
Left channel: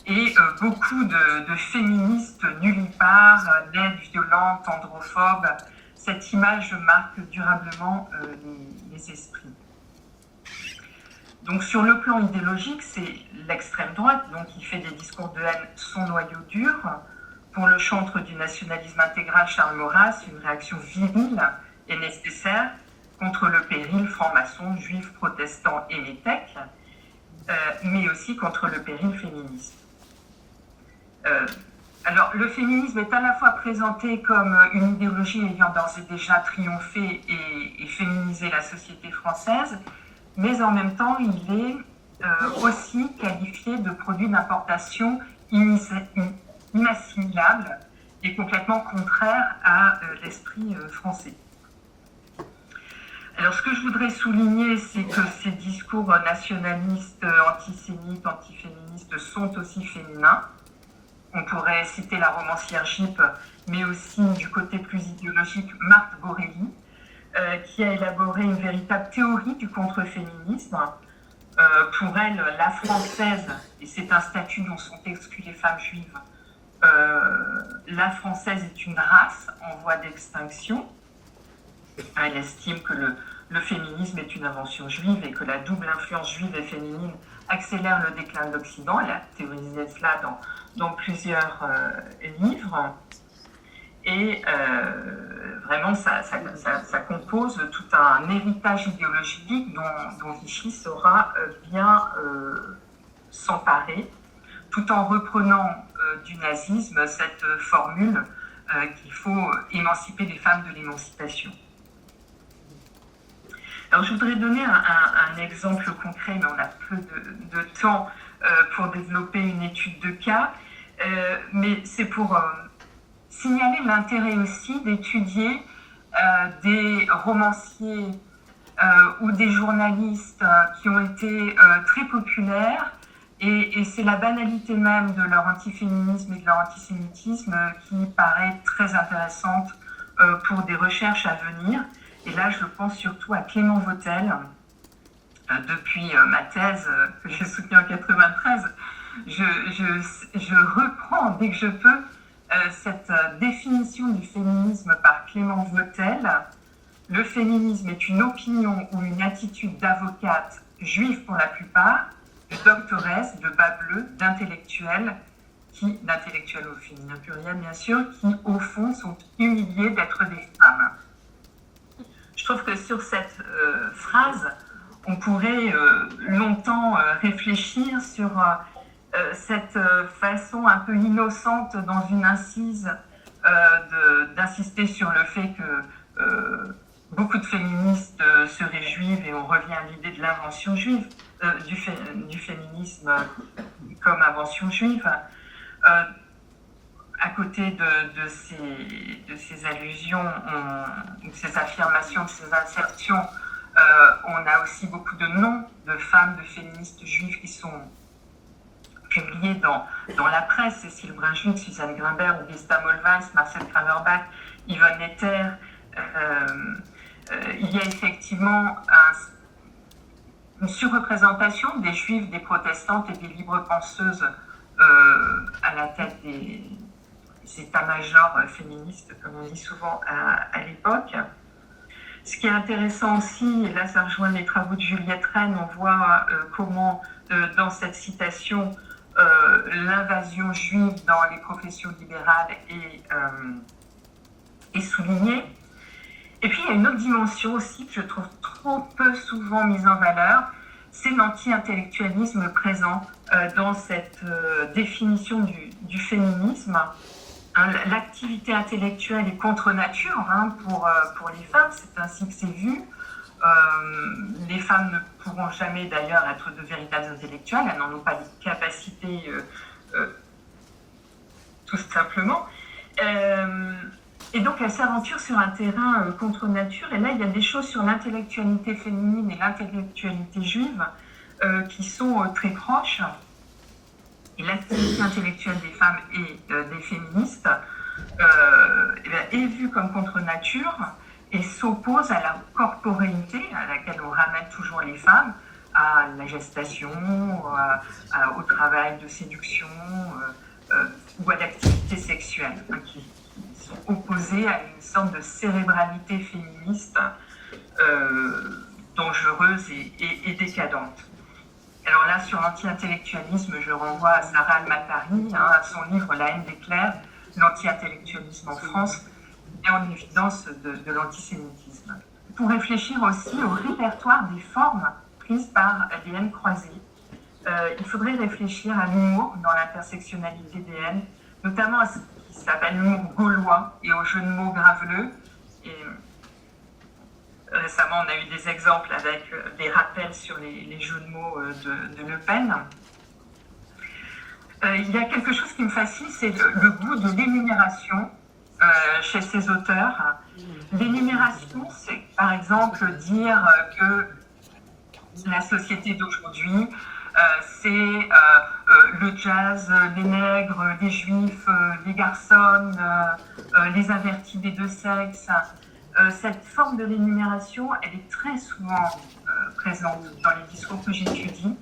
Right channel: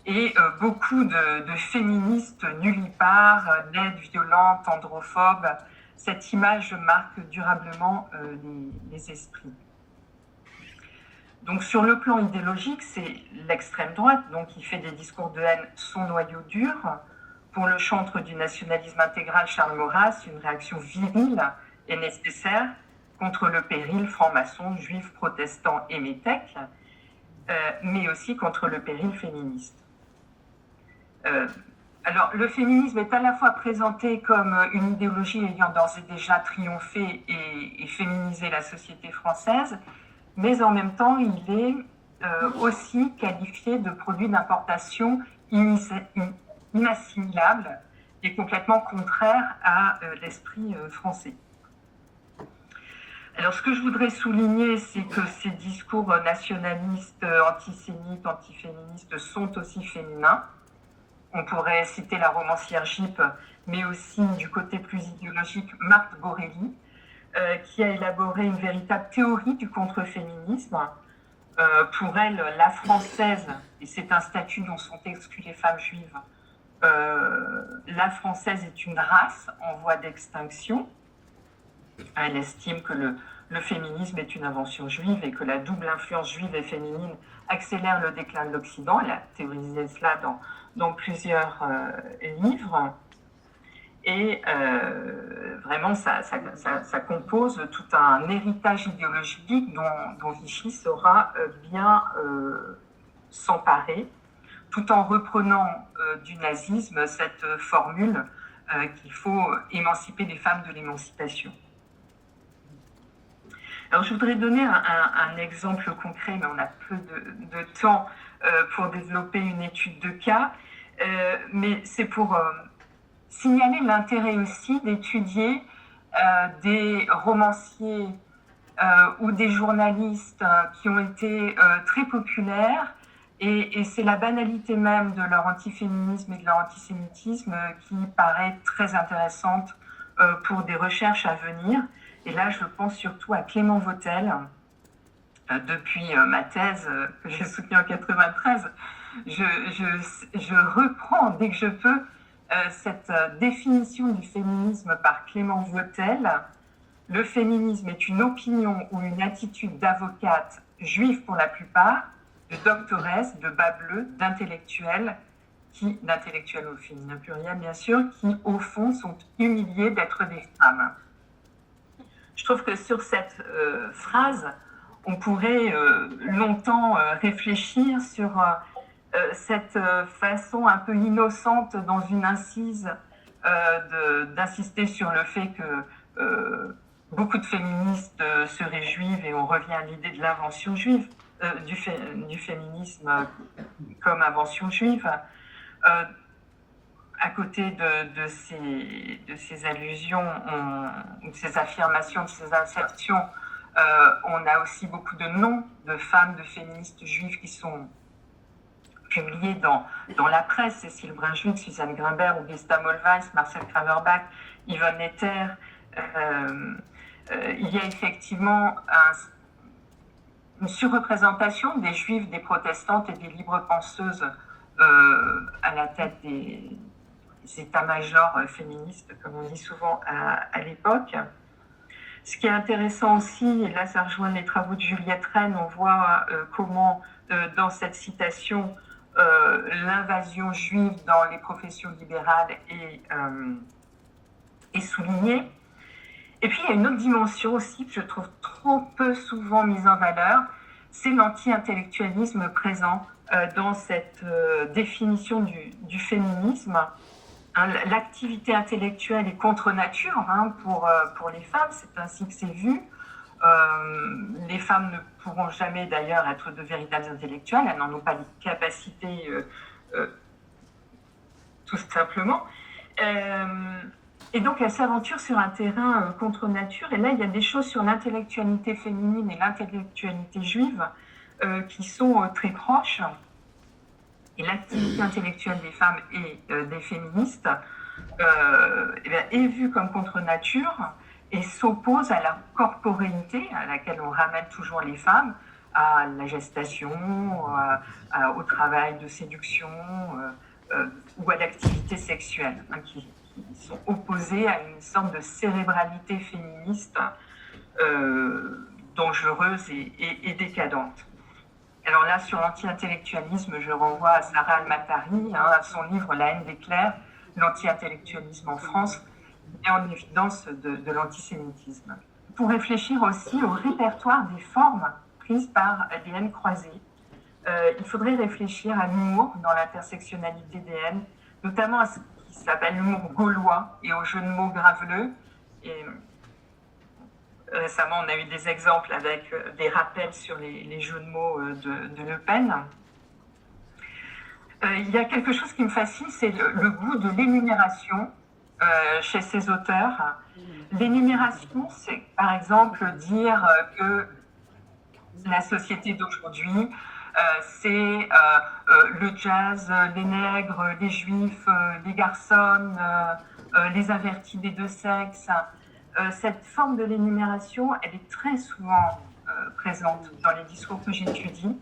et beaucoup de féministes nullipares, laides, violentes, androphobes. Cette image marque durablement les esprits. Donc sur le plan idéologique, c'est l'extrême droite donc, qui fait des discours de haine son noyau dur. Pour le chantre du nationalisme intégral Charles Maurras, une réaction virile est nécessaire contre le péril franc-maçon, juif, protestant et métèque, mais aussi contre le péril féministe. Alors, le féminisme est à la fois présenté comme une idéologie ayant d'ores et déjà triomphé et féminisé la société française, mais en même temps, il est aussi qualifié de produit d'importation inassimilable et complètement contraire à l'esprit français. Alors, ce que je voudrais souligner, c'est que ces discours nationalistes, antisémites, antiféministes sont aussi féminins. On pourrait citer la romancière Gyp, mais aussi du côté plus idéologique, Marthe Borelli, qui a élaboré une véritable théorie du contre-féminisme. Pour elle, la française, et c'est un statut dont sont exclues les femmes juives, la française est une race en voie d'extinction. Elle estime que le féminisme est une invention juive et que la double influence juive et féminine accélère le déclin de l'Occident. Elle a théorisé cela dans plusieurs livres. Et vraiment, ça compose tout un héritage idéologique dont Vichy saura bien s'emparer, tout en reprenant du nazisme cette formule qu'il faut émanciper les femmes de l'émancipation. Alors, je voudrais donner un exemple concret, mais on a peu de temps pour développer une étude de cas, mais c'est pour signaler l'intérêt aussi d'étudier des romanciers ou des journalistes qui ont été très populaires, et c'est la banalité même de leur antiféminisme et de leur antisémitisme qui paraît très intéressante pour des recherches à venir. Et là, je pense surtout à Clément Vautel. Depuis ma thèse que j'ai soutenue en 93, je reprends dès que je peux cette définition du féminisme par Clément Vautel. Le féminisme est une opinion ou une attitude d'avocate, juive pour la plupart, de doctoresse, de bas bleu, d'intellectuels au féminin pluriel bien sûr, qui au fond sont humiliés d'être des femmes. Je trouve que sur cette phrase, on pourrait longtemps réfléchir sur cette façon un peu innocente dans une incise d'insister sur le fait que beaucoup de féministes seraient juives, et on revient à l'idée de l'invention juive, du féminisme comme invention juive. À côté de ces allusions, de ces affirmations, de ces insertions, on a aussi beaucoup de noms de femmes, de féministes juives qui sont publiés dans la presse. Cécile Brunschwig, Suzanne Grimbert, Augusta Mollweis, Marcel Kraverbach, Yvonne Netter. Il y a effectivement une surreprésentation des juives, des protestantes et des libres penseuses à la tête des états-majors féministes, comme on dit souvent à l'époque. Ce qui est intéressant aussi, et là ça rejoint les travaux de Juliette Rennes, on voit comment dans cette citation l'invasion juive dans les professions libérales est soulignée. Et puis il y a une autre dimension aussi que je trouve trop peu souvent mise en valeur, c'est l'anti-intellectualisme présent dans cette définition du féminisme. L'activité intellectuelle est contre nature pour les femmes, c'est ainsi que c'est vu. Les femmes ne pourront jamais d'ailleurs être de véritables intellectuelles, elles n'en ont pas les capacités tout simplement. Et donc elle s'aventure sur un terrain contre nature, et là il y a des choses sur l'intellectualité féminine et l'intellectualité juive qui sont très proches. Et l'activité intellectuelle des femmes et des féministes est vue comme contre nature et s'oppose à la corporéité à laquelle on ramène toujours les femmes, à la gestation, au travail de séduction ou à l'activité sexuelle, qui sont opposées à une sorte de cérébralité féministe dangereuse et décadente. Alors là, sur l'anti-intellectualisme, je renvoie à Sarah Al-Matari, à son livre La haine des clercs, l'anti-intellectualisme en France, et en évidence de l'antisémitisme. Pour réfléchir aussi au répertoire des formes prises par les haines croisées, il faudrait réfléchir à l'humour dans l'intersectionnalité des haines, notamment à ce qui s'appelle l'humour gaulois et aux jeux de mots graveleux. Et récemment, on a eu des exemples avec des rappels sur les jeux de mots de Le Pen. Il y a quelque chose qui me fascine, c'est le goût de l'énumération chez ces auteurs. L'énumération, c'est par exemple dire que la société d'aujourd'hui, c'est le jazz, les nègres, les juifs, les garçons, les avertis des deux sexes. Cette forme de l'énumération, elle est très souvent présente dans les discours que j'étudie.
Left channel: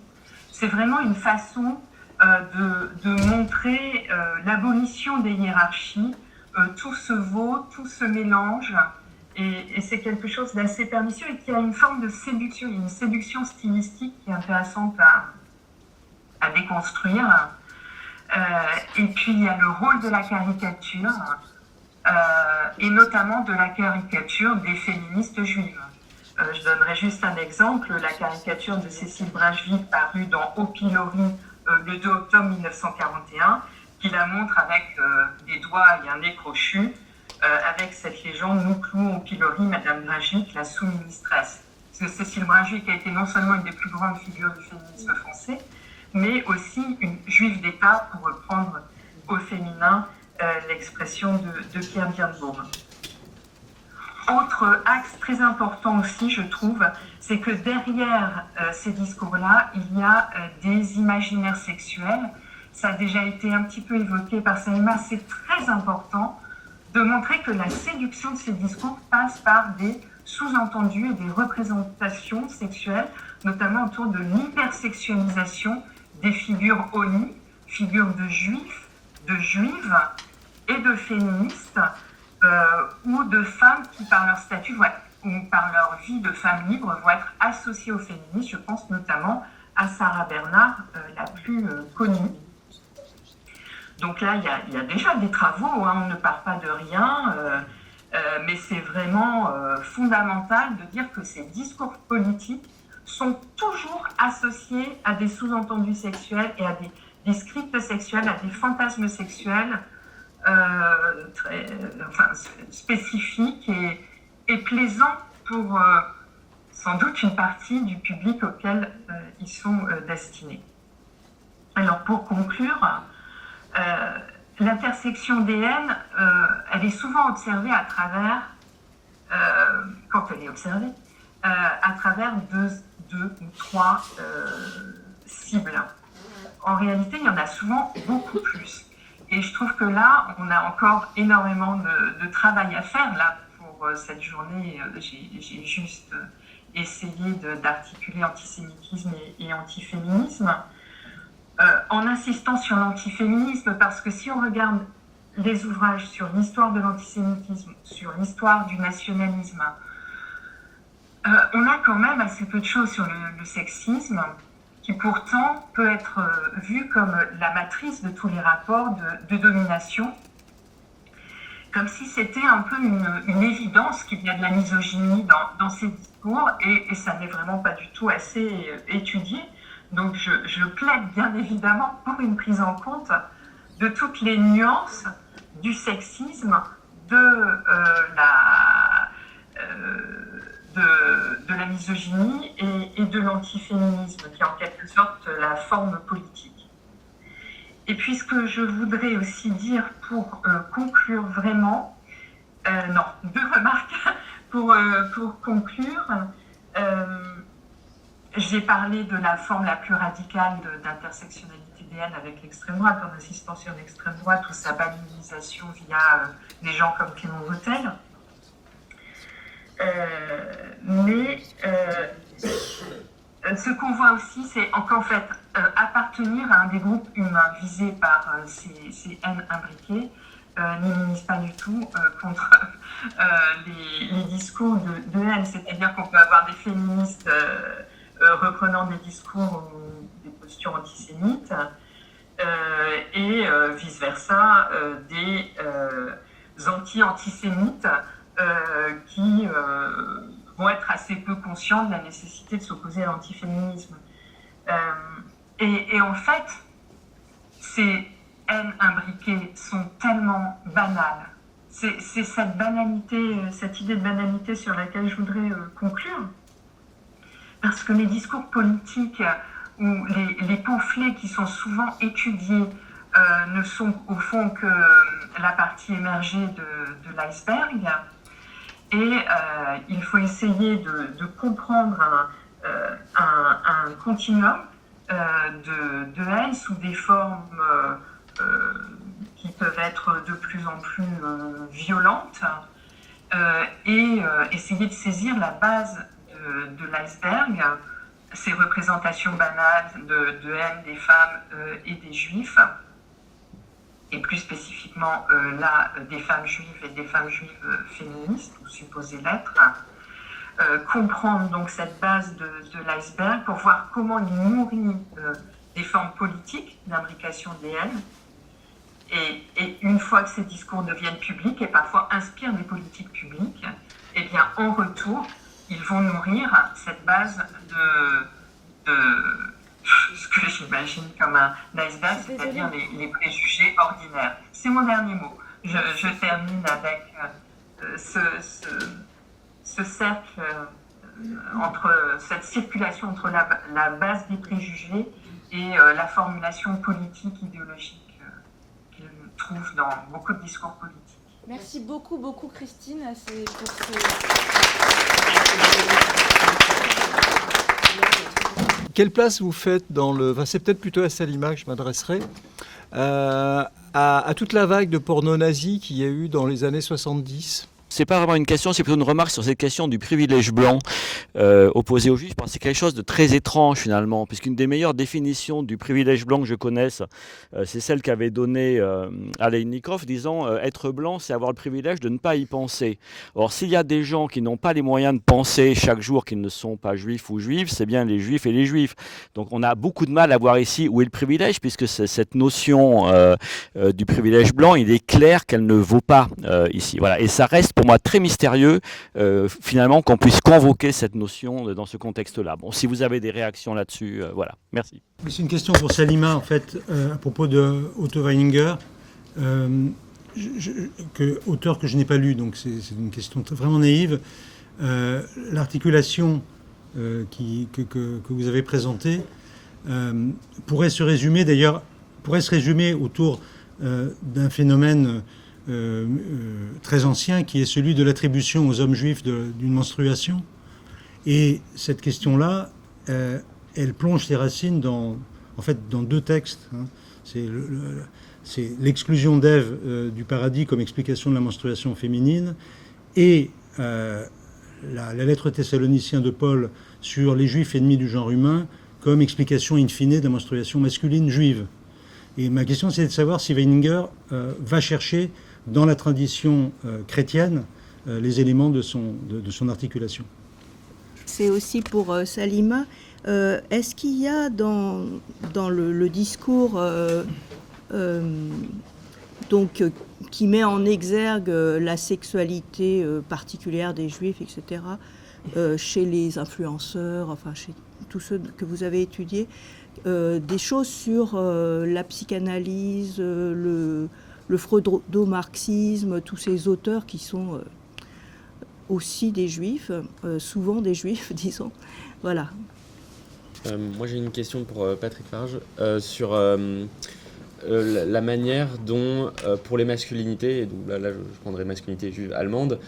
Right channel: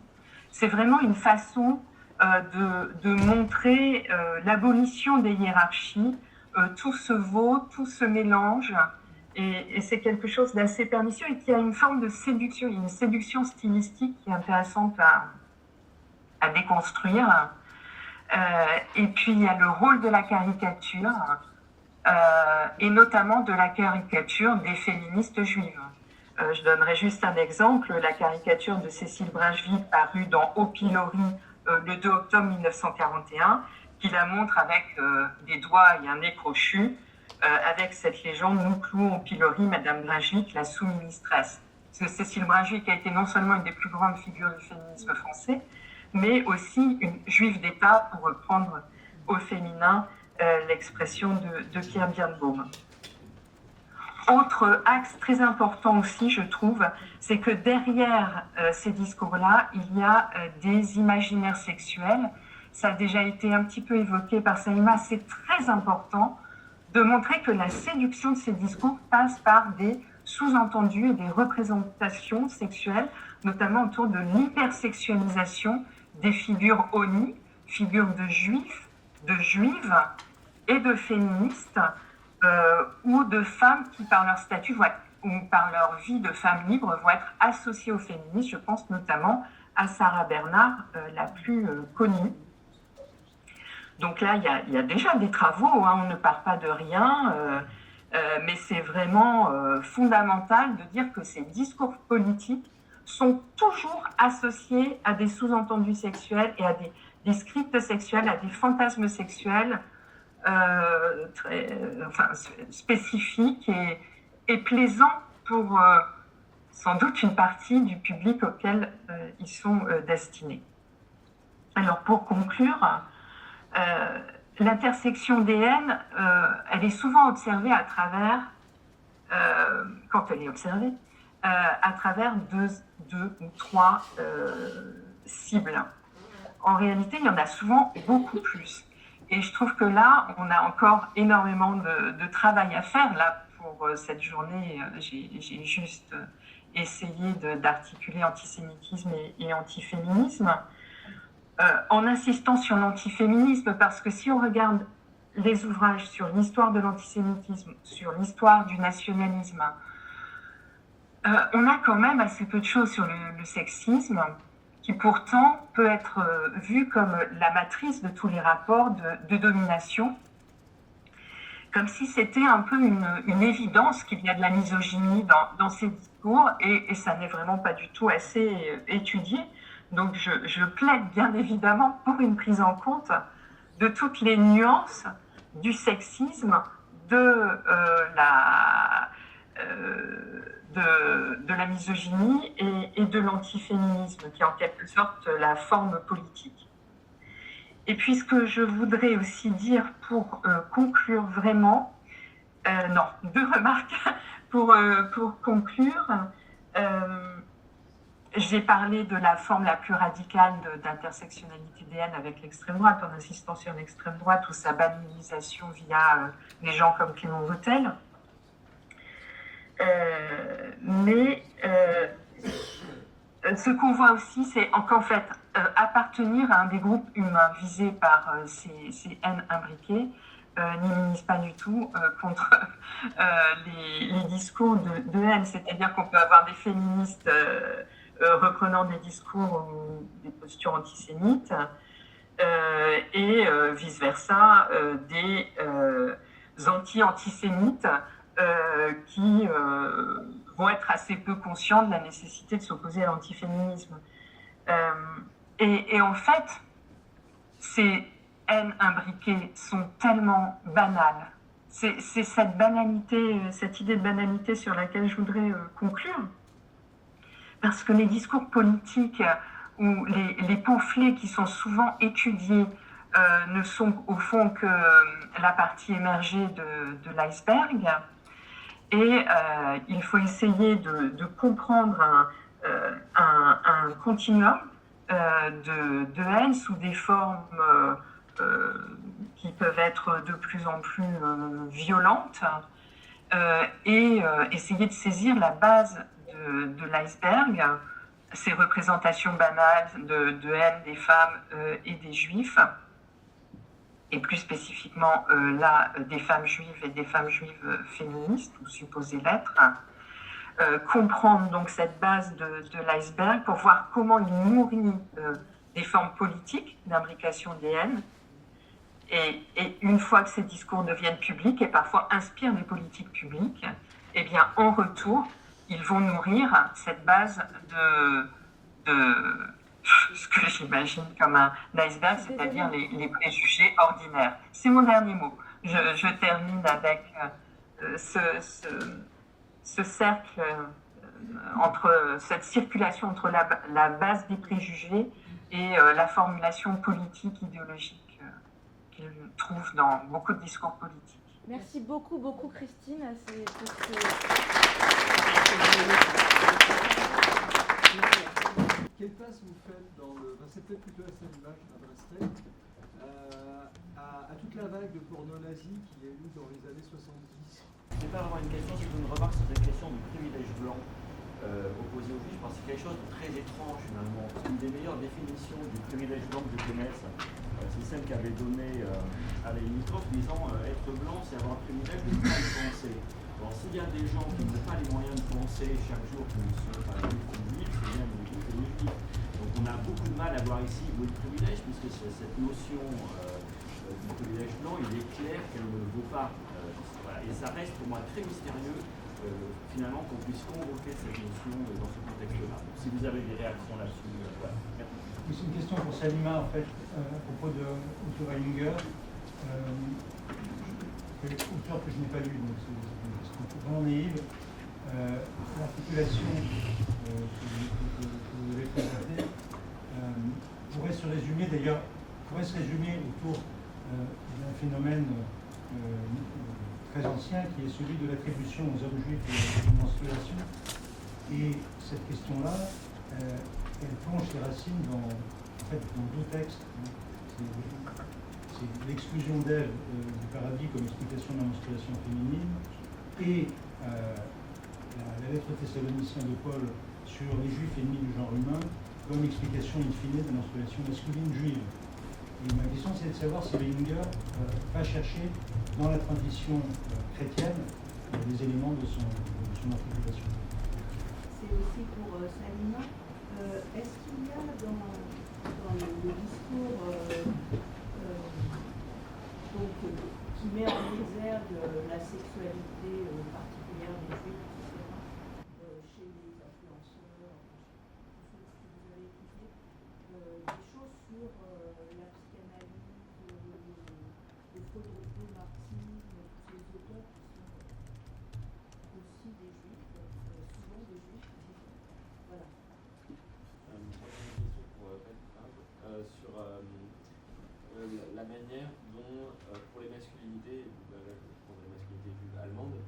C'est vraiment une façon de montrer l'abolition des hiérarchies. Tout se vaut, tout se mélange, et c'est quelque chose d'assez pernicieux et qui a une forme de séduction. Il y a une séduction stylistique qui est intéressante à déconstruire. Et puis il y a le rôle de la caricature, et notamment de la caricature des féministes juives. Je donnerai juste un exemple, la caricature de Cécile Brunschvicg parue dans Au pilori le 2 octobre 1941, qui la montre avec des doigts et un nez crochu, avec cette légende « Nous clouons au pilori Madame Brunschvicg, la sous-ministresse ». Cécile Brunschvicg a été non seulement une des plus grandes figures du féminisme français, mais aussi une juive d'État, pour reprendre au féminin l'expression de Pierre Birnbaum. Autre axe très important aussi, je trouve, c'est que derrière ces discours-là, il y a des imaginaires sexuels. Ça a déjà été un petit peu évoqué par Saïma, c'est très important de montrer que la séduction de ces discours passe par des sous-entendus et des représentations sexuelles, notamment autour de l'hypersexualisation des figures ONI, figures de juifs, de juives et de féministes, ou de femmes qui, par leur statut ou par leur vie de femme libre, vont être associées au féminisme. Je pense notamment à Sarah Bernard, la plus connue. Donc là, il y a déjà des travaux, on ne part pas de rien, mais c'est vraiment fondamental de dire que ces discours politiques sont toujours associés à des sous-entendus sexuels et à des scripts sexuels, à des fantasmes sexuels spécifiques et plaisants pour sans doute une partie du public auquel ils sont destinés. Alors pour conclure, l'intersection des haines, elle est souvent observée à travers, quand elle est observée, à travers deux ou trois cibles. En réalité, il y en a souvent beaucoup plus. Et je trouve que là, on a encore énormément de travail à faire. Là, pour cette journée, j'ai juste essayé d'articuler antisémitisme et antiféminisme, en insistant sur l'antiféminisme, parce que si on regarde les ouvrages sur l'histoire de l'antisémitisme, sur l'histoire du nationalisme, on a quand même assez peu de choses sur le sexisme, qui pourtant peut être vu comme la matrice de tous les rapports de domination, comme si c'était un peu une évidence qu'il y a de la misogynie dans ces discours, et ça n'est vraiment pas du tout assez étudié. Donc je plaide bien évidemment pour une prise en compte de toutes les nuances du sexisme, de de la misogynie et de l'antiféminisme, qui est en quelque sorte la forme politique. Et puis ce que je voudrais aussi dire pour conclure vraiment, deux remarques pour conclure. J'ai parlé de la forme la plus radicale d'intersectionnalité des haines avec l'extrême droite, en insistant sur l'extrême droite ou sa banalisation via des gens comme Clément Vautel. Mais ce qu'on voit aussi, c'est qu'en fait, appartenir à un des groupes humains visés par ces haines imbriquées n'immunise pas du tout contre les discours de haine. C'est-à-dire qu'on peut avoir des féministes reprenant des discours ou des postures antisémites et vice-versa des anti-antisémites qui vont être assez peu conscients de la nécessité de s'opposer à l'antiféminisme. Et en fait, ces haines imbriquées sont tellement banales. C'est cette banalité, cette idée de banalité sur laquelle je voudrais conclure. Parce que les discours politiques ou les pamphlets qui sont souvent étudiés ne sont au fond que la partie émergée de l'iceberg. Et il faut essayer de comprendre un continuum de haine sous des formes qui peuvent être de plus en plus violentes et essayer de saisir la base de l'iceberg, ces représentations banales de haine des femmes et des juifs, et plus spécifiquement là des femmes juives et des femmes juives féministes, ou supposées l'être, comprendre donc cette base de l'iceberg pour voir comment il nourrit des formes politiques d'imbrication des haines, et une fois que ces discours deviennent publics et parfois inspirent des politiques publiques, eh bien en retour, ils vont nourrir cette base de ce que j'imagine comme un iceberg, c'est-à-dire les préjugés ordinaires. C'est mon dernier mot. Je termine avec ce cercle, cette circulation entre la base des préjugés et la formulation politique, idéologique qu'il trouve dans beaucoup de discours politiques. Merci beaucoup, Christine. Quelle place vous faites dans le... Enfin, c'est peut-être plutôt à Salima que je m'adresserai. À toute la vague de porno nazi qu'il y a eu dans les années 70. C'est pas vraiment une question, c'est plutôt une remarque sur cette question du privilège blanc opposé aux juifs. C'est quelque chose de très étrange finalement, puisqu'une des meilleures définitions du privilège blanc que je connaisse, c'est celle qu'avait donnée Aleinikov, disant être blanc, c'est avoir le privilège de ne pas y penser. Or, s'il y a des gens qui n'ont pas les moyens de penser chaque jour qu'ils ne sont pas juifs ou juives, c'est bien les juifs et les juifs. Donc on a beaucoup de mal à voir ici où est le privilège, puisque cette notion du privilège blanc, il est clair qu'elle ne vaut pas ici. Voilà. Et ça reste pour moi très mystérieux, finalement, qu'on puisse convoquer cette notion dans ce contexte-là. Bon, si vous avez des réactions là-dessus, voilà. Merci. C'est une question pour Salima, en fait, à propos de Otto Weininger, auteur que je n'ai pas lu, donc c'est une question vraiment naïve. L'articulation que vous avez présentée pourrait se résumer autour d'un phénomène très ancien qui est celui de l'attribution aux hommes juifs d'une menstruation. Et cette question-là, elle plonge ses racines dans deux textes. C'est l'exclusion d'Ève du paradis comme explication de la menstruation féminine et la lettre Thessaloniciens de Paul sur les juifs ennemis du genre humain comme explication in fine de la menstruation masculine juive. Et ma question, c'est de savoir si Weininger va chercher dans la tradition chrétienne les éléments de son articulation. C'est aussi pour Salima. Est-ce qu'il y a dans le discours qui met en exergue la sexualité particulière des juifs, etc., chez les influenceurs, enfin chez tous ceux que vous avez étudiés, des choses sur la psychanalyse, le freudo-marxisme, tous ces auteurs qui sont aussi des juifs, souvent des juifs, disons. Voilà. Moi j'ai une question pour Patrick Farge sur la manière dont, pour les masculinités, et donc là je prendrai masculinité juive allemande,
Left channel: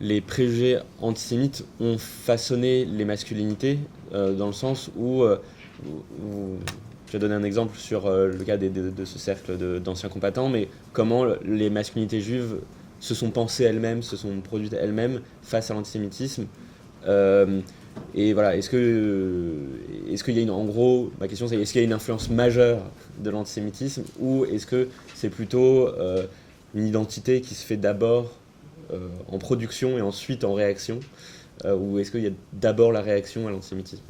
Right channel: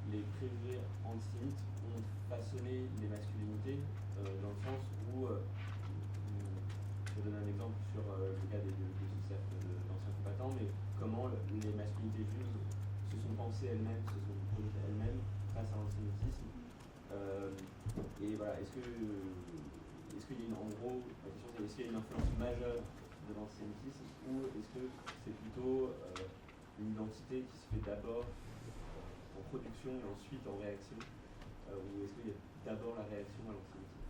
les préjugés antisémites ont façonné les masculinités dans le sens où je vais donner un exemple sur le cas de ce cercle d'anciens combattants, mais comment les masculinités juives se sont pensées elles-mêmes, se sont produites elles-mêmes face à l'antisémitisme. Et voilà, est-ce qu'il y a en gros, ma question c'est, est-ce qu'il y a une influence majeure de l'antisémitisme, ou est-ce que c'est plutôt une identité qui se fait d'abord en production et ensuite en réaction, ou est-ce qu'il y a d'abord la réaction à l'antisémitisme?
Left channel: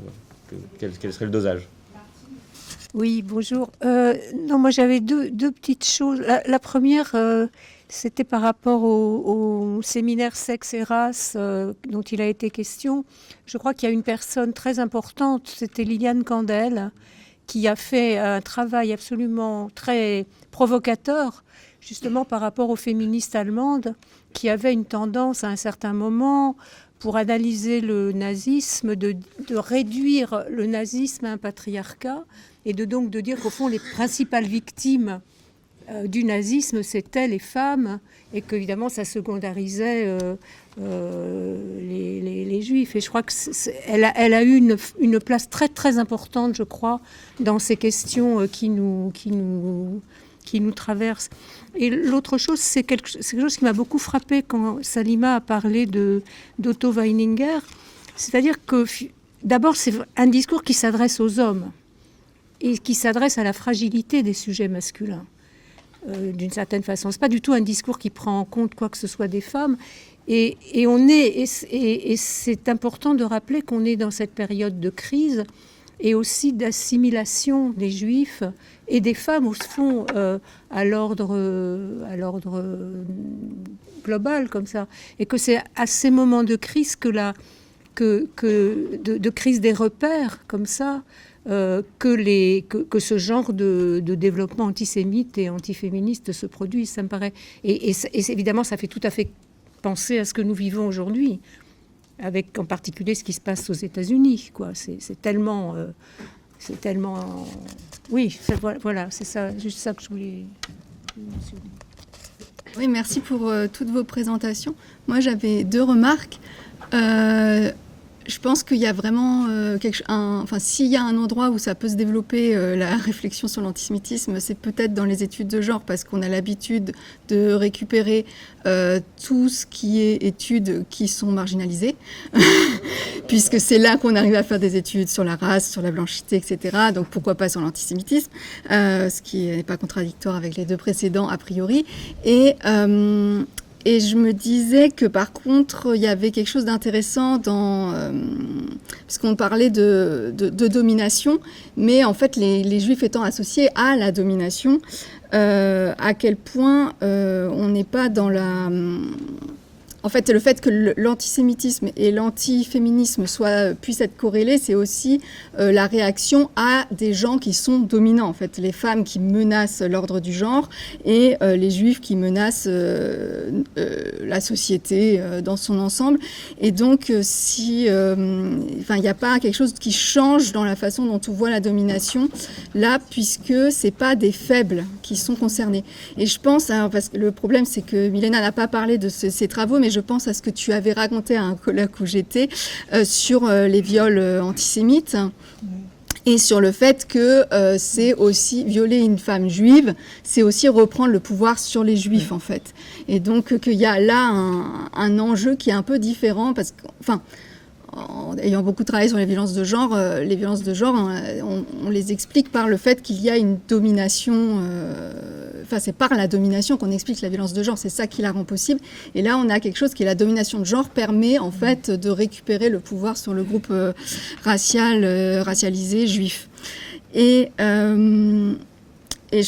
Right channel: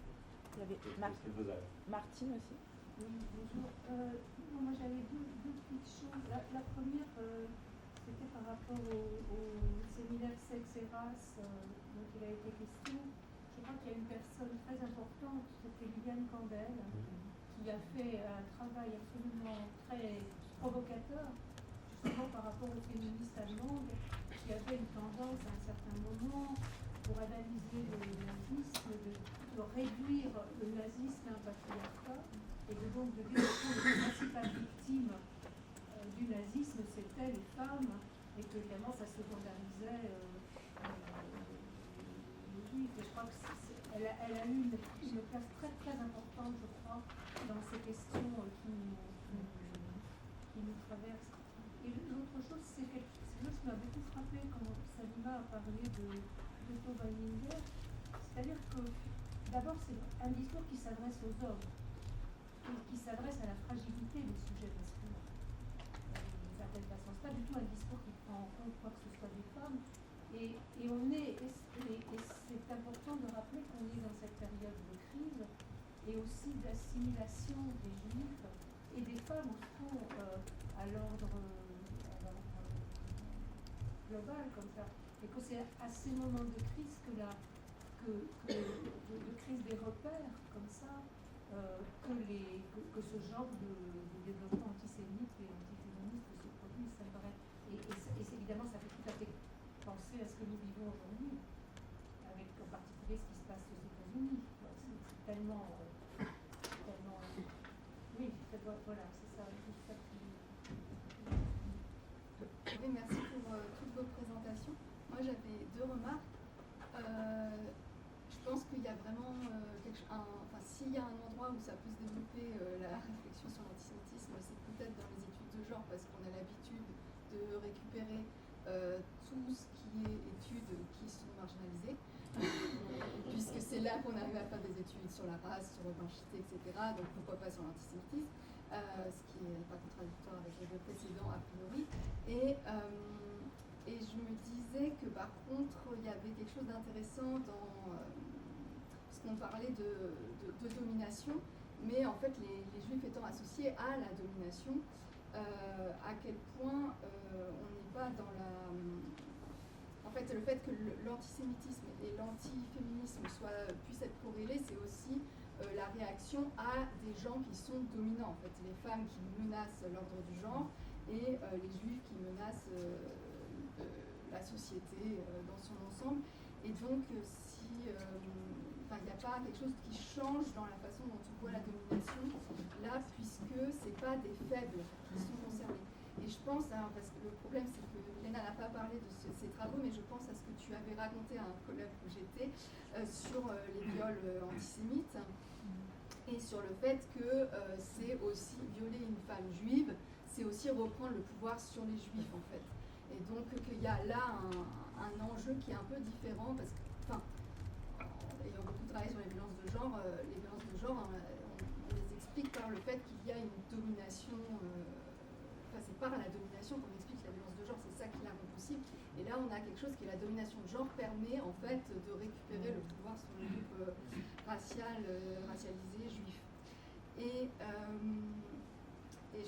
Quel serait le dosage? Oui, bonjour. Non, moi j'avais deux petites choses. La première, c'était par rapport au séminaire Sexe et Race dont il a été question. Je crois qu'il y a une personne très importante, c'était Liliane Candel, qui a fait un travail absolument très provocateur, justement par rapport aux féministes allemandes, qui avaient une tendance à un certain moment, pour analyser le nazisme, de réduire le nazisme à un patriarcat, et donc de dire qu'au fond, les principales victimes du nazisme, c'était les femmes, et qu'évidemment, ça secondarisait les juifs. Et je crois qu'elle a eu une place très, très importante, je crois, dans ces questions qui nous traversent. Et l'autre chose, c'est quelque chose qui m'a beaucoup frappée quand Salima a parlé d'Otto Weininger. C'est-à-dire que, d'abord, c'est un discours qui s'adresse aux hommes et qui s'adresse à la fragilité des sujets masculins, d'une certaine façon. Ce n'est pas du tout un discours qui prend en compte quoi que ce soit des femmes. Et c'est important de rappeler qu'on est dans cette période de crise et aussi d'assimilation des juifs et des femmes, au fond, à l'ordre global, comme ça. Et que c'est à ces moments de crise de crise des repères, comme ça, que ce genre de développement antisémite et antiféministe se produit, ça me paraît. Et évidemment, ça fait tout à fait penser à ce que nous vivons aujourd'hui, avec en particulier ce qui se passe aux États-Unis, quoi. C'est tellement... Oui, voilà, c'est ça, juste ça que je voulais mentionner. Oui, merci pour toutes vos présentations. Moi, j'avais 2 remarques. Je pense qu'il y a vraiment s'il y a un endroit où ça peut se développer la réflexion sur l'antisémitisme, c'est peut-être dans les études de genre, parce qu'on a l'habitude de récupérer tout ce qui est études qui sont marginalisées, puisque c'est là qu'on arrive à faire des études sur la race, sur la blanchité, etc. Donc pourquoi pas sur l'antisémitisme, ce qui n'est pas contradictoire avec les 2 précédents a priori. Et je me disais que par contre, il y avait quelque chose d'intéressant puisqu'on parlait de domination, mais en fait, les Juifs étant associés à la domination, à quel point on n'est pas dans la... En fait, le fait que l'antisémitisme et l'antiféminisme puissent être corrélés, c'est aussi la réaction à des gens qui sont dominants. En fait, les femmes qui menacent l'ordre du genre et les juifs qui menacent la société dans son ensemble. Et donc, il n'y a pas quelque chose qui change dans la façon dont on voit la domination là, puisque c'est pas des faibles qui sont concernés. Et je pense, parce que le problème, c'est que Milena n'a pas parlé de ces travaux, mais je pense à ce que tu avais raconté à un colloque où j'étais sur les viols antisémites et sur le fait que c'est aussi violer une femme juive, c'est aussi reprendre le pouvoir sur les juifs en fait. Et donc qu'il y a là un enjeu qui est un peu différent parce que, en ayant beaucoup travaillé sur les violences de genre, on les explique par le fait qu'il y a une domination. C'est par la domination qu'on explique la violence de genre. C'est ça qui la rend possible. Et là, on a quelque chose qui est la domination de genre permet en fait de récupérer le pouvoir sur le groupe racialisé juif. Et je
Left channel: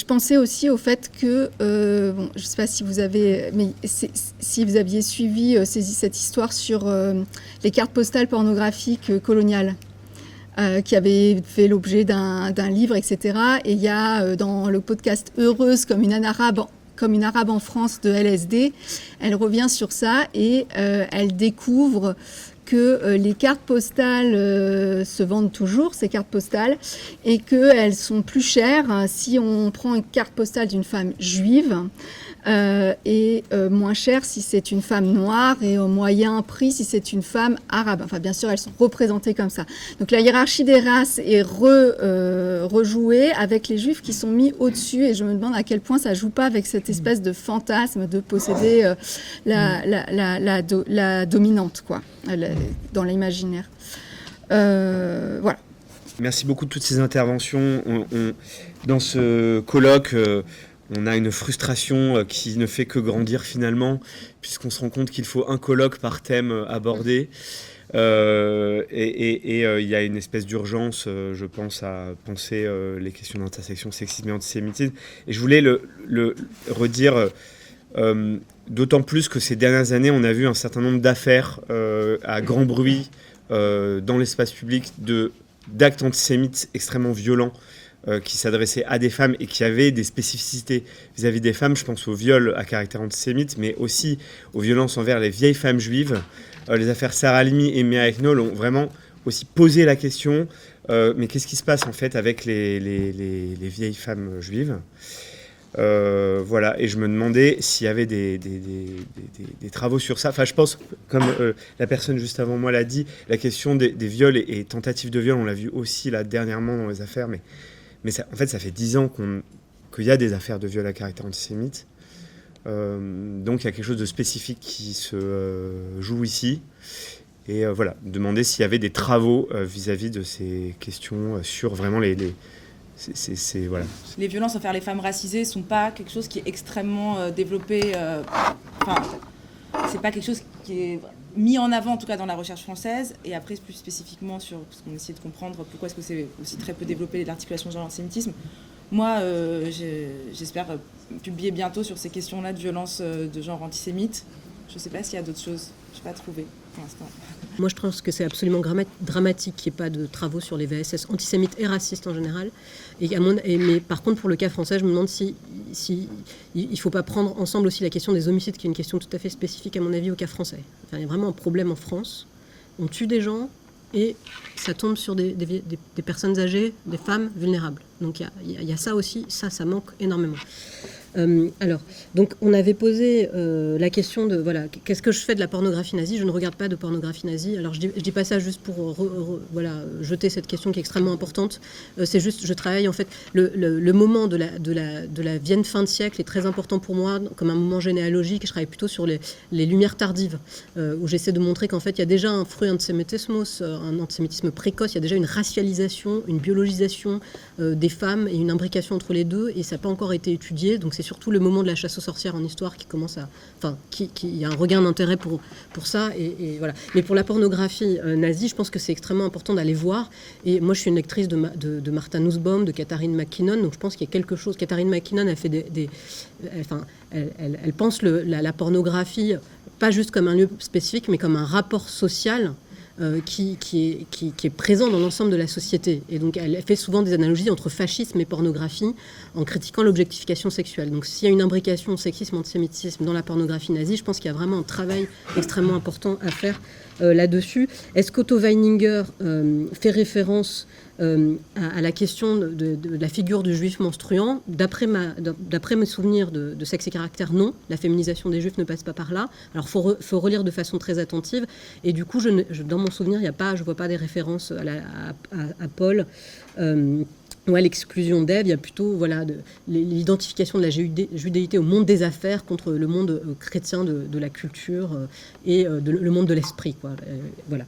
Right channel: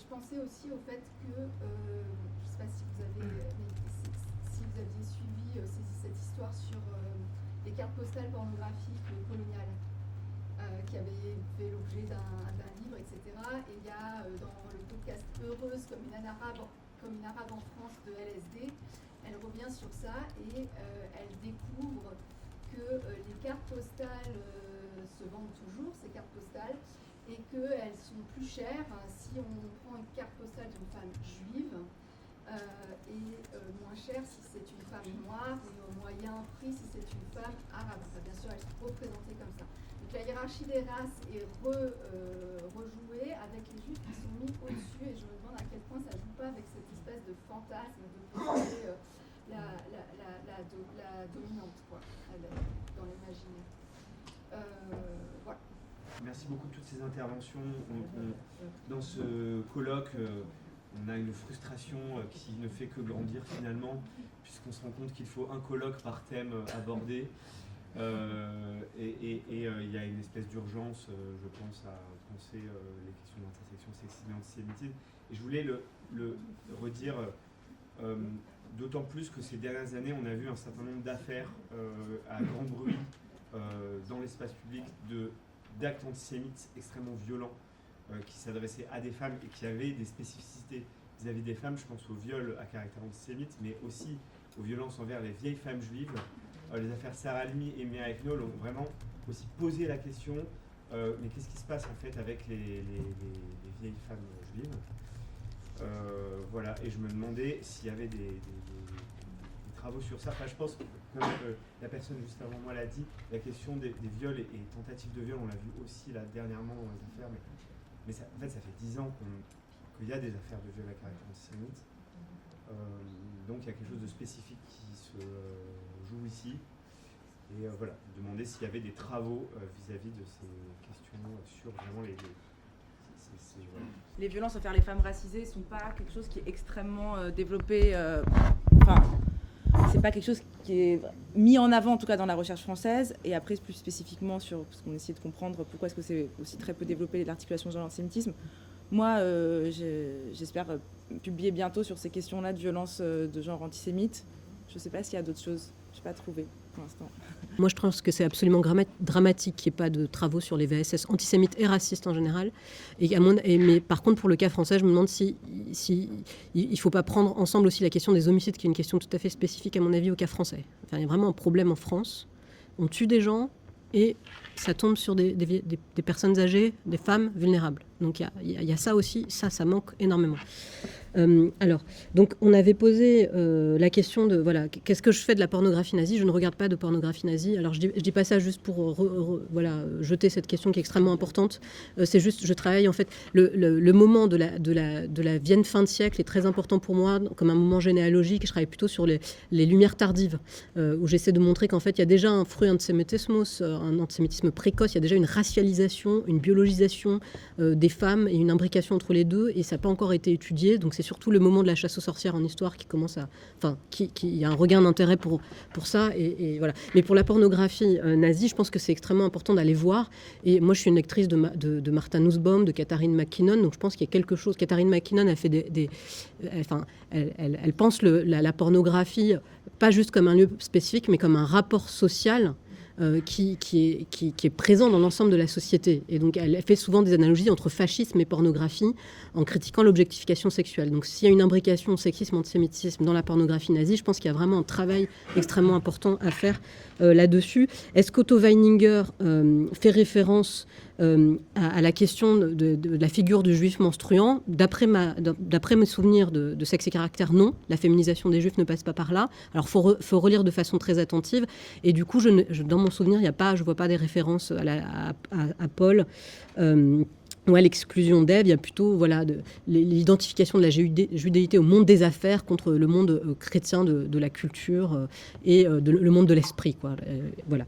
pensais aussi au fait que, je ne sais pas si vous aviez suivi cette histoire sur les cartes postales pornographiques coloniales, qui avaient fait l'objet d'un livre, etc. Et il y a dans le podcast Heureuse comme une âne arabe comme une arabe en France de LSD. Elle revient sur ça et elle découvre que les cartes postales se vendent toujours, ces cartes postales, et qu'elles sont plus chères si on prend une carte postale d'une femme juive et moins chères si c'est une femme noire et au moyen prix si c'est une femme arabe. Enfin, bien sûr, elles sont représentées comme ça. Donc la hiérarchie des races est rejouée avec les juifs qui sont mis au-dessus, et je me demande à quel point ça joue pas avec cette espèce de fantasme de posséder la dominante, quoi, dans l'imaginaire. Voilà. Merci beaucoup de toutes ces interventions. Dans ce colloque, on a une frustration qui ne fait que grandir finalement, puisqu'on se rend compte qu'il faut un colloque par thème abordé. Et il y a une espèce d'urgence, je pense, à penser les questions d'intersection, sexisme et antisémitisme. Et je voulais le redire, d'autant plus que ces dernières années, on a vu un certain nombre d'affaires à grand bruit dans l'espace public d'actes antisémites extrêmement violents qui s'adressaient à des femmes et qui avaient des spécificités vis-à-vis des femmes. Je pense aux viols à caractère antisémite, mais aussi aux violences envers les vieilles femmes juives. Les affaires Sarah Halimi et Mea Eknol ont vraiment aussi posé la question, mais qu'est-ce qui se passe en fait avec les vieilles femmes juives ? Voilà, et je me demandais s'il y avait des travaux sur ça. Enfin, je pense, comme la personne juste avant moi l'a dit, la question des viols et tentatives de viol, on l'a vu aussi là dernièrement dans les affaires, mais ça, en fait, ça fait 10 ans qu'il y a des affaires de viol à caractère antisémite. Donc, il y a quelque chose de spécifique qui se joue ici. Et voilà, demander s'il y avait des travaux vis-à-vis de ces questions sur vraiment voilà. Les violences envers les femmes racisées ne sont pas quelque chose qui est extrêmement développé. C'est pas quelque chose qui est mis en avant, en tout cas dans la recherche française. Et après, plus spécifiquement sur parce qu'on essaie de comprendre pourquoi est-ce que c'est aussi très peu développé l'articulation genre l'antisémitisme. Moi, j'espère publier bientôt sur ces questions-là de violence de genre antisémite. Je ne sais pas s'il y a d'autres choses. Je n'ai pas trouvé pour l'instant. Moi, je pense que c'est absolument dramatique qu'il n'y ait pas de travaux sur les VSS antisémites et racistes en général. Mais par contre, pour le cas français, je me demande si il ne faut pas prendre ensemble aussi la question des homicides, qui est une question tout à fait spécifique, à mon avis, au cas français. Enfin, il y a vraiment un problème en France. On tue des gens et ça tombe sur des personnes âgées, des femmes vulnérables. Donc il y a ça aussi, ça manque énormément. Alors, donc on avait posé la question de, voilà, qu'est-ce que je fais de la pornographie nazie ? Je ne regarde pas de pornographie nazie. Alors je dis pas ça juste pour jeter cette question qui est extrêmement importante. C'est juste, je travaille en fait, le moment de la Vienne fin de siècle est très important pour moi, comme un moment généalogique. Je travaille plutôt sur les lumières tardives, où j'essaie de montrer qu'en fait il y a déjà un fruit antisémitisme, un antisémitisme précoce, il y a déjà une racialisation, une biologisation des femmes et une imbrication entre les deux, et ça n'a pas encore été étudié. Donc c'est surtout le moment de la chasse aux sorcières en histoire qui commence à... Enfin, il y a un regain d'intérêt pour ça, et voilà. Mais pour la pornographie nazie, je pense que c'est extrêmement important d'aller voir. Et moi, je suis une lectrice de Martha Nussbaum, de Catherine McKinnon, donc je pense qu'il y a quelque chose... Catherine McKinnon, elle fait elle pense la pornographie, pas juste comme un lieu spécifique, mais comme un rapport social qui est présent dans l'ensemble de la société. Et donc, elle fait souvent des analogies entre fascisme et pornographie en critiquant l'objectification sexuelle. Donc, s'il y a une imbrication sexisme-antisémitisme dans la pornographie nazie, je pense qu'il y a vraiment un travail extrêmement important à faire là-dessus. Est-ce qu'Otto Weininger fait référence à la question de la figure du juif menstruant? D'après mes souvenirs de Sexe et Caractère, non. La féminisation des juifs ne passe pas par là. Alors, faut relire de façon très attentive. Et du coup, dans mon souvenir, je vois pas des références à Paul ou à l'exclusion d'Ève. Il y a plutôt l'identification de la judéité au monde des affaires contre le monde chrétien de la culture et le monde de l'esprit, quoi. Voilà.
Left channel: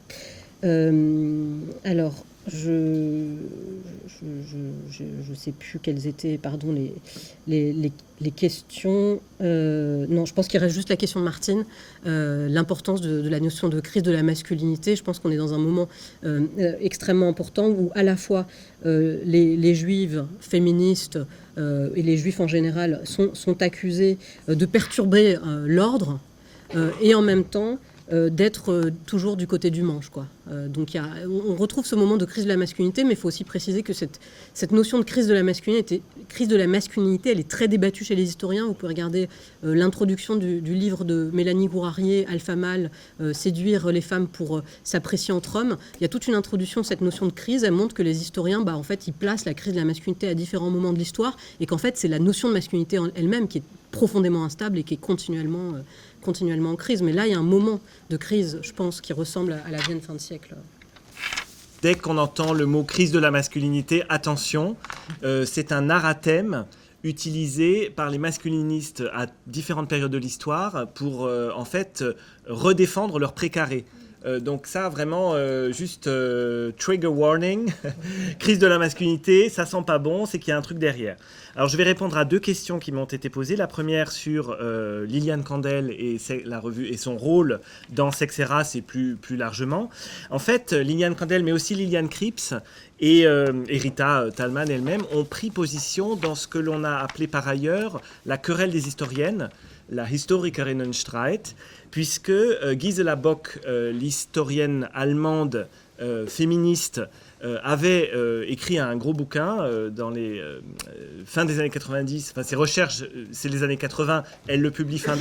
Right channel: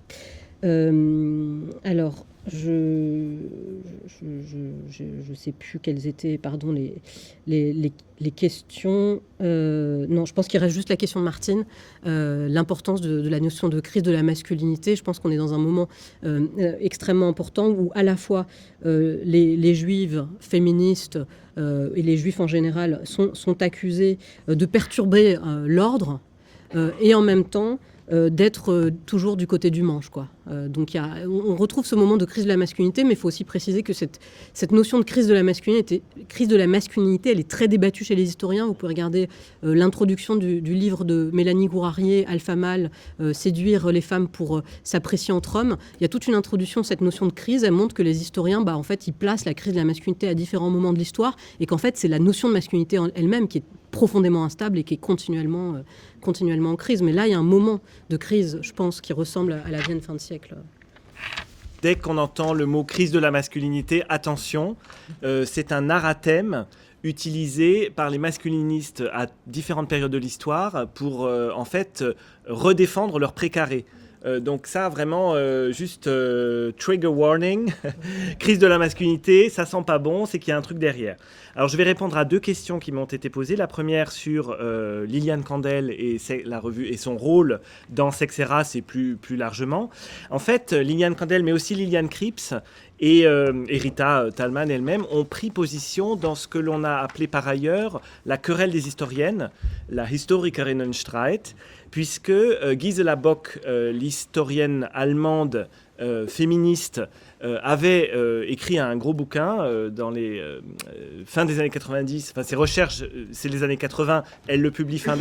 Alors, je sais plus quelles étaient, pardon, les questions. Non, je pense qu'il reste juste la question de Martine, l'importance de la notion de crise de la masculinité. Je pense qu'on est dans un moment extrêmement important où à la fois les juives féministes et les juifs en général sont accusés de perturber l'ordre et en même temps d'être toujours du côté du manche, quoi. Donc on retrouve ce moment de crise de la masculinité, mais il faut aussi préciser que cette notion de crise de la masculinité, elle est très débattue chez les historiens. Vous pouvez regarder l'introduction du livre de Mélanie Gourarier, Alpha Mâle, séduire les femmes pour s'apprécier entre hommes. Il y a toute une introduction de cette notion de crise. Elle montre que les historiens, en fait, ils placent la crise de la masculinité à différents moments de l'histoire et qu'en fait, c'est la notion de masculinité elle-même qui est profondément instable et qui est continuellement en crise. Mais là, il y a un moment de crise, je pense, qui ressemble à la Vienne fin de siècle. Dès qu'on entend le mot crise de la masculinité, attention, c'est un anathème utilisé par les masculinistes à différentes périodes de l'histoire pour en fait redéfendre leur précaré. Donc ça, vraiment, juste trigger warning, crise de la masculinité, ça sent pas bon, c'est qu'il y a un truc derrière. Alors je vais répondre à 2 questions qui m'ont été posées. La première sur Liliane Kandel et la revue et son rôle dans Sexe et Race et plus largement. En fait, Liliane Kandel, mais aussi Liliane Cripps et Rita Thalmann elle-même ont pris position dans ce que l'on a appelé par ailleurs la querelle des historiennes, la Historikerinnenstreit, puisque Gisela Bock, l'historienne allemande féministe, avait écrit un gros bouquin dans les fin des années 90, enfin ses recherches, c'est les années 80, elle le publie fin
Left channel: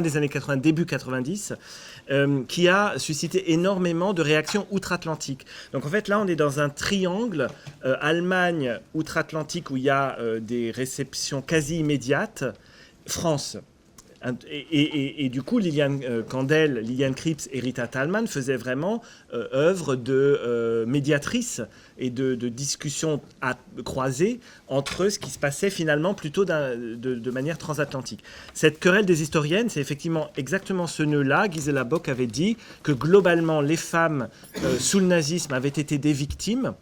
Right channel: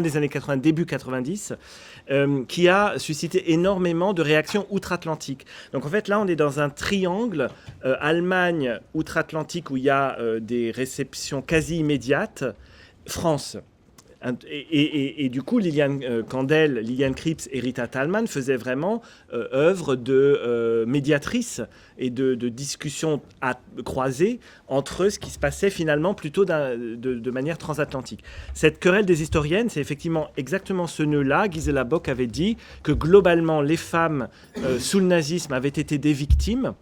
des années 80, début 90, qui a suscité énormément de réactions outre-Atlantique. Donc en fait là on est dans un triangle Allemagne, outre-Atlantique où il y a des réceptions quasi immédiates, France. Et du coup, Liliane Kandel, Liliane Cripps et Rita Thalmann faisaient vraiment œuvre de médiatrice et de discussion croisée entre ce qui se passait finalement plutôt de manière transatlantique. Cette querelle des historiennes, c'est effectivement exactement ce nœud-là. Gisela Bock avait dit que globalement, les femmes sous le nazisme avaient été des victimes,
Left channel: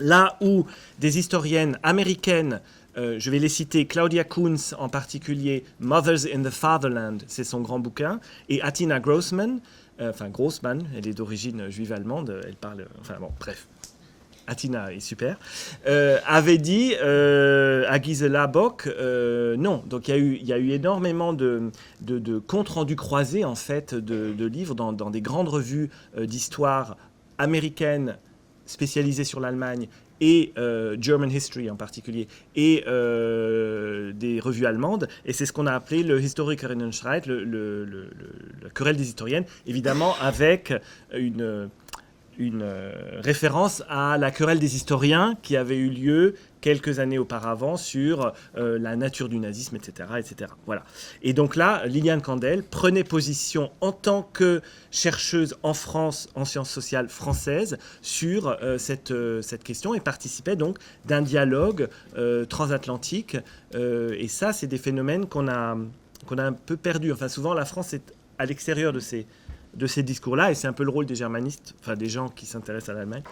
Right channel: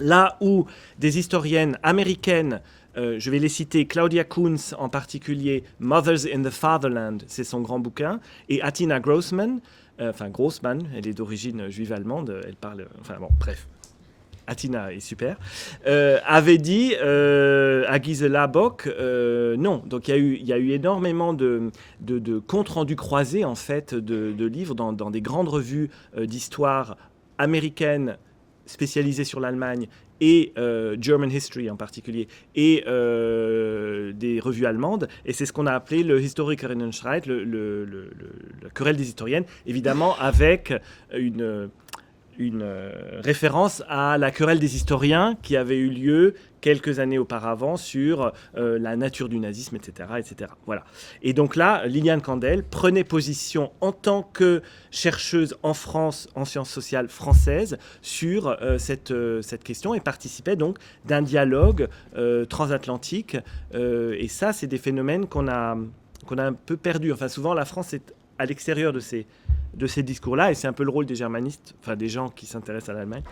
là où des historiennes américaines, je vais les citer, Claudia Kunz en particulier, Mothers in the Fatherland, c'est son grand bouquin, et Atina Grossman, elle est d'origine juive allemande, elle parle, bref, Atina est super, avait dit à Gisela Bock, non. Donc il y a eu énormément de comptes rendus croisés en fait de livres dans des grandes revues d'histoire américaines spécialisées sur l'Allemagne et German History en particulier, et des revues allemandes. Et c'est ce qu'on a appelé le Historikerinnenstreit, la querelle des historiennes, évidemment avec une référence à la querelle des historiens qui avait eu lieu quelques années auparavant sur la nature du nazisme, etc., etc. Voilà. Et donc là, Liliane Kandel prenait position en tant que chercheuse en France, en sciences sociales françaises, sur cette question et participait donc d'un dialogue transatlantique. Et ça, c'est des phénomènes qu'on a un peu perdus. Enfin, souvent, la France est à l'extérieur de ces discours-là, et c'est un peu le rôle des germanistes, enfin des gens qui s'intéressent à l'Allemagne,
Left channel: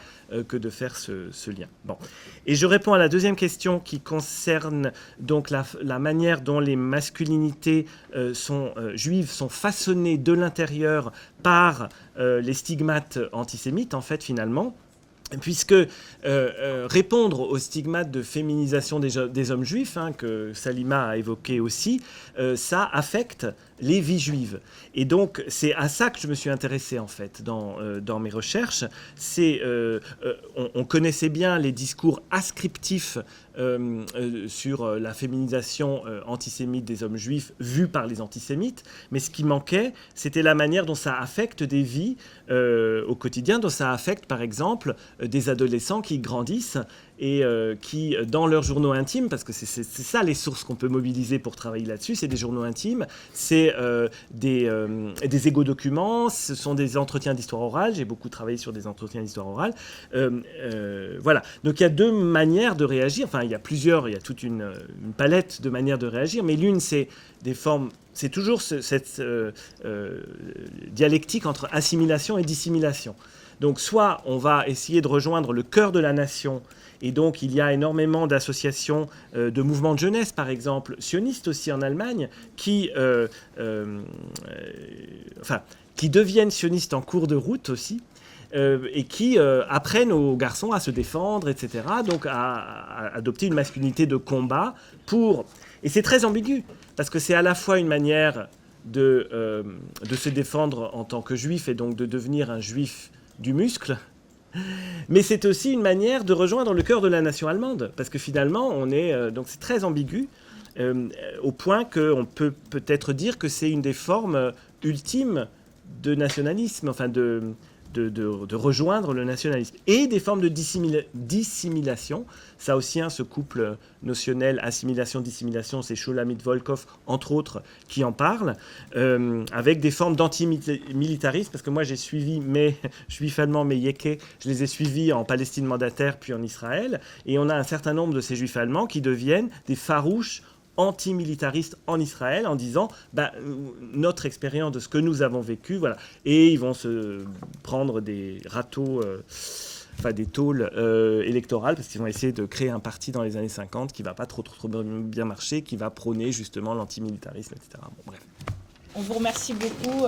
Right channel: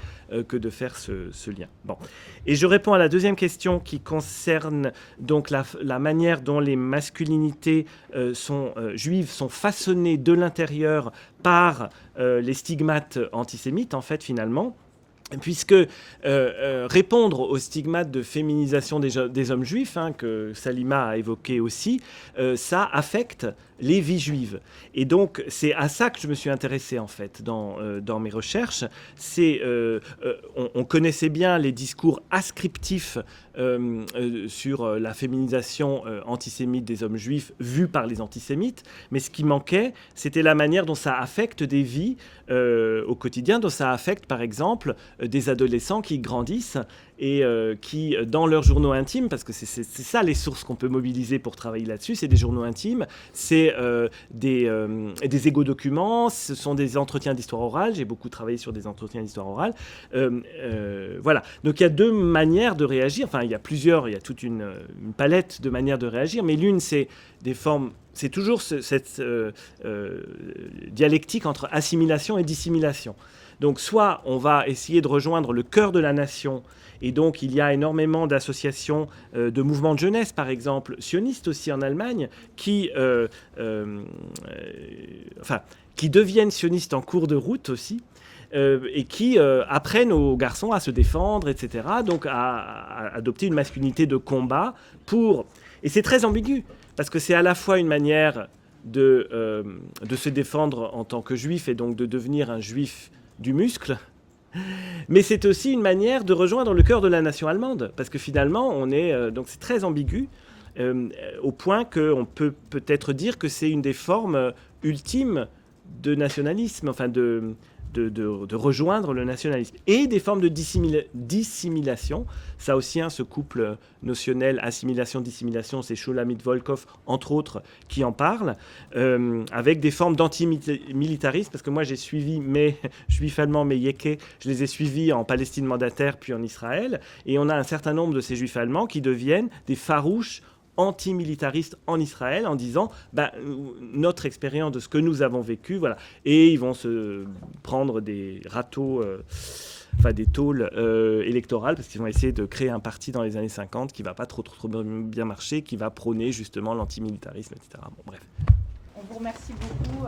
que de faire ce lien. Bon. Et je réponds à la deuxième question qui concerne donc la manière dont les masculinités juives sont façonnées de l'intérieur par les stigmates antisémites, en fait, finalement. Puisque répondre aux stigmates de féminisation des hommes juifs, que Salima a évoqué aussi, ça affecte les vies juives. Et donc, c'est à ça que je me suis intéressé, en fait, dans mes recherches. On connaissait bien les discours ascriptifs sur la féminisation antisémite des hommes juifs vus par les antisémites, mais ce qui manquait, c'était la manière dont ça affecte des vies au quotidien, dont ça affecte, par exemple, des adolescents qui grandissent et qui, dans leurs journaux intimes, parce que c'est ça les sources qu'on peut mobiliser pour travailler là-dessus, c'est des journaux intimes, c'est des égo-documents, ce sont des entretiens d'histoire orale, j'ai beaucoup travaillé sur des entretiens d'histoire orale, voilà. Donc il y a 2 manières de réagir, enfin il y a toute une palette de manières de réagir, mais l'une c'est des formes, c'est toujours cette dialectique entre assimilation et dissimulation. Donc soit on va essayer de rejoindre le cœur de la nation, et donc il y a énormément d'associations de mouvements de jeunesse, par exemple, sionistes aussi en Allemagne, qui deviennent sionistes en cours de route aussi, et qui apprennent aux garçons à se défendre, etc., donc à adopter une masculinité de combat pour... Et c'est très ambigu, parce que c'est à la fois une manière de se défendre en tant que juif et donc de devenir un juif du muscle. Mais c'est aussi une manière de rejoindre le cœur de la nation allemande, parce que finalement, donc c'est très ambigu, au point qu'on peut peut-être dire que c'est une des formes ultimes de nationalisme, enfin de rejoindre le nationalisme, et des formes de dissimulation. Ça aussi, ce couple notionnel assimilation-dissimulation, c'est Shulamit Volkov, entre autres, qui en parle, avec des formes d'antimilitarisme, parce que moi j'ai suivi mes juifs allemands, mes yékés, je les ai suivis en Palestine mandataire, puis en Israël, et on a un certain nombre de ces juifs allemands qui deviennent des farouches antimilitaristes en Israël en disant notre expérience de ce que nous avons vécu, voilà. Et ils vont se prendre des râteaux, des tôles électorales, parce qu'ils vont essayer de créer un parti dans les années 50 qui ne va pas trop bien marcher, qui va prôner justement l'antimilitarisme, etc. Bon, bref. On vous remercie beaucoup.